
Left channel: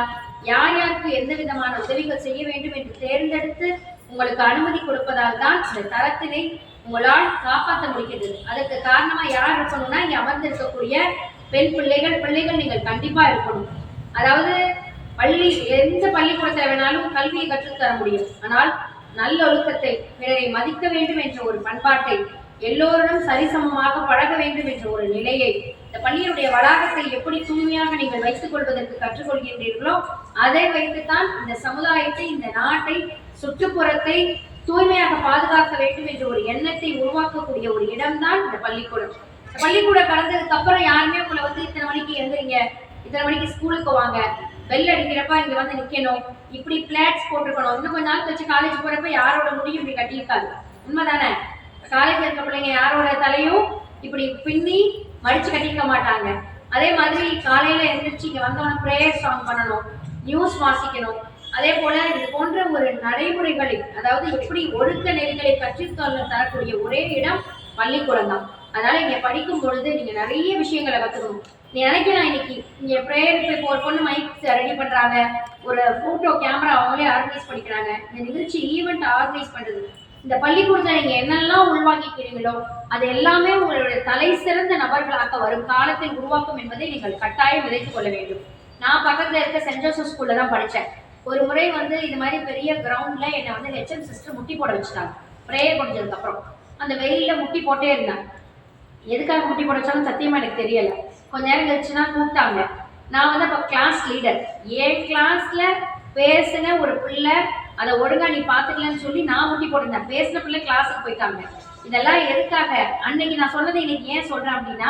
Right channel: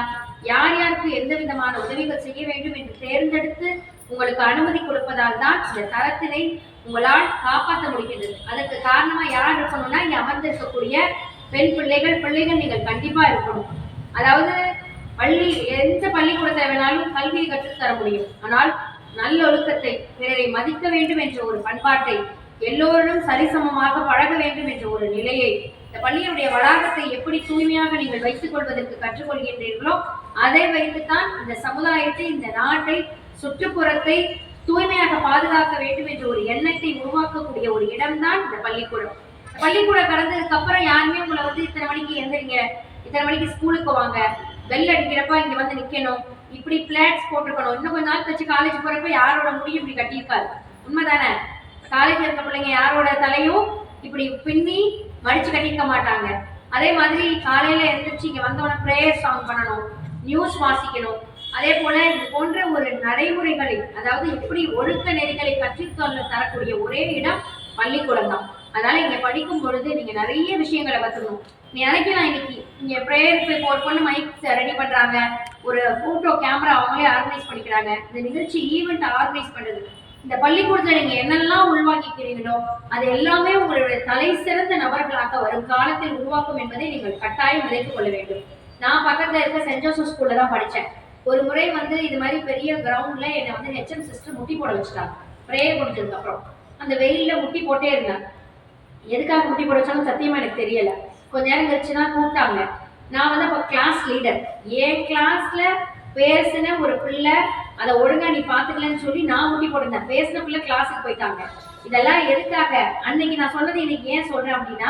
யார் யாருக்கு எந்த விதமான உதவிகள் செய்ய வேண்டும் என்று தேர்ந்தெடுத்து உங்களுக்கு அனுமதி கொடுப்பதால் தான் இந்த தரத்தினை உங்களால் காப்பாற்ற முடிகின்றது. அதற்கு காரணமா யார் இருக்கணும்னா இங்க அமர்ந்திருக்கக்கூடிய பெண் பிள்ளைகள் நீங்கள் கண்டிப்பா இருக்கணும். அதாவது எந்த பள்ளிக்கூடத்துல வேணாலும் கல்வியை கற்றுத்தர முடியும், ஆனால் நல்ல ஒழுக்கத்தை, பிறரை மதிக்க வேண்டும் என்ற ஒரு பண்பாட்டை, எல்லோரும் சரிசமமாக பழக வேண்டும் என்ற ஒரு நிலையை, இந்த பள்ளியுடைய வளாகத்தை எப்படி தூய்மையாக நீங்கள் வைத்துக் கொள்வதற்கு கற்றுக்கொள்கின்றீர்களோ அதை வைத்துத்தான் இந்த சமுதாயத்தை, இந்த நாட்டை, சுற்றுப்புறத்தை தூய்மையாக பாதுகாக்க வேண்டும் என்ற ஒரு எண்ணத்தை உருவாக்கக்கூடிய ஒரு இடம்தான் இந்த பள்ளிக்கூடம். பள்ளிக்கூடம் கடந்ததுக்கு அப்புறம் யாருமே உங்களை இத்தனை மணிக்கு எழுந்துறீங்க, இத்தனை மணிக்கு ஸ்கூலுக்கு வாங்க, பெல் அடிக்கிறப்ப இங்க வந்து நிக்கணும், இப்படி பிளாட்ஸ் போட்டுக்கணும், இன்னும் கொஞ்ச நாள் கழிச்சு காலேஜ் போறப்ப யாரோட முடியும் இப்படி கட்டியிருக்காரு. உண்மைதானே? காலேஜ் இருக்க பிள்ளைங்க யாரோட தலையும் இப்படி பின்னி மடிச்சு கட்டிக்க மாட்டாங்க. அதே மாதிரி காலையில எழுந்திரிச்சு இங்க வந்தோடனே பிரேயர் சாங் பண்ணணும், நியூஸ் வாசிக்கணும். அதே போல இது போன்ற ஒரு நடைமுறைகளை, அதாவது எப்படி ஒழுக்க நெறிகளை கற்றுத்தொல்ல தரக்கூடிய ஒரே இடம் பள்ளிக்கூடம் தான். அதனால இங்க படிக்கும் பொழுது நீங்க நிறைய விஷயங்களை கத்துக்கணும். நீ நினைக்கலாம் இன்னைக்கு இங்க பிரேயர் இப்போ ஒரு பொண்ணு மைக் ரெடி பண்றாங்க, ஒரு போட்டோ கேமரா அவங்களே ஆர்கனைஸ் பண்ணிக்கிறாங்க, இந்த நிகழ்ச்சி ஈவெண்ட் ஆர்கனைஸ் பண்றது, இந்த பள்ளிக்கூடத்துல நீங்க என்னெல்லாம் உள்வாங்கிக்கிறீங்களோ அது எல்லாமே உங்களுடைய தலை சிறந்த நபர்களாக வரும் காலத்தில் உருவாக்கும் என்பதை நீங்கள் கட்டாயம் விதைத்துக் கொள்ள வேண்டும். நான் பக்கத்துல இருக்க சென்ட் ஜோசப் ஸ்கூல்ல தான் படித்தேன். ஒரு முறை இது மாதிரி பெரிய கிரவுண்ட்ல என்னை ஹெச்எம் சிஸ்டர் முட்டி போட வச்சுட்டாங்க. ப்ரேயர் முடிஞ்சதுக்கு அப்புறம் அந்த வெயில்ல முட்டி போட்டே இருந்தாங்க. எதுக்காக முட்டி போட வச்சாலும் சத்தியமா எனக்கு தெரியல. கொஞ்ச நேரம் கழிச்சுன்னா கூப்பிட்டாங்க. நான் அப்போ கிளாஸ் லீடர். என் கிளாஸ்ல பேசின ஒரு பிள்ளை அதை ஒழுங்கா நீ பாத்துக்கலன்னு சொல்லி நான் முட்டி போட்டிருந்தேன். பேசின பிள்ளை கிளாஸுக்கு போயிட்டாங்க. இதெல்லாம் எதுக்காக அன்னைக்கு நான் சொன்னதை இன்னைக்கு ஏன் சொல்றேன் அப்படின்னா,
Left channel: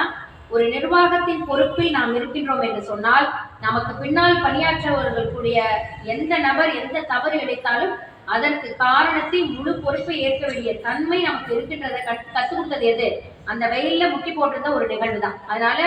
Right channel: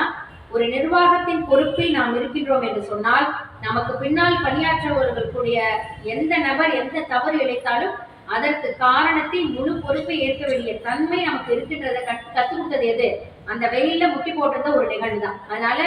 ஒரு நிர்வாகத்தின் பொறுப்பில் நாம் இருக்கின்றோம் என்று சொன்னால் நமக்கு பின்னால் பணியாற்றவர்களுடைய எந்த நபர் எந்த தவறு இழைத்தாலும் அதற்கு காரணத்தை முழு பொறுப்பை ஏற்க வேண்டிய தன்மை நமக்கு இருக்கின்றதை கற்றுக் கொடுத்தது எது? அந்த வெயில்ல முட்டி போட்டிருந்த ஒரு நிகழ்வு தான். அதனால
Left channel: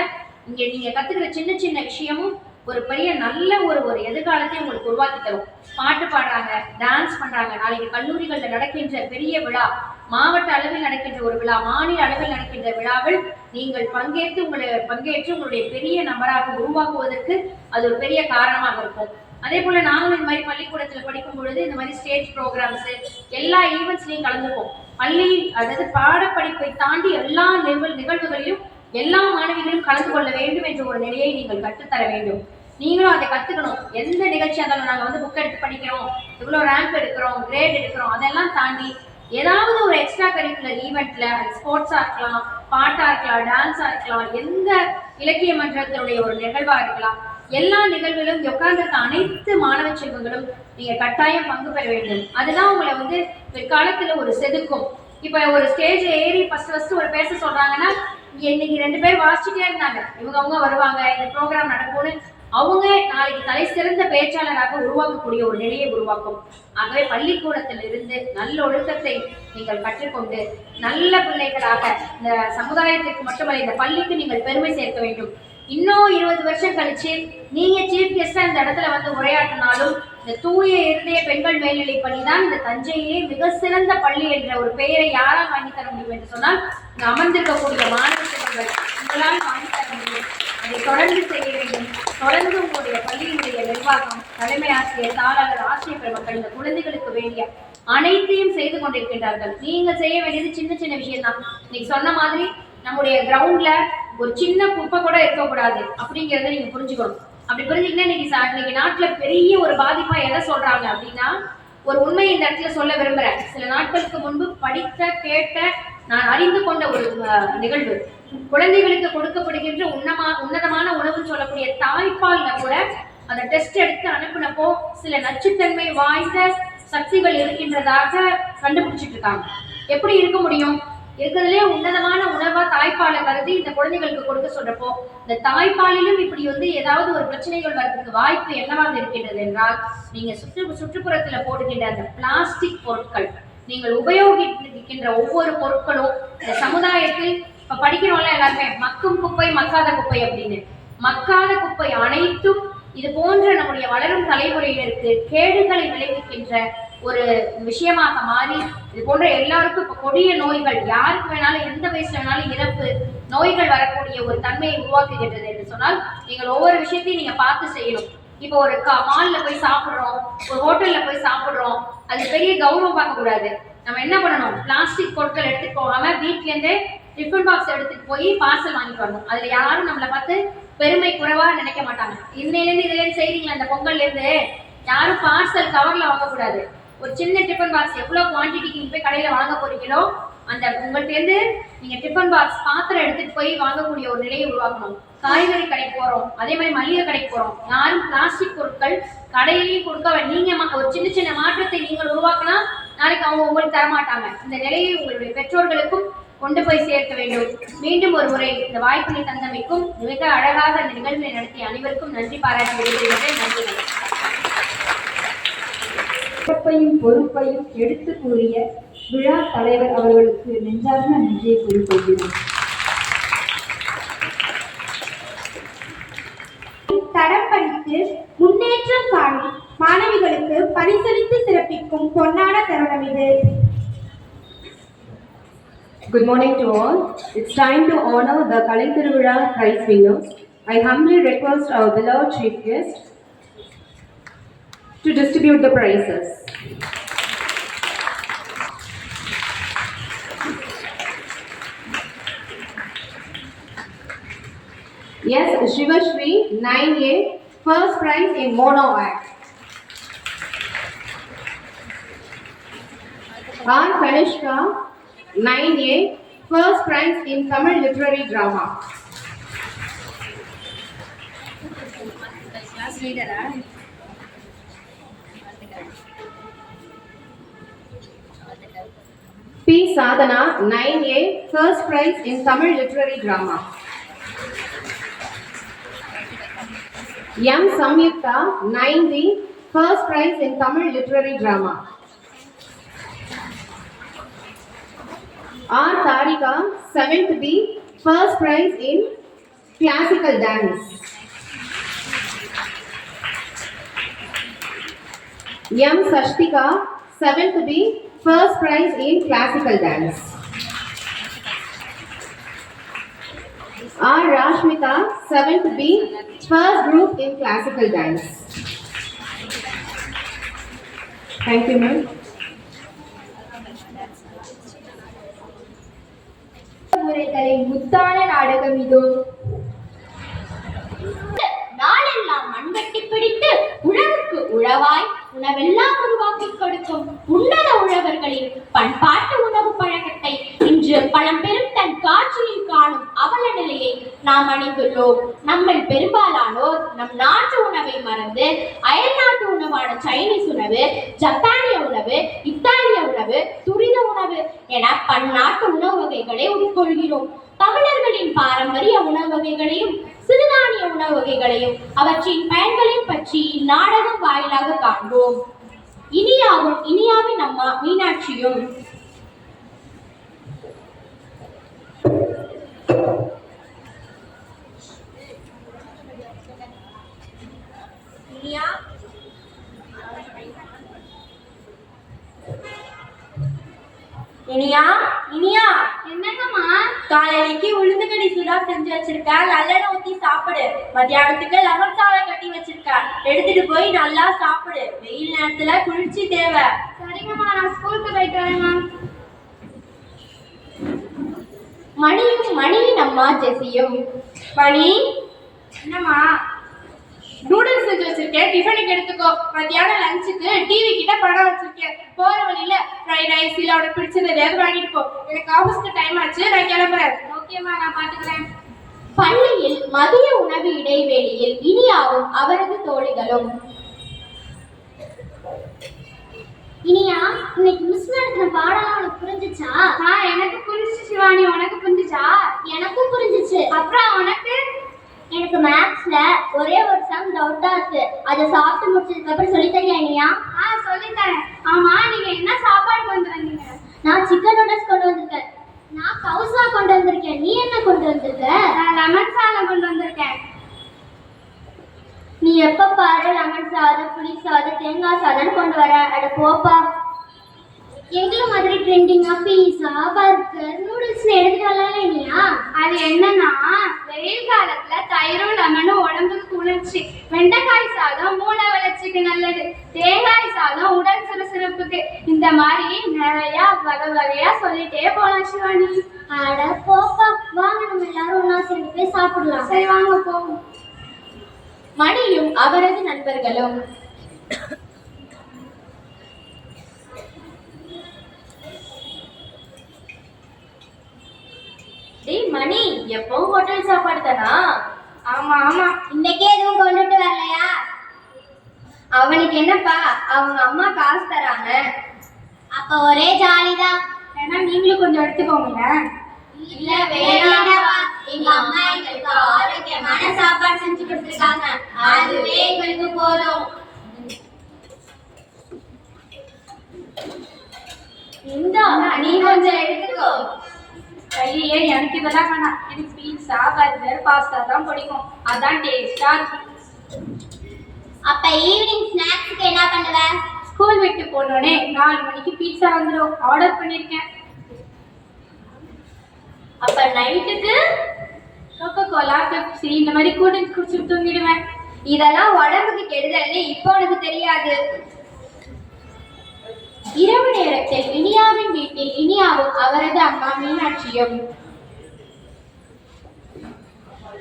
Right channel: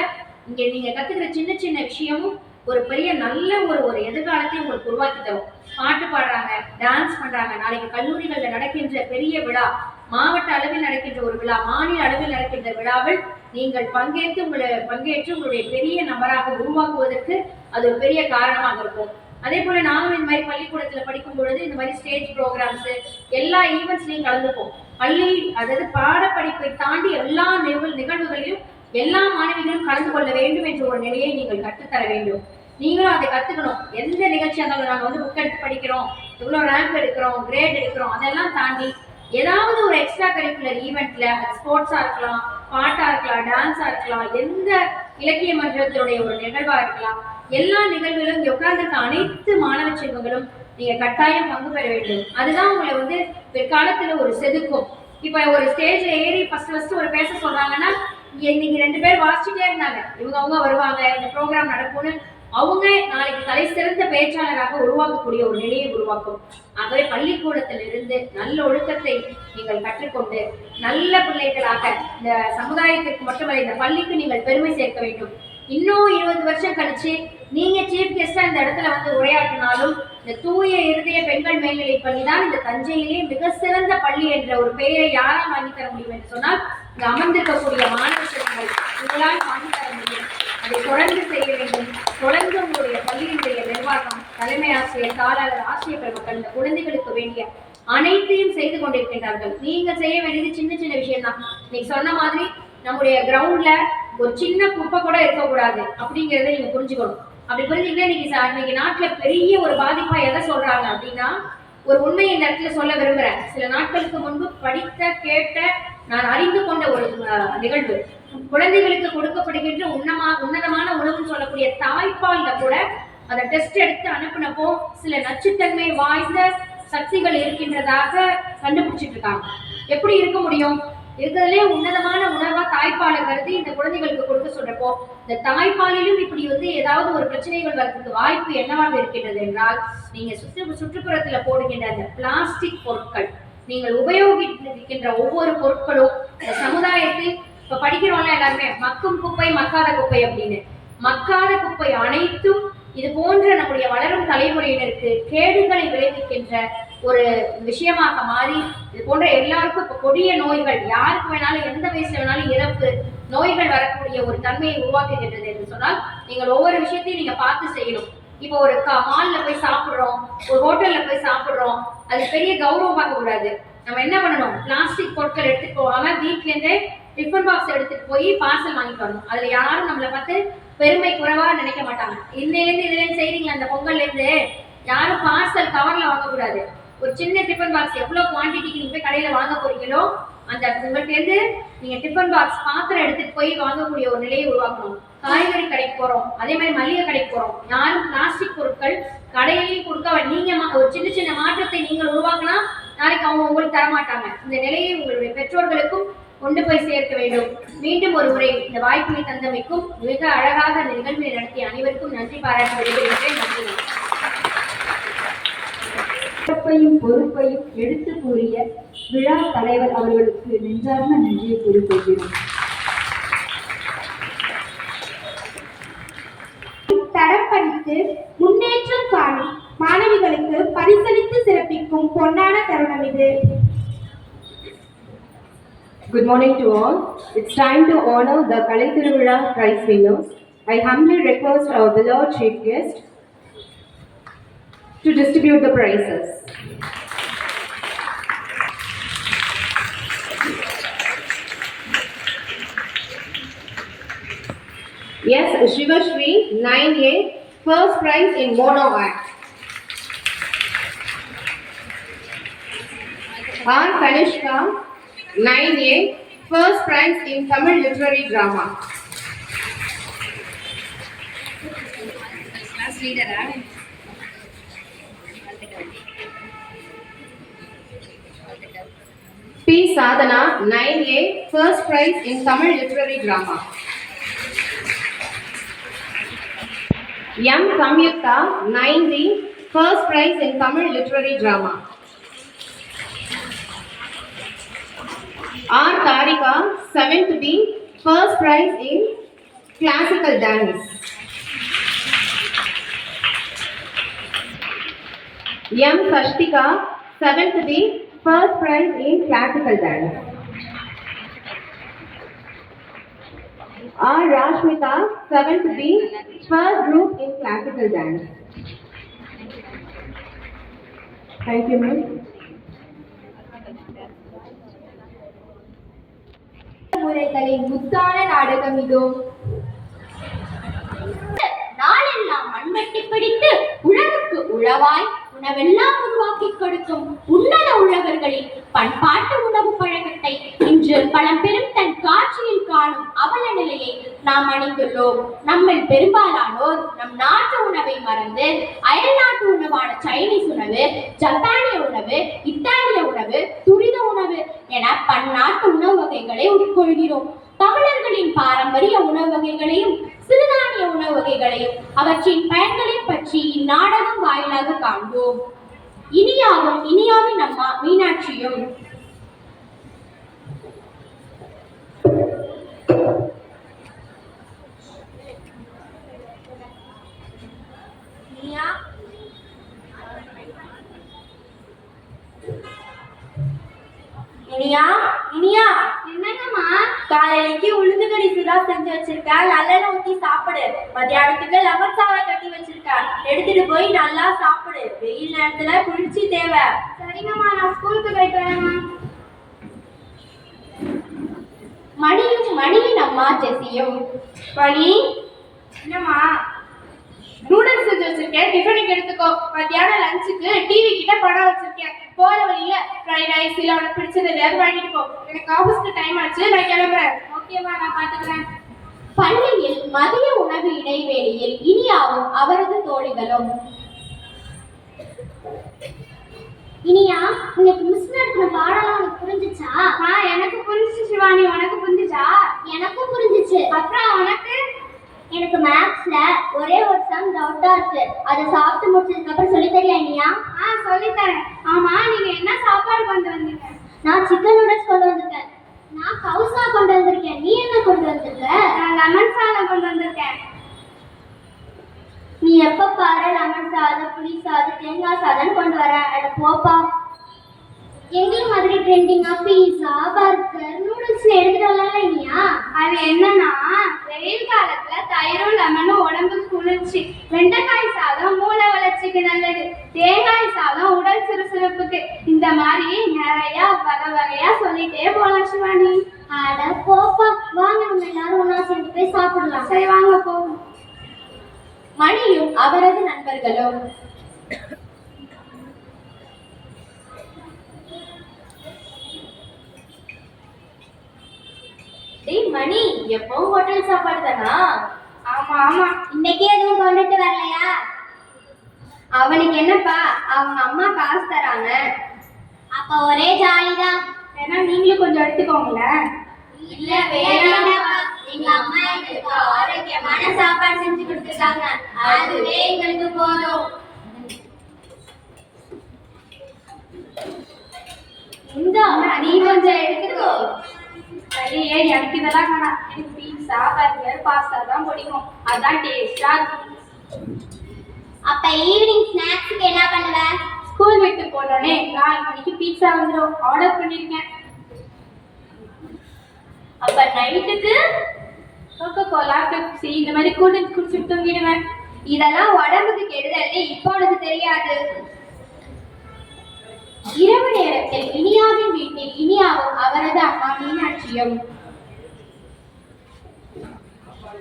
இங்க நீங்க கத்துக்கிற சின்ன சின்ன விஷயமும் ஒரு பெரிய நல்ல ஒரு எதிர்காலத்தை உங்களுக்கு உருவாக்கி தரும். பாட்டு பாடுறாங்க, டான்ஸ் பண்றாங்க, நாளைக்கு கல்லூரிகள்ல நடக்கின்ற பெரிய விழா, மாவட்ட அளவில் நடக்கின்ற ஒரு விழா, மாநில அளவில் நடக்கின்ற விழாவில் நீங்கள் பங்கேற்று உங்களுடைய பெரிய நபராக உருவாக்குவதற்கு அது ஒரு பெரிய காரணமாக இருக்கும். அதே போல நாங்களும் இந்த மாதிரி பள்ளிக்கூடத்துல படிக்கும் பொழுது இந்த மாதிரி ஸ்டேஜ் ப்ரோக்ராம்ஸ் எல்லா ஈவெண்ட்ஸ்லையும் கலந்துப்போம். பள்ளி அதாவது பாடப்படிப்பை தாண்டி எல்லா நிகழ்வுகளிலும் எல்லா மாணவிகளும் கலந்து கொள்ள வேண்டும் என்ற ஒரு நிலையை நீங்கள் கற்றுத்தர வேண்டும். நீங்களும் அதை கத்துக்கணும். எந்த நிகழ்ச்சியாக இருந்தாலும் நாங்கள் வந்து புக் எடுத்து படிக்கிறோம், இவ்வளோ ரேங்க் எடுக்கிறோம், கிரேட் எடுக்கிறோம், அதெல்லாம் தாண்டி ஏதாவது ஒரு எக்ஸ்ட்ரா கரிக்குலர் ஈவெண்ட்ல ஸ்போர்ட்ஸா இருக்கலாம், பாட்டா இருக்கலாம், டான்ஸா இருக்கலாம், எந்த இலக்கிய மன்றத்தினுடைய ஒரு நிகழ்வா இருக்கலாம், எல்லா நிகழ்விலும் உட்கார்ந்திருக்க அனைத்து மாணவ செல்வங்களும் நீங்க கட்டாயம் பங்கு பெற வேண்டும். அதுதான் உங்களை வந்து பிற்காலத்துல ஒரு செதுக்கும். இப்ப ஒரு ஸ்டேஜ்ல ஏறி ஃபர்ஸ்ட் ஒரு பேச சொல்றாங்கன்னா, இன்னைக்கு 2 பேர் வாசிச்சுட்டே இருந்தாங்க, அவங்க வருவாங்க, இந்த ப்ரோக்ராம் நடக்கும்னு அவங்க நாளைக்கு தலை சிறந்த பேச்சாளராக உருவாக்கக்கூடிய ஒரு நிலையை உருவாக்கும். ஆகவே பள்ளிக்கூடத்திலிருந்து நல்ல ஒழுக்கத்தை நீங்கள் கற்றுக்கொண்டு நல்ல பிள்ளைகளாக இந்த சமுதாயத்திற்கு மட்டுமல்ல இந்த பள்ளிக்கு நீங்கள் பெருமை சேர்க்க வேண்டும். இன்னும் 20 வருஷம் கழிச்சு நீங்க சீஃப் கெஸ்டா இந்த இடத்துல வந்து உரையாற்றினாலும் இந்த தூய இருதய பெண்கள் மேல்நிலை பள்ளி தான் இந்த தஞ்சையிலே மிக சிறந்த பள்ளி என்ற ஒரு பெயரை யாரால் வாங்கி தர முடியும் என்று சொன்னால் இங்கு அமர்ந்திருக்கக்கூடிய மாணவ செல்வங்கள் உங்களால் வாங்கி தர முடியும். அதை தொடர்ந்து செய்ய வேண்டும். தொடர்ந்து உங்களுடைய பள்ளியினுடைய நிர்வாகம், தலைமை ஆசிரியர், தாளாளர், ஆசிரியர் பெருமக்கள் இந்த குழந்தைகளுக்கு வேண்டிய அனைத்தையும் செய்து கொண்டிருக்கின்றார்கள். நீங்க செய்ய வேண்டியது சின்ன சின்ன விஷயம் தான். நீங்க சொன்ன மாதிரி நம்முடைய கிரவுண்ட்ல ஒரு சின்ன குப்பை கூட இருக்கக்கூடாது அப்படிங்கிறத நீங்க புரிஞ்சுக்கணும். அப்படி புரிஞ்சுக்கிட்டே இன்னைக்கு நாட்டுல பெரிய ஒரு பாதிப்பா எதை சொல்றாங்க அப்படின்னா, ஒரு உண்மையை இந்த இடத்துல சொல்ல விரும்புறேன். சில நாட்களுக்கு முன்பு படித்த கேட்ட நான் அறிந்து கொண்ட ஒரு நிகழ்வு, குழந்தைகளுக்கு கொடுக்கப்படுகின்ற உன்னதமான உணவுன்னு சொல்லக்கூடிய தாய்ப்பால்ல கூட அதை டெஸ்ட் எடுத்து அனுப்பினப்போ சில நச்சுத்தன்மை வாய்ந்த சக்திகள் இருக்கின்றதாக கண்டுபிடிச்சிட்டு இருக்காங்க. எப்படி இருக்க முடியும்? இருக்கிறதுலே உன்னதமான உணவா தாய்ப்பாலை கருதி இந்த குழந்தைகளுக்கு கொடுக்க சொல்றப்போ இந்த தாய்ப்பாலிலும் இப்படி வந்து ஏதாவது ஒரு பிரச்சனைகள் வர்றதுக்கு வாய்ப்பு என்னவாக இருக்கின்றது என்றால், நீங்க சுற்றுப்புறத்துல போடுகின்ற அந்த பிளாஸ்டிக் பொருட்கள், நீங்கள் உபயோகிக்கின்ற ஒவ்வொரு பொருட்களும் இந்த சமுதாயத்தில் இப்ப படிக்கிறோம்ல எல்லாருமே மக்கும் குப்பை மக்காத குப்பை அப்படின்னு, மக்காத குப்பை அனைத்தும் இது போன்ற நம்முடைய வளரும் தலைமுறையினருக்கு கேடுகளை விளைவிக்கின்ற ஒரு விஷயமாக மாறி இது போன்ற எல்லாருக்கும் இப்ப கொடிய நோய்கள், யாருக்கு வேணாலும் எந்த வயசுல வேணாலும் இறப்பு நோய்கள் வரக்கூடிய ஒரு தன்மையை உருவாக்குகின்றது என்று சொன்னால் நீங்கள் ஒவ்வொரு விஷயத்தையும் நீங்க பார்த்து செய்யணும். இப்போ ஒரு மால்ல போய் சாப்பிடுறோம், ஒரு ஹோட்டல்ல போய் சாப்பிடுறோம், அது பெரிய கௌரவம் பார்க்க கூடாது. நம்ம என்ன பண்ணணும், பிளாஸ்டிக் பொருட்கள் எடுத்துட்டு போகாம வீட்ல இருந்தே டிஃபன் பாக்ஸ் எடுத்துட்டு போய் பார்சல் வாங்கிட்டு வரணும். அதுல யாரும் நம்மளை பார்த்து பெருமை குறைவா நினைக்க மாட்டாங்க. இன்னையிலேருந்து இதுல செய்றீங்களா, இந்த பொங்கல்ல இருந்து யாரும் பார்சல் கவர்ல வாங்கக்கூடாது. ஒரு சின்ன டிஃபன் பாக்ஸ் எவ்வளவு குவான்டிட்டிக்கு நீங்க போய் கடையில வாங்க போறீங்களோ அந்த உங்கள்கிட்ட இருந்து நீங்க டிஃபன் பாக்ஸ் பாத்திரம் எடுத்துட்டு போய் வாங்கக்கூடிய ஒரு நிலையை உருவாக்கணும். காய்கறி கடைக்கு போறோம், அதே மாதிரி மளிகை கடைக்கு போறோம், யாரும் பிளாஸ்டிக் பொருட்கள் கடையிலையும் கொடுக்க, நீங்க ஒரு சின்ன சின்ன மாற்றத்தை நீங்கள் உருவாக்கினா நாளைக்கு அவங்க உங்களுக்கு தரமாட்டாங்க. இந்த நிலையை உங்களுடைய பெற்றோர்களுக்கும் கொண்டு போய் சேர்க்க வேண்டும். மீண்டும் ஒரு முறை இந்த வாய்ப்பினை தந்தமைக்கும் மிக அழகாக அந்த நிகழ்வினை நடத்திய அனைவருக்கும் நன்றி பாராட்டி விடைபெறுகிறேன். நன்றி. சிறப்பையும் பொறுப்பையும் எடுத்து கூறிய விழா தலைவர் அவர்களுக்கு நெஞ்சார்ந்த நன்றியை கூறிக்கொள்கிறோம். தரம் படித்து முன்னேற்றம் காணும் மாணவிகளுக்கு பரிசளித்து சிறப்பிக்கும் பொன்னான தருணம் இது. Good morning to all. It's time to honor the Kalai Thiruvizha prize winners. I humbly request our beloved chief guest to distribute the prizes. Yes, Shivashri 9A, first prize in mono act. R. Kanishka 9A, first prize in Tamil literary drama. Class leader, P. Sadhana 9A, first prize in Tamil literary drama. M. Samyukta 9B, first prize in Tamil literary drama. R. Tarika 7th B, first prize in classical dance. M. Sashtika 7th B, first prize in classical dance. R. Rashmita 7th B, first group in classical dance. Thank you ma'am. முறைகளின் முத்தான நாடகம் இதோ. நாளெல்லாம் மண்வெட்டி பிடித்து உழவுக்கு உழவாய் உணவெல்லாம் உருவாக்கி கொடுக்கும் உன்னத உழவர்களின் பண்பாட்டு உணவு பழக்கத்தை இன்று பழம்பெரும் தன் காட்சியில் காணும் அவல நிலையை நாம் அணிந்துள்ளோம். நம்மில் பெரும்பாலானோர் நம் நாட்டு உணவை மறந்து அயல் நாட்டு உணவான சைனீஸ் உணவு, ஜப்பானிய உணவு, இத்தாலிய உணவு, துரித உணவு என பன்னாட்டு உணவு வகைகளை உட்கொள்கிறோம். தமிழர்களின் பாரம்பரிய உணவு வகைகளையும் சிறுதானிய உணவு வகைகளையும் அவற்றின் பயன்களையும் பற்றி இந்நாடகம் வாயிலாக காண்போம். இனியாவின் அம்மா மீனாட்சியும் இனியா என்னங்கம்மா? காலையிலைக்கு உளுந்துக்கடி சுறா செஞ்சு வச்சிருக்க, நல்லெண்ணெய் ஊத்தி சாப்பிடு. மத்தியானத்துக்கு லெமன் சாதம் கட்டி வச்சிருக்க, எடுத்துட்டு போய் நல்லா சாப்பிடு. வெயில் நேரத்துல குளிர்ச்சி தேவை. சரிங்கம்மா, நான் ஸ்கூலுக்கு போயிட்டு வரேம்மா. மணியின் அம்மா ஜெசியும். பனி, என்னம்மா? நூடுல்ஸ் செஞ்சு வச்சிருக்கேன், டிஃபனுக்கு எடுத்துக்கோ. மத்தியானம் லஞ்சுக்கு டிவி கிட்ட படம் வச்சிருக்கேன். போற வழியில ஃப்ரைட் ரைஸ் இல்ல உனக்கு பிடிச்சது ஏதாவது வாங்கிட்டு போ. எனக்கு ஆஃபீஸ்க்கு டைம் ஆச்சு, நான் கிளம்புறேன். ஓகேம்மா, நான் பாத்துக்கிறேன். பள்ளியில் மதிய உணவு இடைவேளையில் இனியாவும் அவரது தோழிகளும். இனியா, இன்னைக்கு மிஸ் நடத்தின பாடலாம் உனக்கு புரிஞ்சுச்சா? எனக்கு புரிஞ்சிச்சு சிவானி, உனக்கு புரிஞ்சுச்சா? எனக்கும் புரிஞ்சுச்சு. அப்புறம் உனக்கு? எனக்கு மேத்ஸ்ல ஒரே ஒரு சம் டவுட்டா இருக்கு. அதை சாப்பிட்டு முடிச்சதுக்கு அப்புறம் சொல்லி தரியா இனியா? சொல்லித்தரேன். ஆமா, நீங்க என்ன சாப்பாடு கொண்டு வந்தீங்க? நான் சிக்கன் நூடுல்ஸ் கொண்டு வந்திருக்கேன். நான் கவுசா கொண்டு வந்திருக்கேன். நீ என்ன கொண்டு வந்திருக்க? நான் லெமன் சாதம் கொண்டு வந்திருக்கேன். நீ எப்ப பாரு லெமன் சாதம், புளி சாதம், தேங்காய் சாதம் கொண்டு வர. அட போப்பா. எங்களை மாதிரி ட்ரெண்டிங்கா பீஸா, பர்கர், நூடுல்ஸ் எடுத்துட்டு வரல இனியா? அது என்னன்னா, வெயில் காலத்துல தயிரும் லெமனும் உடம்புக்கு குளிர்ச்சி. வெண்டைக்காய் சாதம் மூளை வளர்ச்சிக்கு நல்லது. தேங்காய் சாதம் உடல் சுறுசுறுப்புக்கு. இந்த மாதிரி நிறைய வகை வகையா சொல்லிட்டே போலாம் சிவானி. அட போப்பா, வாங்க நம்ம எல்லாரும் ஒண்ணா சேர்ந்து போய் சாப்பிடலாம். சரி வாங்க போவோம். மணியும் அவரது நண்பர்களும். மணி, எப்பவும் ஹோட்டல் சாப்பாடு தானா? ஆமா ஆமா. இன்னைக்கே எதுவும் கொண்டுட்டு வரலையா? அவனுக்கு என்னப்பா, அவங்க அம்மா காசு தராங்க. அப்ப ஒரே ஜாலிதான். ஏன்னா நீங்களும் கொஞ்சம் எடுத்துக்கோங்களேன். இல்ல வேண்டாம்ப்பா, எங்க அம்மா எங்களுக்கு ஆரோக்கியமான சாப்பாடு செஞ்சு கொடுத்துருக்காங்க. அதுவே எங்களுக்கு போதும். இந்தா, நீ கொஞ்சம் எடுத்துக்கோ. ஐயே, எனக்கு இதெல்லாம் வேணாம். எனக்கு பீட்சா, பர்கர், பாஸ்தா தான் பிடிக்கும். அதான் டேஸ்டா இருக்கும். அப்ப ஈவினிங் ஸ்நாக்ஸ்க்கு என்ன பண்ணுவ? ஸ்கூல் விட்டு போனோடனே 4 மணிக்கு பீட்சா வந்துடும். ஆர்டர் பண்ணிருக்கேன். அப்ப நைட்டுக்கு கோகோ கோலா, பெப்சி இந்த மாதிரி கூல்ட்ரிங்க்ஸ் குடிச்சிட்டு தூங்கிடுவேன். இதெல்லாம் உடம்புக்கு கெடுதல்னு இப்போ உனக்கு தெரியாது. இரவு நேரத்தில் இனியாவின் வீட்டில் இனியாவும் அவரது அம்மா மீனாட்சியும்.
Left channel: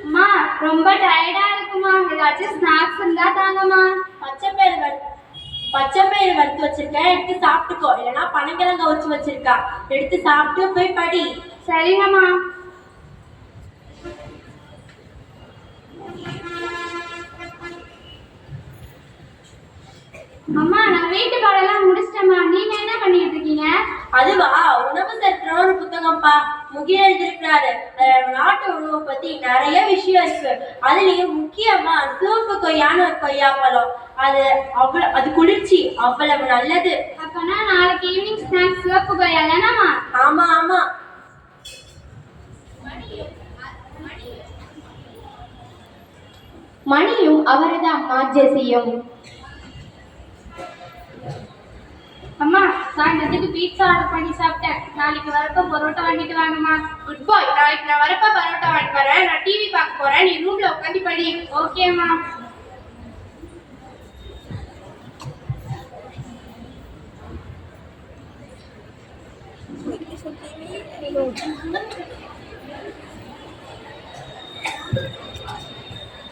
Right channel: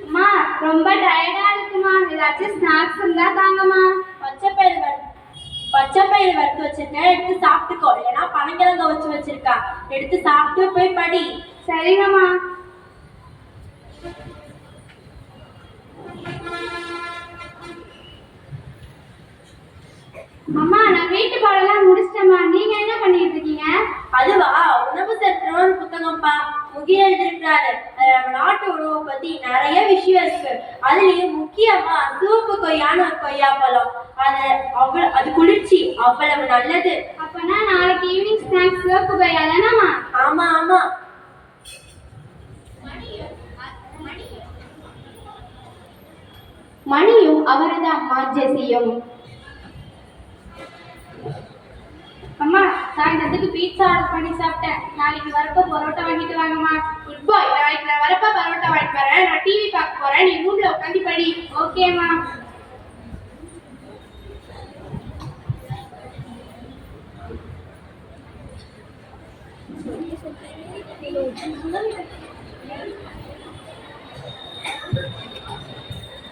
அம்மா, ரொம்ப டயர்டா இருக்குமா, ஏதாச்சும் ஸ்நாக்ஸ் இருந்தா தாங்கம்மா. பச்சைப்பயிறு வறுத்து வச்சிருக்கேன், எடுத்து சாப்பிட்டுக்கோ. இல்லைன்னா பனங்கிழங்க வச்சு வச்சிருக்கா, எடுத்து சாப்பிட்டு போய் படி. சரிங்கம்மா. அம்மா, நான் வீட்டு பாடெல்லாம் முடிச்சிட்டேம்மா. நீங்க என்ன பண்ணிட்டு இருக்கீங்க? அதுவா, உணவு சட்டம்னு ஒரு புத்தகம்ப்பா. முகில் எழுதிருக்கிறாரு. நம்ம நாட்டு உணவை பத்தி நிறைய விஷயம் இருக்கு. அதுலயும் முக்கியமா சிவப்பு கொய்யான்னு ஒரு கொய்யா பழம். அது குளிர்ச்சி, அவ்வளவு நல்லது. அப்பனா நாளைக்கு ஈவினிங் ஸ்நாக்ஸ் சிவப்பு கொய்யா தானம்மா? ஆமா ஆமா. மணியும் அவரது அம்மா ஜெசியும். அம்மா, சாயந்தரத்துக்கு பீட்சா ஆர்டர் பண்ணி சாப்பிட்டேன். நாளைக்கு வரப்ப பரோட்டா வாங்கிட்டு வாங்கம்மா. குட் பாய். நாளைக்கு நான் வரப்ப பரோட்டா வாங்கிட்டு வரேன். நான் டிவி பார்க்க போறேன், நீ ரூம்ல உட்காந்து படி. ஓகேம்மா.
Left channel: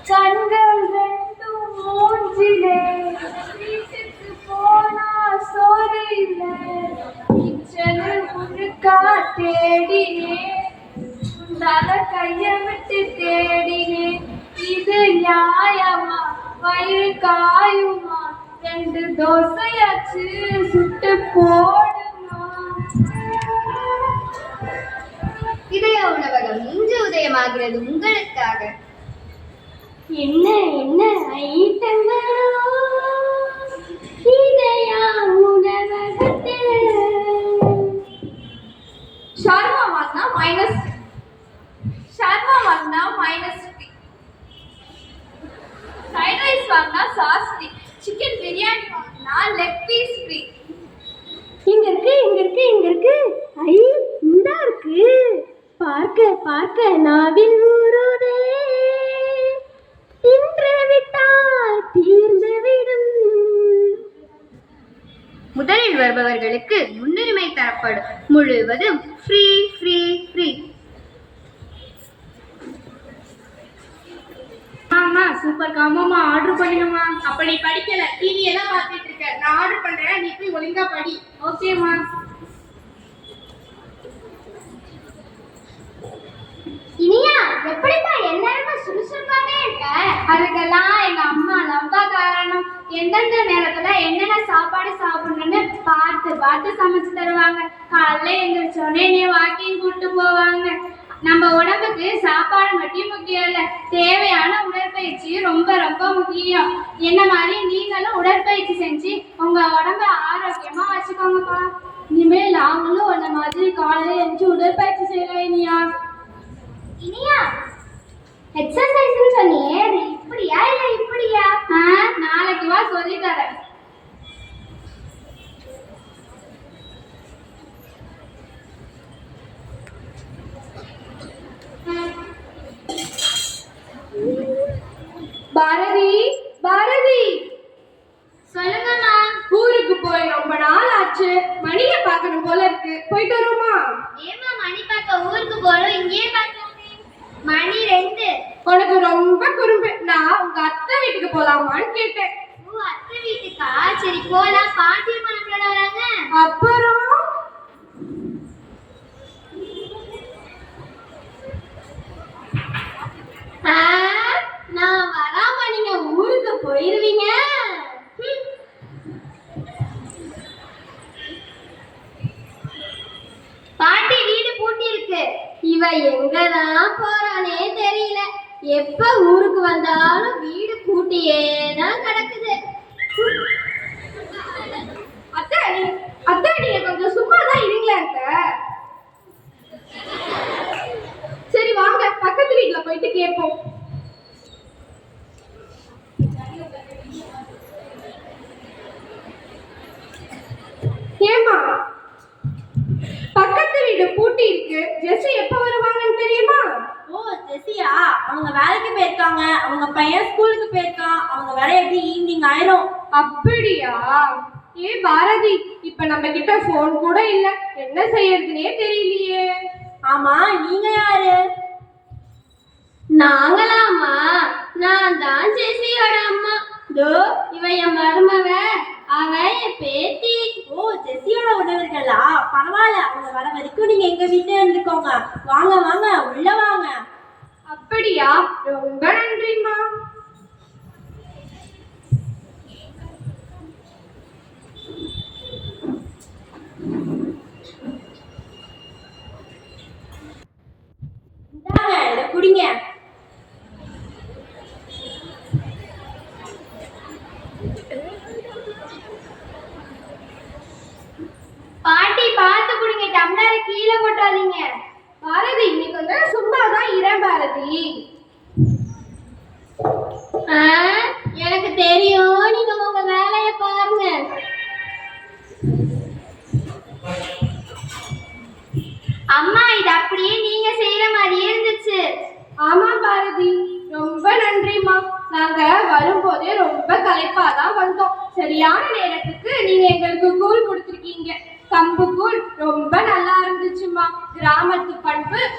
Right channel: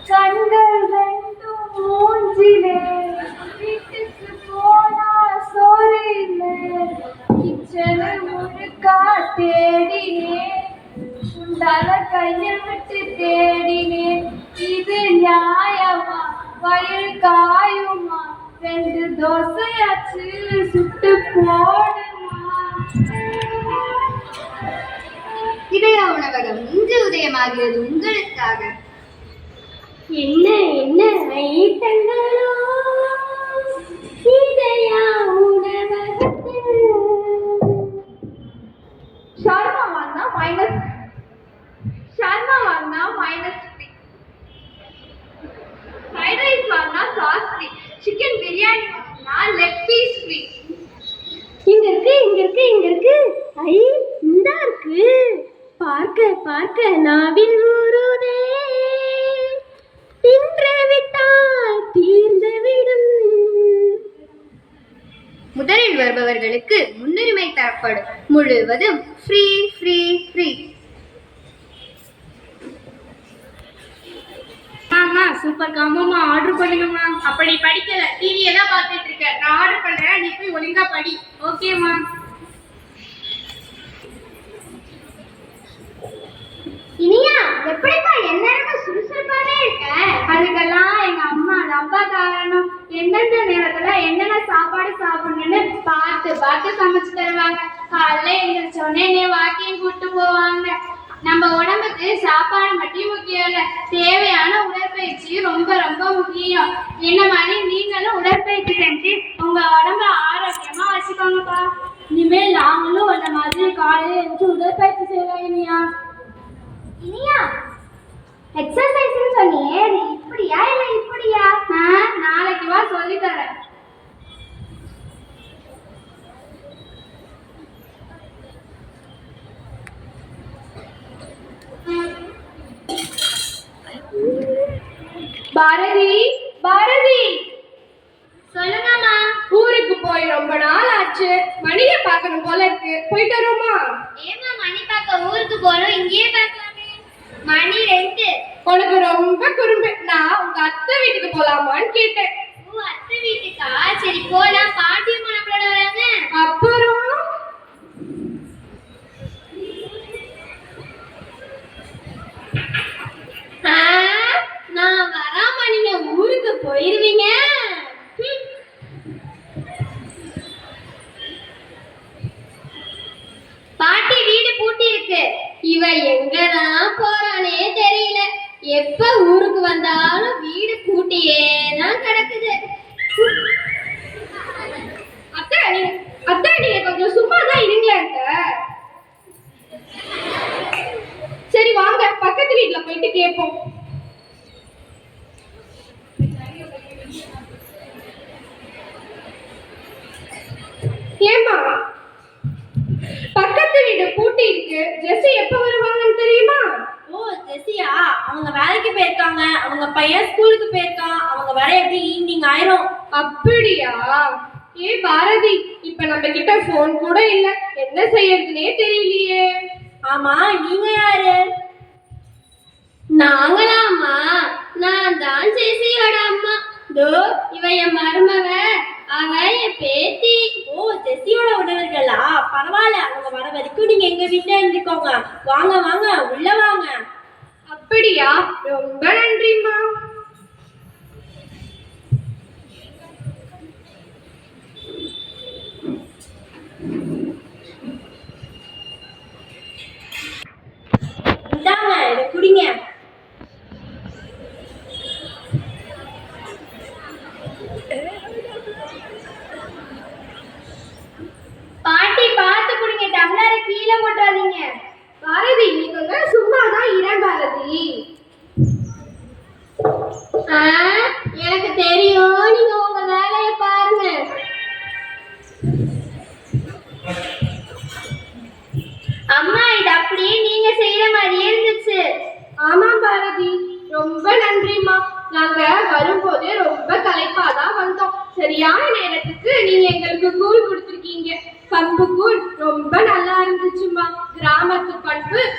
கண்கள் ரெண்டும் மூஞ்சிலே வீட்டுக்கு போனா சோறில்லை கிச்சனு முழுக்கா தேடினேன் உண்டால கைய விட்டு தேடினேன் இது நியாயமா வயிறு காயுமா 2 தோசையாச்சு சுட்டு போடுமா. இதய உணவகம் இன்று உதயமாகிறது உங்களுக்காக. என்ன என்ன ஐட்டங்களோ இதயா உணவகத்தில். ஷார்மா வாங்கினா -3, ஃப்ரைட் ரைஸ் வாங்கினா சாஸ் ஃப்ரீ, சிக்கன் பிரியாணி வாங்கினா லெக் பீஸ் ஃப்ரீ. இங்க இருக்கு ஐ இந்தா இருக்கு. பார்க்க நாவில் ஊறுதே தின்று விட்டால் தீர்ந்து விடும். முதலில் வருபவர்களுக்கு முன்னுரிமை தரப்படும். முழுவதும் ஃப்ரீ ஃப்ரீ ஃப்ரீ. ஆமா சூப்பர் காமாமா ஆர்டர் பண்ணுங்கம்மா. அப்படி படிக்கல டிவியை தான் பார்த்துட்டு இருக்க. நான் ஆர்டர் பண்றேன், நீ போய் ஒழுங்கா படி. ஓகேம்மா. இனியா எப்படிப்பா எல்லாரும் சுறுசுறுப்பாவே இருக்க? அதுக்கெல்லாம் எங்க அம்மா ரொம்ப காரணம். எந்தெந்த நேரத்துல என்னென்ன சாப்பாடு சாப்பிடணும்னு பார்த்து சமைச்சு தருவாங்க. காலைல எழுந்திரிச்சோடனே என்னை வாக்கிங் கூட்டு போவாங்க. நம்ம உடம்புக்கு சாப்பாடு மட்டும் முக்கியம் இல்லை, தேவையான உடற்பயிற்சி ரொம்ப ரொம்ப முக்கியம். என்ன மாதிரி நீங்களும் உடற்பயிற்சி செஞ்சு உங்க உடம்ப ஆரோக்கியமா வச்சுக்கோங்கப்பா. இனிமேல் நாங்களும் அந்த மாதிரி காலையில எழுந்து உடற்பயிற்சி செய்யலாம். இனியா எக்ஸசைஸ்னு சொன்னியே, அது இப்படியா இல்ல இப்படியா? நாளைக்கு வா சொல்லி தரேன். பாரதி சொல்லுங்கம்மா. ஊருக்கு போய் ரொம்ப நாள் ஆச்சு, மணியை பார்க்கணும் போல இருக்கு. போயிட்டு வரோமா? ஏமா மணி பார்க்க ஊருக்கு போறோம், இங்கேயே பார்க்கலாமே. மணி 2. உனக்கு ரொம்ப குறும்பு. நான் உங்க அத்தை வீட்டுக்கு போலாமான்னு கேட்டேன். ஓ அத்தை வீட்டுக்கா? சரி போலாம். பாட்டியும் நம்மளோட வராங்க. அப்புறம் நான் வராம நீங்க ஊருக்கு போயிருவீங்க. பாட்டி வீடு பூட்டி இருக்கு. இவ எங்கதான் போறானே தெரியல. எப்ப ஊருக்கு வந்தாலும் வீடு பூட்டியே தான் கிடக்குது. அத்தை நீங்க கொஞ்சம் சும்மா தான் இருங்களேன். சரி வாங்க பக்கத்து வீட்டுல போயிட்டு கேட்போம். ஏமா பக்கத்து வீடு பூட்டி இருக்கு, ஜெஸ்ஸி எப்ப வருவாங்கன்னு தெரியுமா? ஓ ஜெசியா, அவங்க வேலைக்கு போயிருக்காங்க. அவங்க பையன் ஸ்கூலுக்கு போயிருக்கான். அவங்க வர எப்படி ஈவினிங் ஆயிரும். அப்படியா? ஏ பாரதி, இப்ப நம்ம கிட்ட போன் கூட இல்ல, என்ன செய்யறதுனே தெரியலையே. ஆமா நீங்க யாரு? நாங்களாமா? நான் தான் ஜெசியோட அம்மா. தோ இவ என் மருமவ, அவ என் பேத்தி. ஓ ஜெசியோட உணவர்களா? பரவாயில்ல, அவங்க வர வரைக்கும் நீங்க எங்க வீட்டுல இருந்துக்கோங்க. வாங்க வாங்க உள்ள வாங்க. அப்படியா? ரொம்ப நன்றிம்மா. இந்தாங்க இதை குடிங்க. பாட்டி பார்த்து குடிங்க, டம்ளரை கீழே போட்டாதீங்க. பாரதி நீ கொஞ்சம் சும்மாதான் இர பாரதி.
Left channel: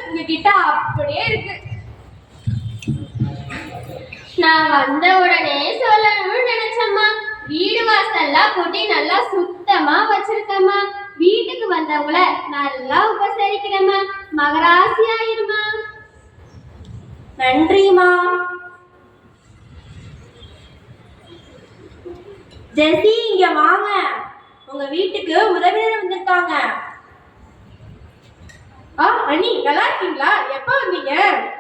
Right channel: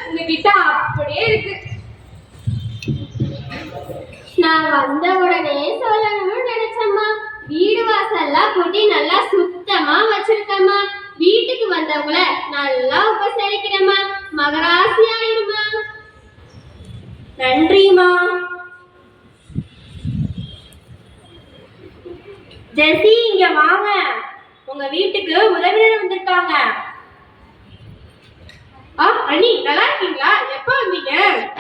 உங்ககிட்ட அப்படியே இருக்கு. நான் வந்த உடனே சொல்லணும்னு நினைச்சம்மா. வீடு வாசல்லாம் கூட்டி நல்லா சுத்தமா வச்சிருக்கம்மா. வீட்டுக்கு வந்தவங்கள நல்லா உபசரிக்கிறேம்மா. மகராசி ஆயிருமா. நன்றிமா. ஜெசி, இங்க வாங்க. உங்க வீட்டுக்கு உறவினர் வந்திருக்காங்க. அண்ணி நல்லா இருக்கீங்களா? எப்ப வந்தீங்க?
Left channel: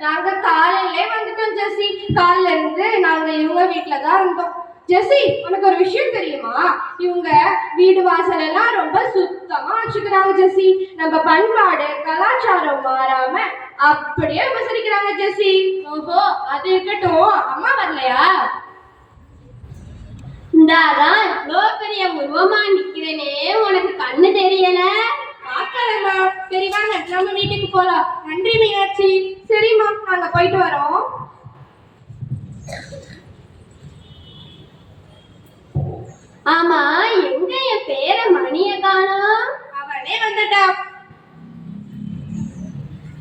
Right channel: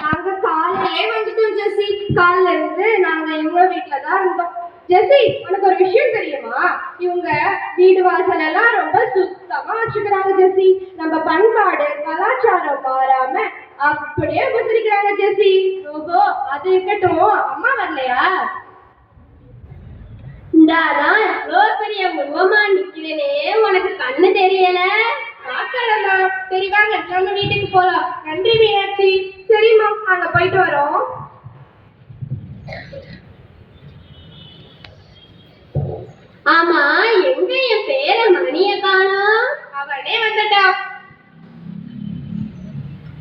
நாங்க காலையிலே வந்துட்டோம் ஜெசி. காலையில இருந்து நாங்க இவங்க வீட்டுல தான் இருந்தோம். ஜெசி, உனக்கு ஒரு விஷயம் தெரியுமா? இவங்க வீடு வாசல் எல்லாம் ரொம்ப சுத்தமா வச்சுக்கிறாங்க ஜெசி. நம்ம பண்பாடு கலாச்சாரம் மாறாம அப்படியே உபசரிக்கிறாங்க ஜெசி. ஓஹோ, அது இருக்கட்டும், அம்மா வரலையா? இந்தாதான் இவ்வளோ பெரிய உருவமா நிக்கிறேனே, உனக்கு கண்ணு தெரியல? பாக்கலம்மா. சரி வாங்க, நம்ம வீட்டுக்கு போலாம். நன்றி மீனாட்சி. சரிம்மா, நாங்க போயிட்டு வரோம். ஆமா, எங்க என் பேர மணிய காணோம்? அவனே வந்துட்டா.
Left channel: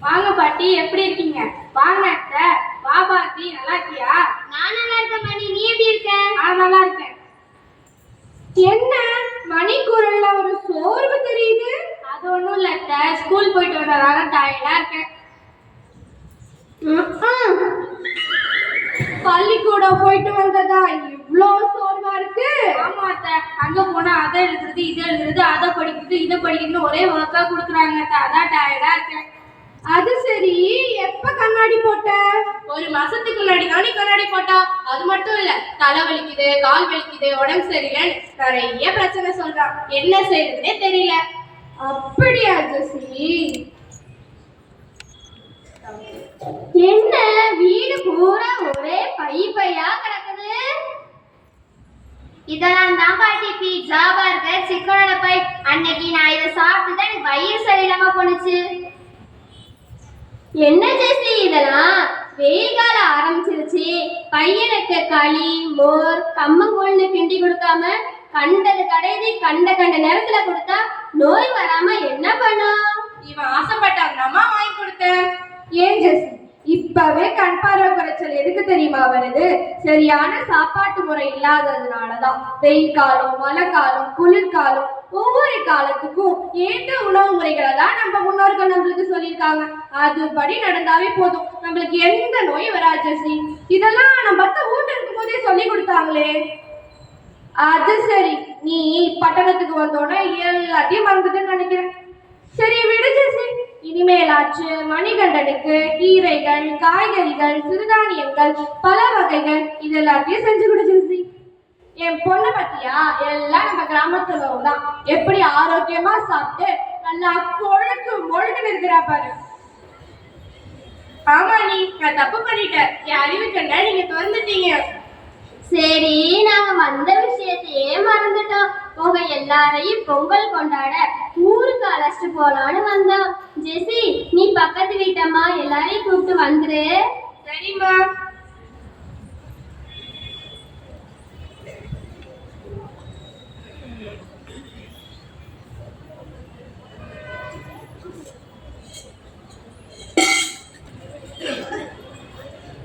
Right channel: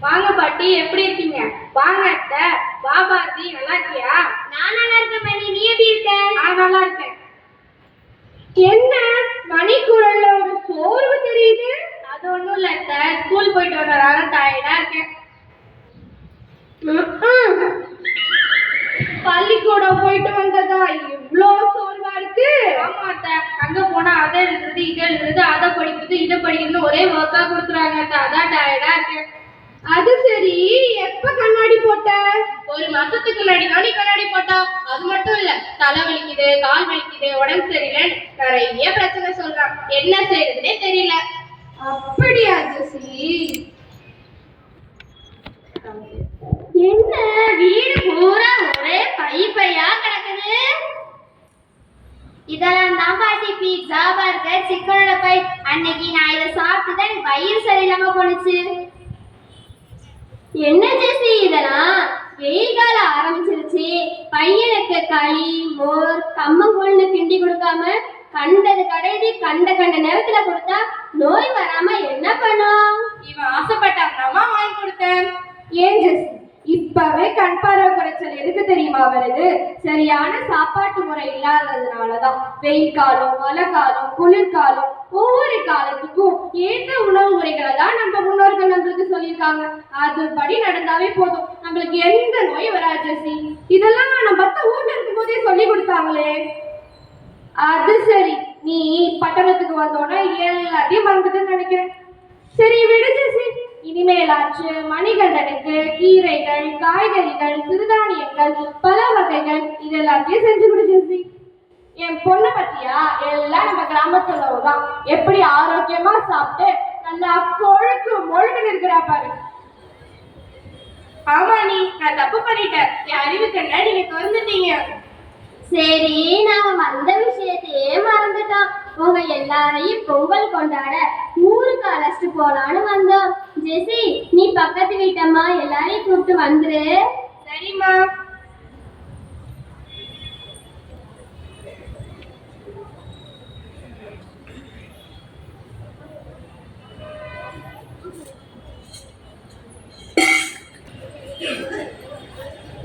வாங்க பாட்டி, எப்படி இருக்கீங்க? வாங்க அத்தை. வா பாட்டி, நல்லா இருக்கியா? நான் நல்லா இருக்கேன் மணி, நீ எப்படி இருக்க? நான் நல்லா இருக்கேன். என்ன மணி குரல்ல ஒரு சோர்வு தெரியுது? அது ஒண்ணும் இல்ல அத்தை, ஸ்கூல் போயிட்டு வந்ததால டயர்டா இருக்கேன். பள்ளிக்கூடம் போயிட்டு வந்ததா இவ்ளோ சோர்வா இருக்கு? ஆமா அத்தை, அங்க போனா அதை எழுதுறது இதை எழுதுறது அதை படிக்கிறது இதை படிக்கிறது ஒரே ஒர்க்கா கொடுக்குறாங்க அத்தை, அதான் டயர்டா இருக்கேன். அது சரி, எப்ப கண்ணாடி போட்ட? ஒரு மாசத்துக்கு முன்னாடி தானே கண்ணாடி போட்டா. அது மட்டும் இல்ல, தலை வலிக்குது, கால் வலிக்குது, உடம்பு சரியில்லை, நிறைய பிரச்சனை சொல்றான். என்ன செய்யறதுனே தெரியல. அப்படியா ஜெசி? என்ன வீடு பூரா ஒரே பையா கிடக்குது? இதெல்லாம் தான் பாட்டி பீட்சா பர்கர் சிக்கனோட பை. அன்னைக்கு நான் இதை சாப்பிட்டு தான் எனக்கு வயிறு சரியில்லாம போனுச்சு. என்ன ஜெசி இதெல்லாம்? வெயில் காலம் ஆரம்பிச்சிருச்சு. பையனுக்கு களி மோர் கம்மங்கூழ்னு கிண்டி கொடுக்காம கண்டது கடைதி கண்ட நேரத்துல கொடுத்தா நோய் வராம என்ன பண்ணும்? இவன் ஆசைப்பட்டாங்களாமா வாங்கி கொடுத்தேன். ஏன் ஜெசி, இப்பவே கண் பார்வை குறைச்சல் எதுக்கு தெரியுமா வருது? சரியான சாப்பாட்டு முறை இல்லாததுனாலதான். வெயில் காலம், மழை காலம், குளிர்காலம், ஒவ்வொரு காலத்துக்கும் ஏற்ற உணவு முறைகளை தான் நம்ம முன்னோர்கள் நம்மளுக்கு சொல்லியிருக்காங்க. அதுபடி நடந்தாவே போதும், நம்மளுக்கு எந்த நோய் வராது ஜெசி. இதெல்லாம் நம்ம ஊர்ல இருக்கும் போதே சொல்லி கொடுத்தாங்களே. அது சரி, நீ பட்டணத்துக்கு வந்தோன்னா எல்லாத்தையும் பண்றதுன்னு நினைக்கிறேன். சரி விடு ஜெசி, இனிமேலாச்சு மணிகண்டனுக்கு கீரைகள், காய்கறிகள், சிறுதானியங்கள், பல வகைகள் இது எல்லாத்தையும் செஞ்சு கொடு ஜெசி. என் பொண்ணு பத்தியா, எல்லாம் நம்ம கிராமத்துல தான் எப்படி ஆரோக்கியமா சாப்பிட்டு நல்லா கொழுக்கு மொழுக்குன்னு இருக்கிறா பாரு. ஆமா நீ, நான் தப்பு பண்ணிட்டேன். என் அறிவு கண்ண நீங்க திறந்துட்டீங்க. சரி, நாங்க வந்த விஷயத்தையே மறந்துட்டோம். உங்க எல்லாரையும் பொங்கல் கொண்டாட ஊருக்கு அழைச்சிட்டு போலான்னு வந்தோம். ஜெசி, நீ பக்கத்து வீட்டம்மா எல்லாரையும் கூப்பிட்டு வந்துரு. சரிம்மா.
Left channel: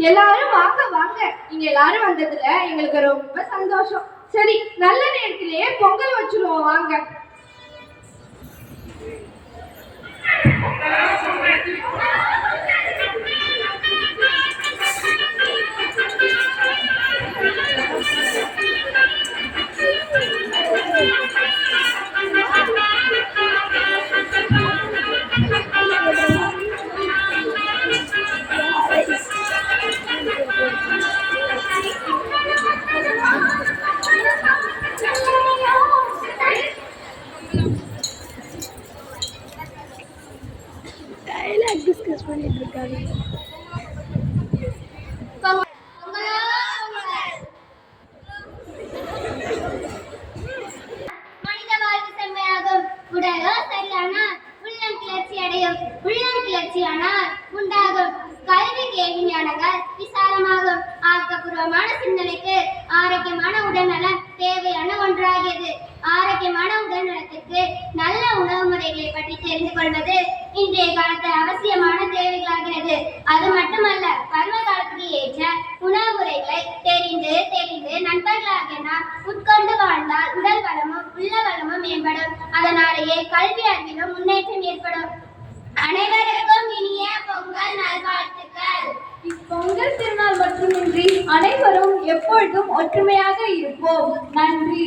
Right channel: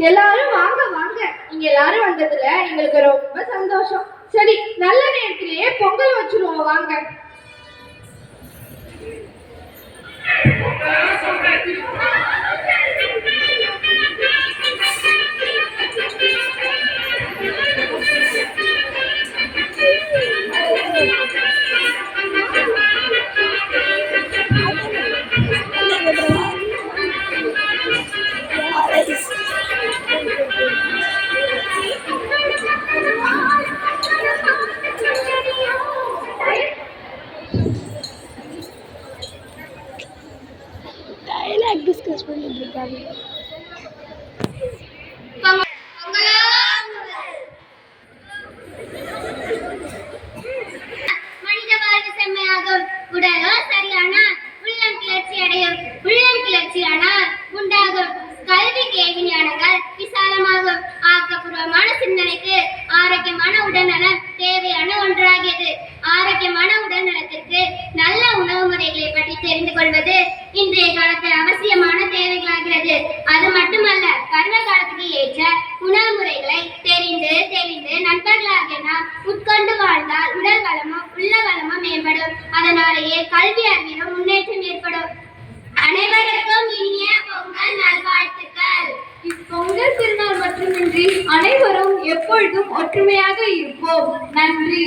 எல்லாரும் வாங்க வாங்க. நீங்க எல்லாரும் வந்ததுல எங்களுக்கு ரொம்ப சந்தோஷம். சரி, நல்ல நேரத்திலேயே பொங்கல் வச்சிருவோம் வாங்க. மனித வாழ்வு செம்மையாகும். உடலோ சரியான உள்ளம் கிளர்ச்சி அடையும். உள்ளம் கிளர்ச்சியானால் உண்டாகும் கல்வி கேள்வி ஞானங்கள் விசாலமாகும். ஆக்கப்பூர்வமான சிந்தனைக்கு ஆரோக்கியமான உடல்நலம் தேவையான ஒன்றாகியது. ஆரோக்கியமான உடல் நலத்திற்கு நல்ல உணவு முறைகளை பற்றி தெரிந்து கொள்வது இன்றைய காலத்து அவசியமான தேவைகளாகிறது. அது மட்டுமல்ல, பருவ காலத்துக்கு ஏற்ற உணவு முறைகளை தெரிந்து தெரிந்து நண்பர்களாகிய நாம் உட்கொண்டு வாழ்ந்தால் உடல் வளமும் உள்ள வளமும் மேம்படும். அதனாலேயே கல்வி அறிவிலும் முன்னேற்றம் ஏற்படும். அனைவருக்கும் இனிய பொங்கல் நல்வாழ்த்துக்கள். இப்பொங்கல் திருநாள் மட்டுமின்றி அனைவரும் எப்பொழுதும் ஒற்றுமையாக இருப்போம். நன்றி.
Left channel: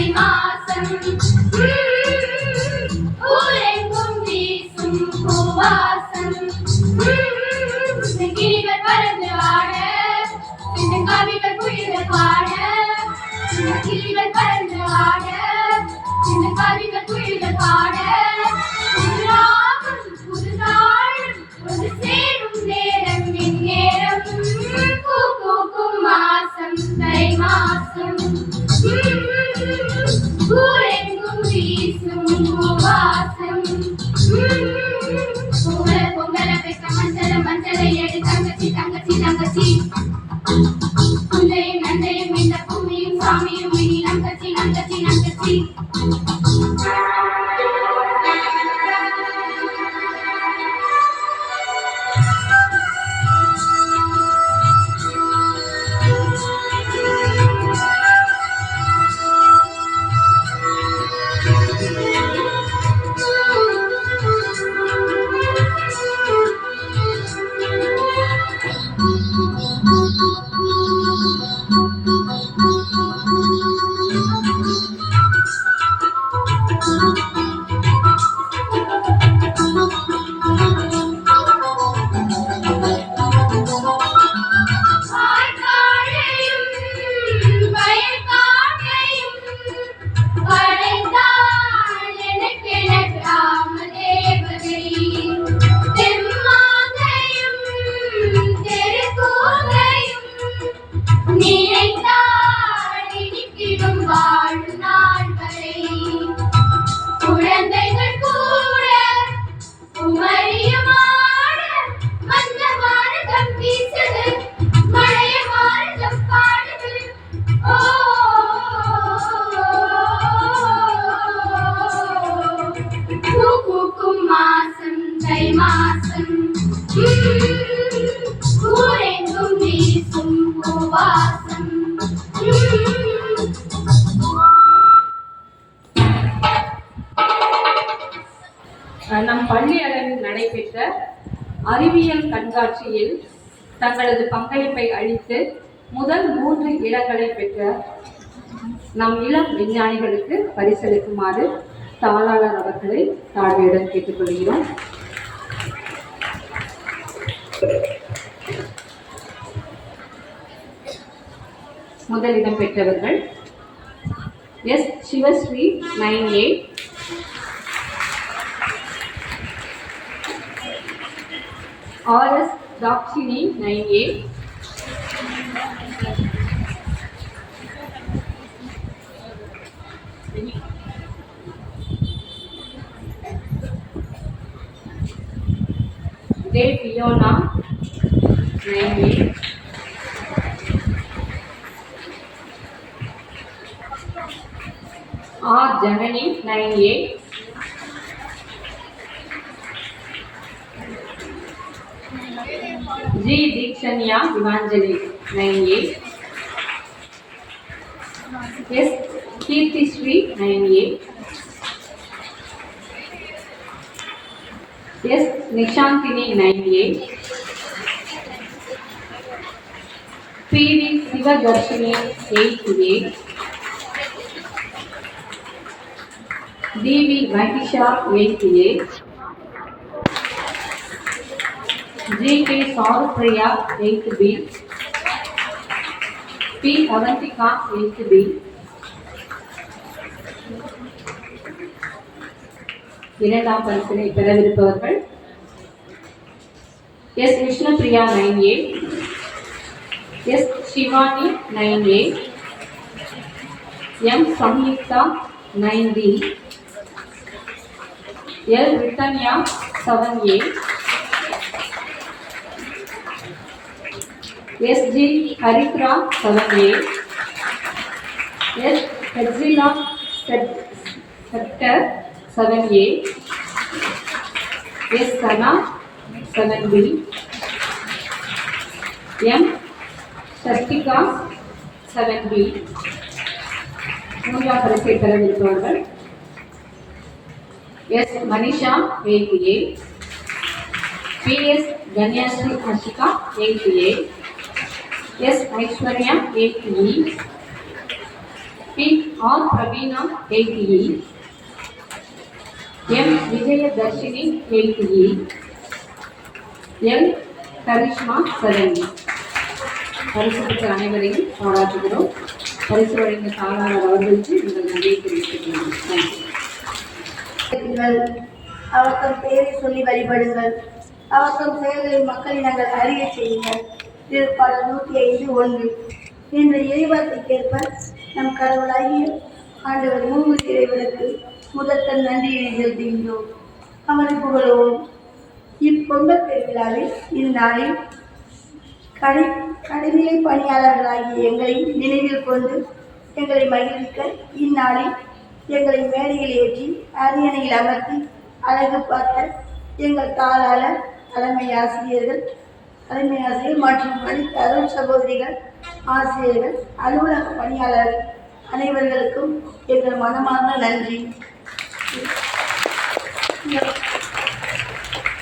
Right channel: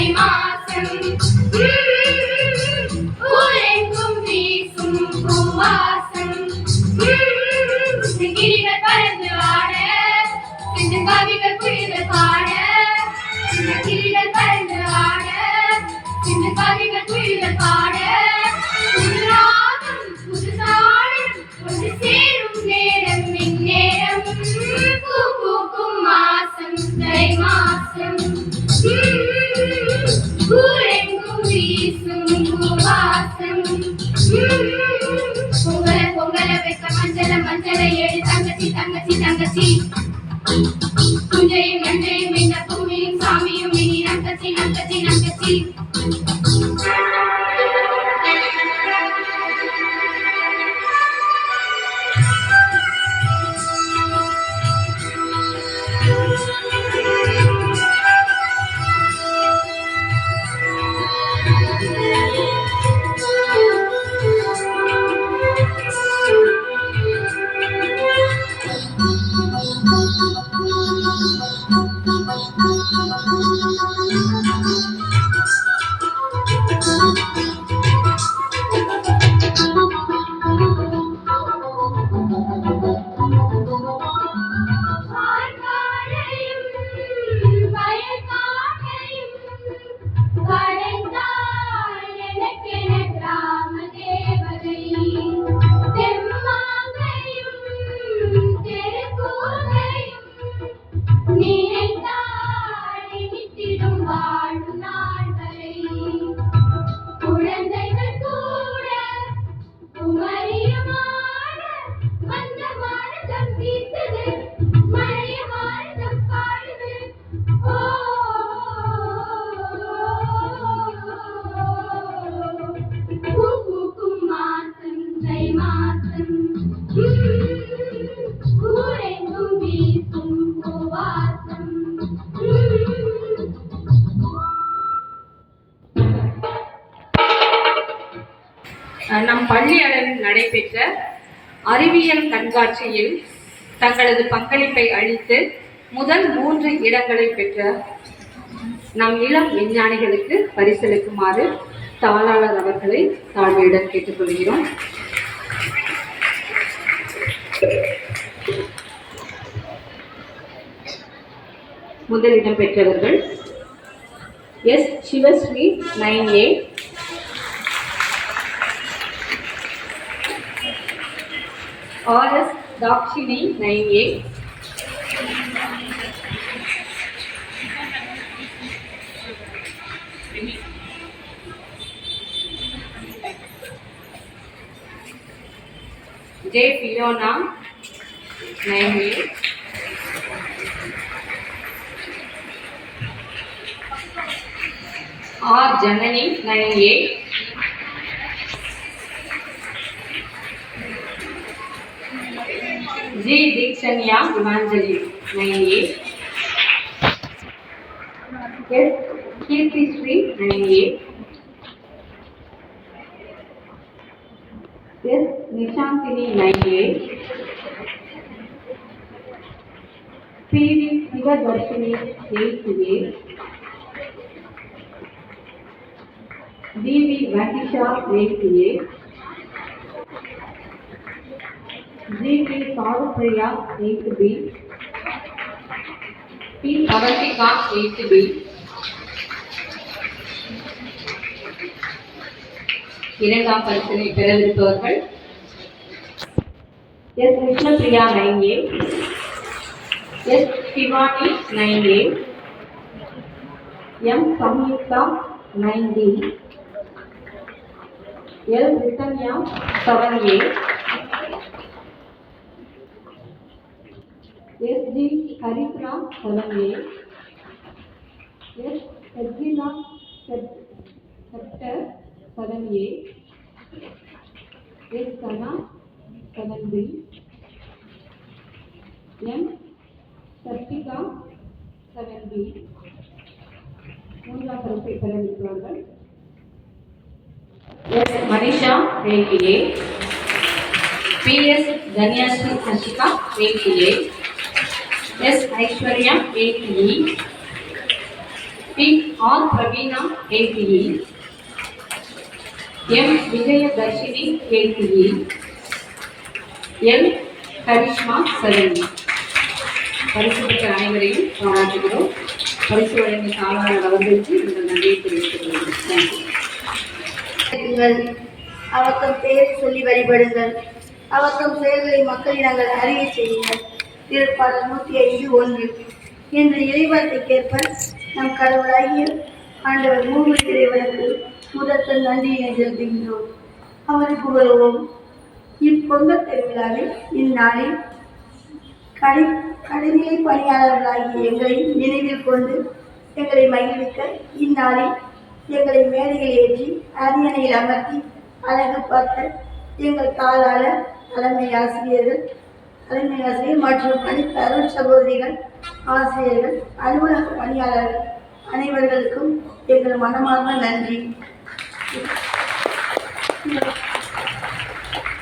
தை மாசம் ஊரெங்கும் வீசும் பூவாசம் கிளிகள் பறந்து ஆட சின்ன கவிகள் புலிகள் பாட சின்ன கிளிகள் பறந்து ஆட சின்ன கவிகள் புலிகள் பாட புது ராகம் புது தாளம் வந்து சேரும் நேரம் இந்நேரம் பூ பூக்கும் மாசம் தை மாசம் ஊரெங்கும் வீசும் பூவாசம் பொங்கல பொங்கல வைக்க மஞ்சள மஞ்சளை எடு தங்கச்சி தங்கச்சி தங்கச்சி புஞ்சையும் நஞ்சையும் இந்த பூமியும் சாமியும் இனி நங்கச்சி நங்கச்சி நங்கச்சி நம் பள்ளி அளவில் நடைபெற்ற அறிவியல் கண்காட்சியில் தங்களது பங்களிப்பை அளித்து முதல் 3 இடங்களை பெற்ற நம் இளம் விஞ்ஞானிகளுக்கு பரிசளிக்குமாறு தாளாளர் அவர்களை தாழ்மையுடன் கேட்டுக்கொள்கிறோம். முதலிடம் பெற்றவர்கள் S Sivasri 9A, RS Dakshini 9A, J Fiona 9A, R Janani 9A, G Dikshanya Evangeline 9A, S Kirti Sri 9A, S Nishantini 9A, PV Sivadarshini 8A, DV Mahisha 8A, GP Saurpriya 8B, P Avantika 8B, இரண்டாம் பரிசினை பெறவிருப்பவர்கள் S Vishnupriya 9A, S Sivani 9A, M Samyuktha 9B, L Rittanya 7A, SG Haritra 7A, S Hedzila Sector 7A, S Sana 7B, M Shastika 7B. மூன்றாம் பரிசை பெறவிருப்பவர்கள் S Manisha 8A, PS Ganyasri Hashika 8A, S Aishwarya 8E, P P R Praveena 8E, M Vijayadharshini 8E, L Karishma 7E. பரிசு பெற்ற அனைவரையும் பாராட்டுகிறோம். பரிசு வழங்கிய தாளாளர் அவர்களுக்கு எங்கள் நன்றியை தெரிவித்துக் கொள்கிறோம். அவத்தம் பெயரை சொல்லி வழிபடுங்கள். அவத்தம் செயல்களை மக்களிடங்கள் அறிய செய்யுங்கள். திருப்பாடல் 105:1. என்ற இறைவார்த்தைக்கேற்ப நம் கடவுளாகிய ஆண்டவர் மூன்று இறைவனுக்கு முதற்கண் நன்றியினை செலுத்துகின்றோம். அவரை புகழுவோம். இப்பொங்கல் திருவிழாவில் இந்நாளில் கடைநிலை பணியாளர்களாகிய எங்களை நினைவில் கொண்டு எங்களை மகிழ்விக்க இந்நாளில் எங்களை மேடையில் ஏற்றி அரியணையில் அமர்த்தி அழகு பார்த்த எங்கள் தாளாளர், தலைமை ஆசிரியர் மற்றும் படித்த அருள் சகோதரிகள், ஆசிரியர்கள், அலுவலக பணியாளர்கள் அனைவர்களுக்கும் எங்கள் மனமார்ந்த நன்றி.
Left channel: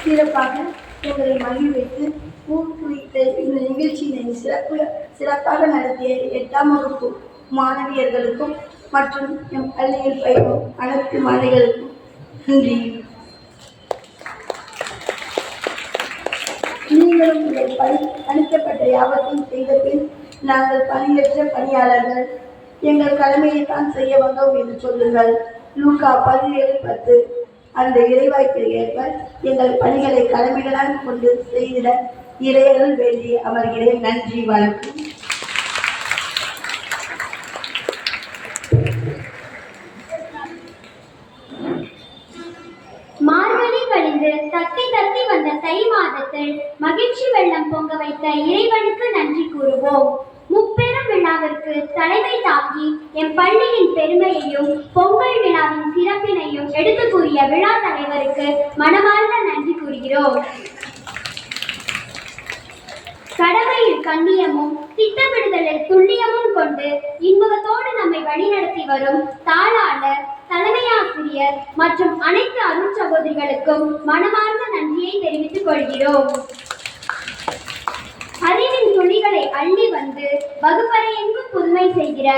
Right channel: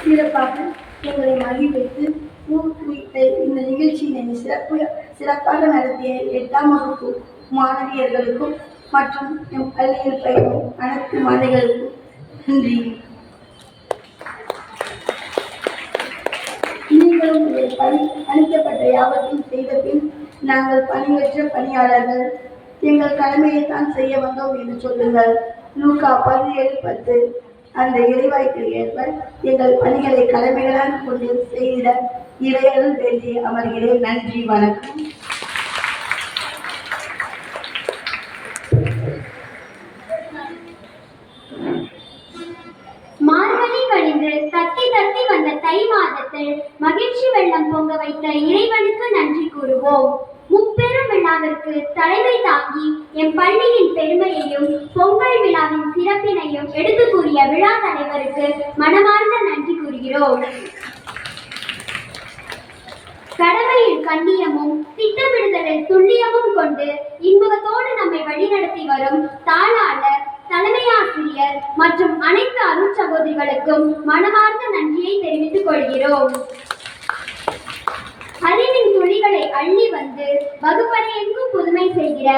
சிறப்பாக எங்களை மகிழ்வித்து ஊக்குவித்த இந்த நிகழ்ச்சியினை சிறப்பாக நடத்திய 8ஆம் வகுப்பு மாணவியர்களுக்கும் மற்றும் எம் பள்ளியில் பயிலும் அனைத்து மாணவிகளுக்கும் நன்றி. நீங்களும் உங்கள் அளிக்கப்பட்ட யாபத்தையும் செய்த பின் நாங்கள் பணியற்ற பணியாளர்கள், எங்கள் கடமையை தான் செய்ய வந்தோம் என்று சொல்லுங்கள். லூக்கா 17:10. அந்த இறைவாய்க்கு ஏற்ப எங்கள் பணிகளை கடமைகளாக கொண்டு செய்திட இறையருள் வேண்டி அமர்கிறேன். நன்றி, வணக்கம். மார்கழி கழிந்து தத்தி தத்தி வந்த தை மாதத்தில் மகிழ்ச்சி வெள்ளம் பொங்க வைத்த இறைவனுக்கு நன்றி கூறுவோம். முப்பெரும் விழாவிற்கு தலைமை தாங்கி எம் பள்ளியின் பெருமையையும் பொங்கல் விழாவின் சிறப்பினையும் எடுத்து கூறிய விழா தலைவருக்கு மனமார்ந்த நன்றி கூறுகிறோம். கடமையில் கண்ணியமும் திட்டமிடுதலில் துல்லியமும் கொண்டு இன்பத்தோடு நம்மை வழிநடத்தி வரும் தாளாளர், தலைமை ஆசிரியர் மற்றும் அனைத்து அருள் சகோதரிகளுக்கும் மனமார்ந்த நன்றியை தெரிவித்துக் கொள்கிறோம். அறிவின் துளிகளை அள்ளி வந்து வகுப்பறை எங்கும் புதுமை செய்கிற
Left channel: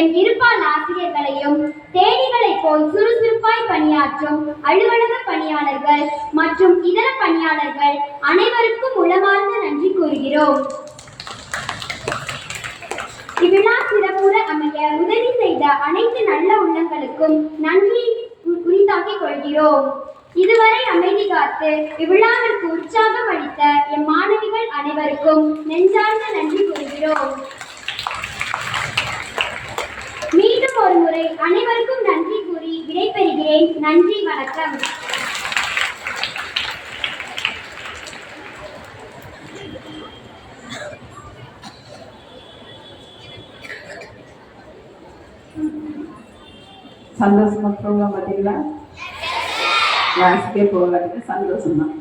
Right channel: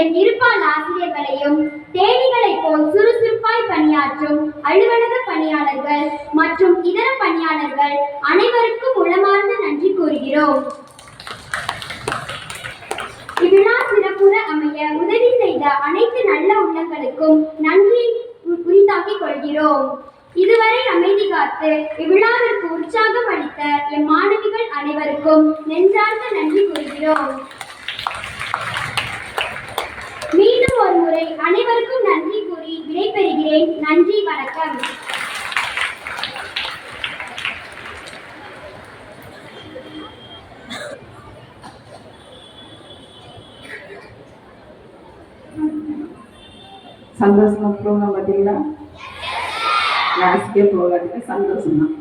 எம் இருப்பால் ஆசிரியர்களையும், தேனிகளை போல் சுறுசுறுப்பாய் பணியாற்றும் அலுவலக பணியாளர்கள் மற்றும் இதர பணியாளர்கள் அனைவருக்கும் உளமார்ந்த நன்றி கூறுகிறோம். இவ்விழா சிறப்புற அமைய உதவி செய்த அனைத்து நல்ல உள்ளங்களுக்கும் நன்றி உரித்தாக்கிக் கொள்கிறோம். இதுவரை அமைதி காத்து இவ்விழாவிற்கு உற்சாகம் அளித்த எம் மாணவிகள் அனைவருக்கும் நெஞ்சார்ந்த நன்றி கூறுகிறோம். மீண்டும் ஒரு முறை அனைவருக்கும் நன்றி கூறி விடைபெறுகிறேன். நன்றி, வணக்கம். சந்தோஷமா ப்ரோக்ராம் பார்த்தீங்களா? கிளாஸுக்கே போகாதுக்கு சந்தோஷம்தான்.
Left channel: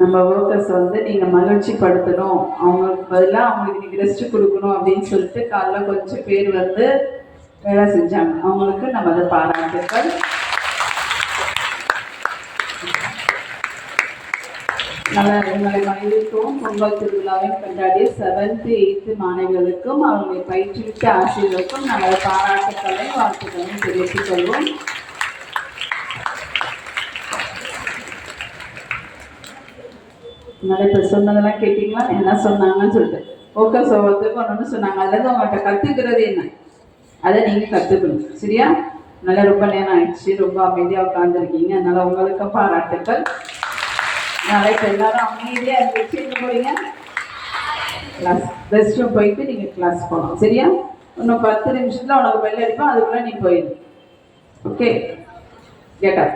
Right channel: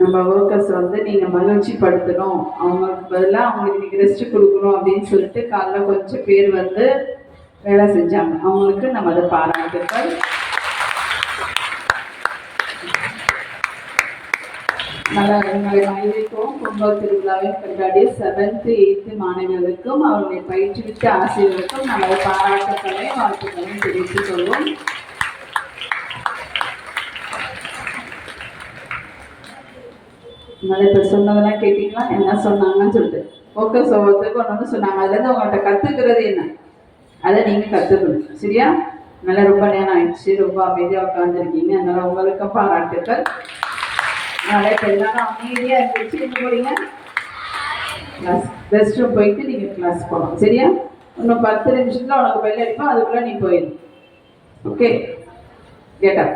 நம்ம ஒர்க்கர்ஸ் வந்து நீங்கள் மகிழ்ச்சி படுத்தணும், அவங்களுக்கு பதிலாக அவங்களுக்கு நீங்கள் ரெஸ்ட் கொடுக்கணும் அப்படின்னு சொல்லிட்டு காலைல கொஞ்சம் பேர் வந்து வேலை செஞ்சாங்க. அவங்களுக்கு நம்ம அதை பாராட்டுக்கள். நல்லா எங்களை மகிழ்விக்கவும் பொங்கல் திருவிழாவை கொண்டாடிய 7th 8th மாணவிகளுக்கும் அவர்களை பயிற்றுவித்த ஆசிரியர்களுக்கும் நல்ல பாராட்டுக்களை வாழ்த்துக்களையும் தெரிவித்துக் கொள்வோம். அதனால இப்போ சொன்னதெல்லாம் கேட்டீங்களா? என்ன சொன்னாங்கன்னு சொல்லிட்டு ஃபோக்கஸ் ஒவ்வொருத்தருக்கும் ஒன்று சொன்னாங்க. அதுலேருந்து உங்கள்கிட்ட கற்றுக்கிறது என்ன, அதை நீங்கள் கற்றுக்கணும். சரியா? நல்லா ரொம்ப நேரம் ஆயிடுச்சு, ரொம்ப அமைதியாக உட்காந்துருக்கீங்க. அதனால் உங்களுக்கு பாராட்டுக்கள். அதனால் இப்போ எல்லாரும் அமைதியாக இருந்துச்சு என்ன போறீங்க? கிளாஸ் ரெஸ்ட் ரூம் போயிட்டு நீங்கள் கிளாஸ் போகணும். சரியா? இன்னும் 10 நிமிஷத்தில் உனக்கு பெல் அடிப்போம், அதுக்குள்ளே நீ போயிடு. ஓகே, கேட்டா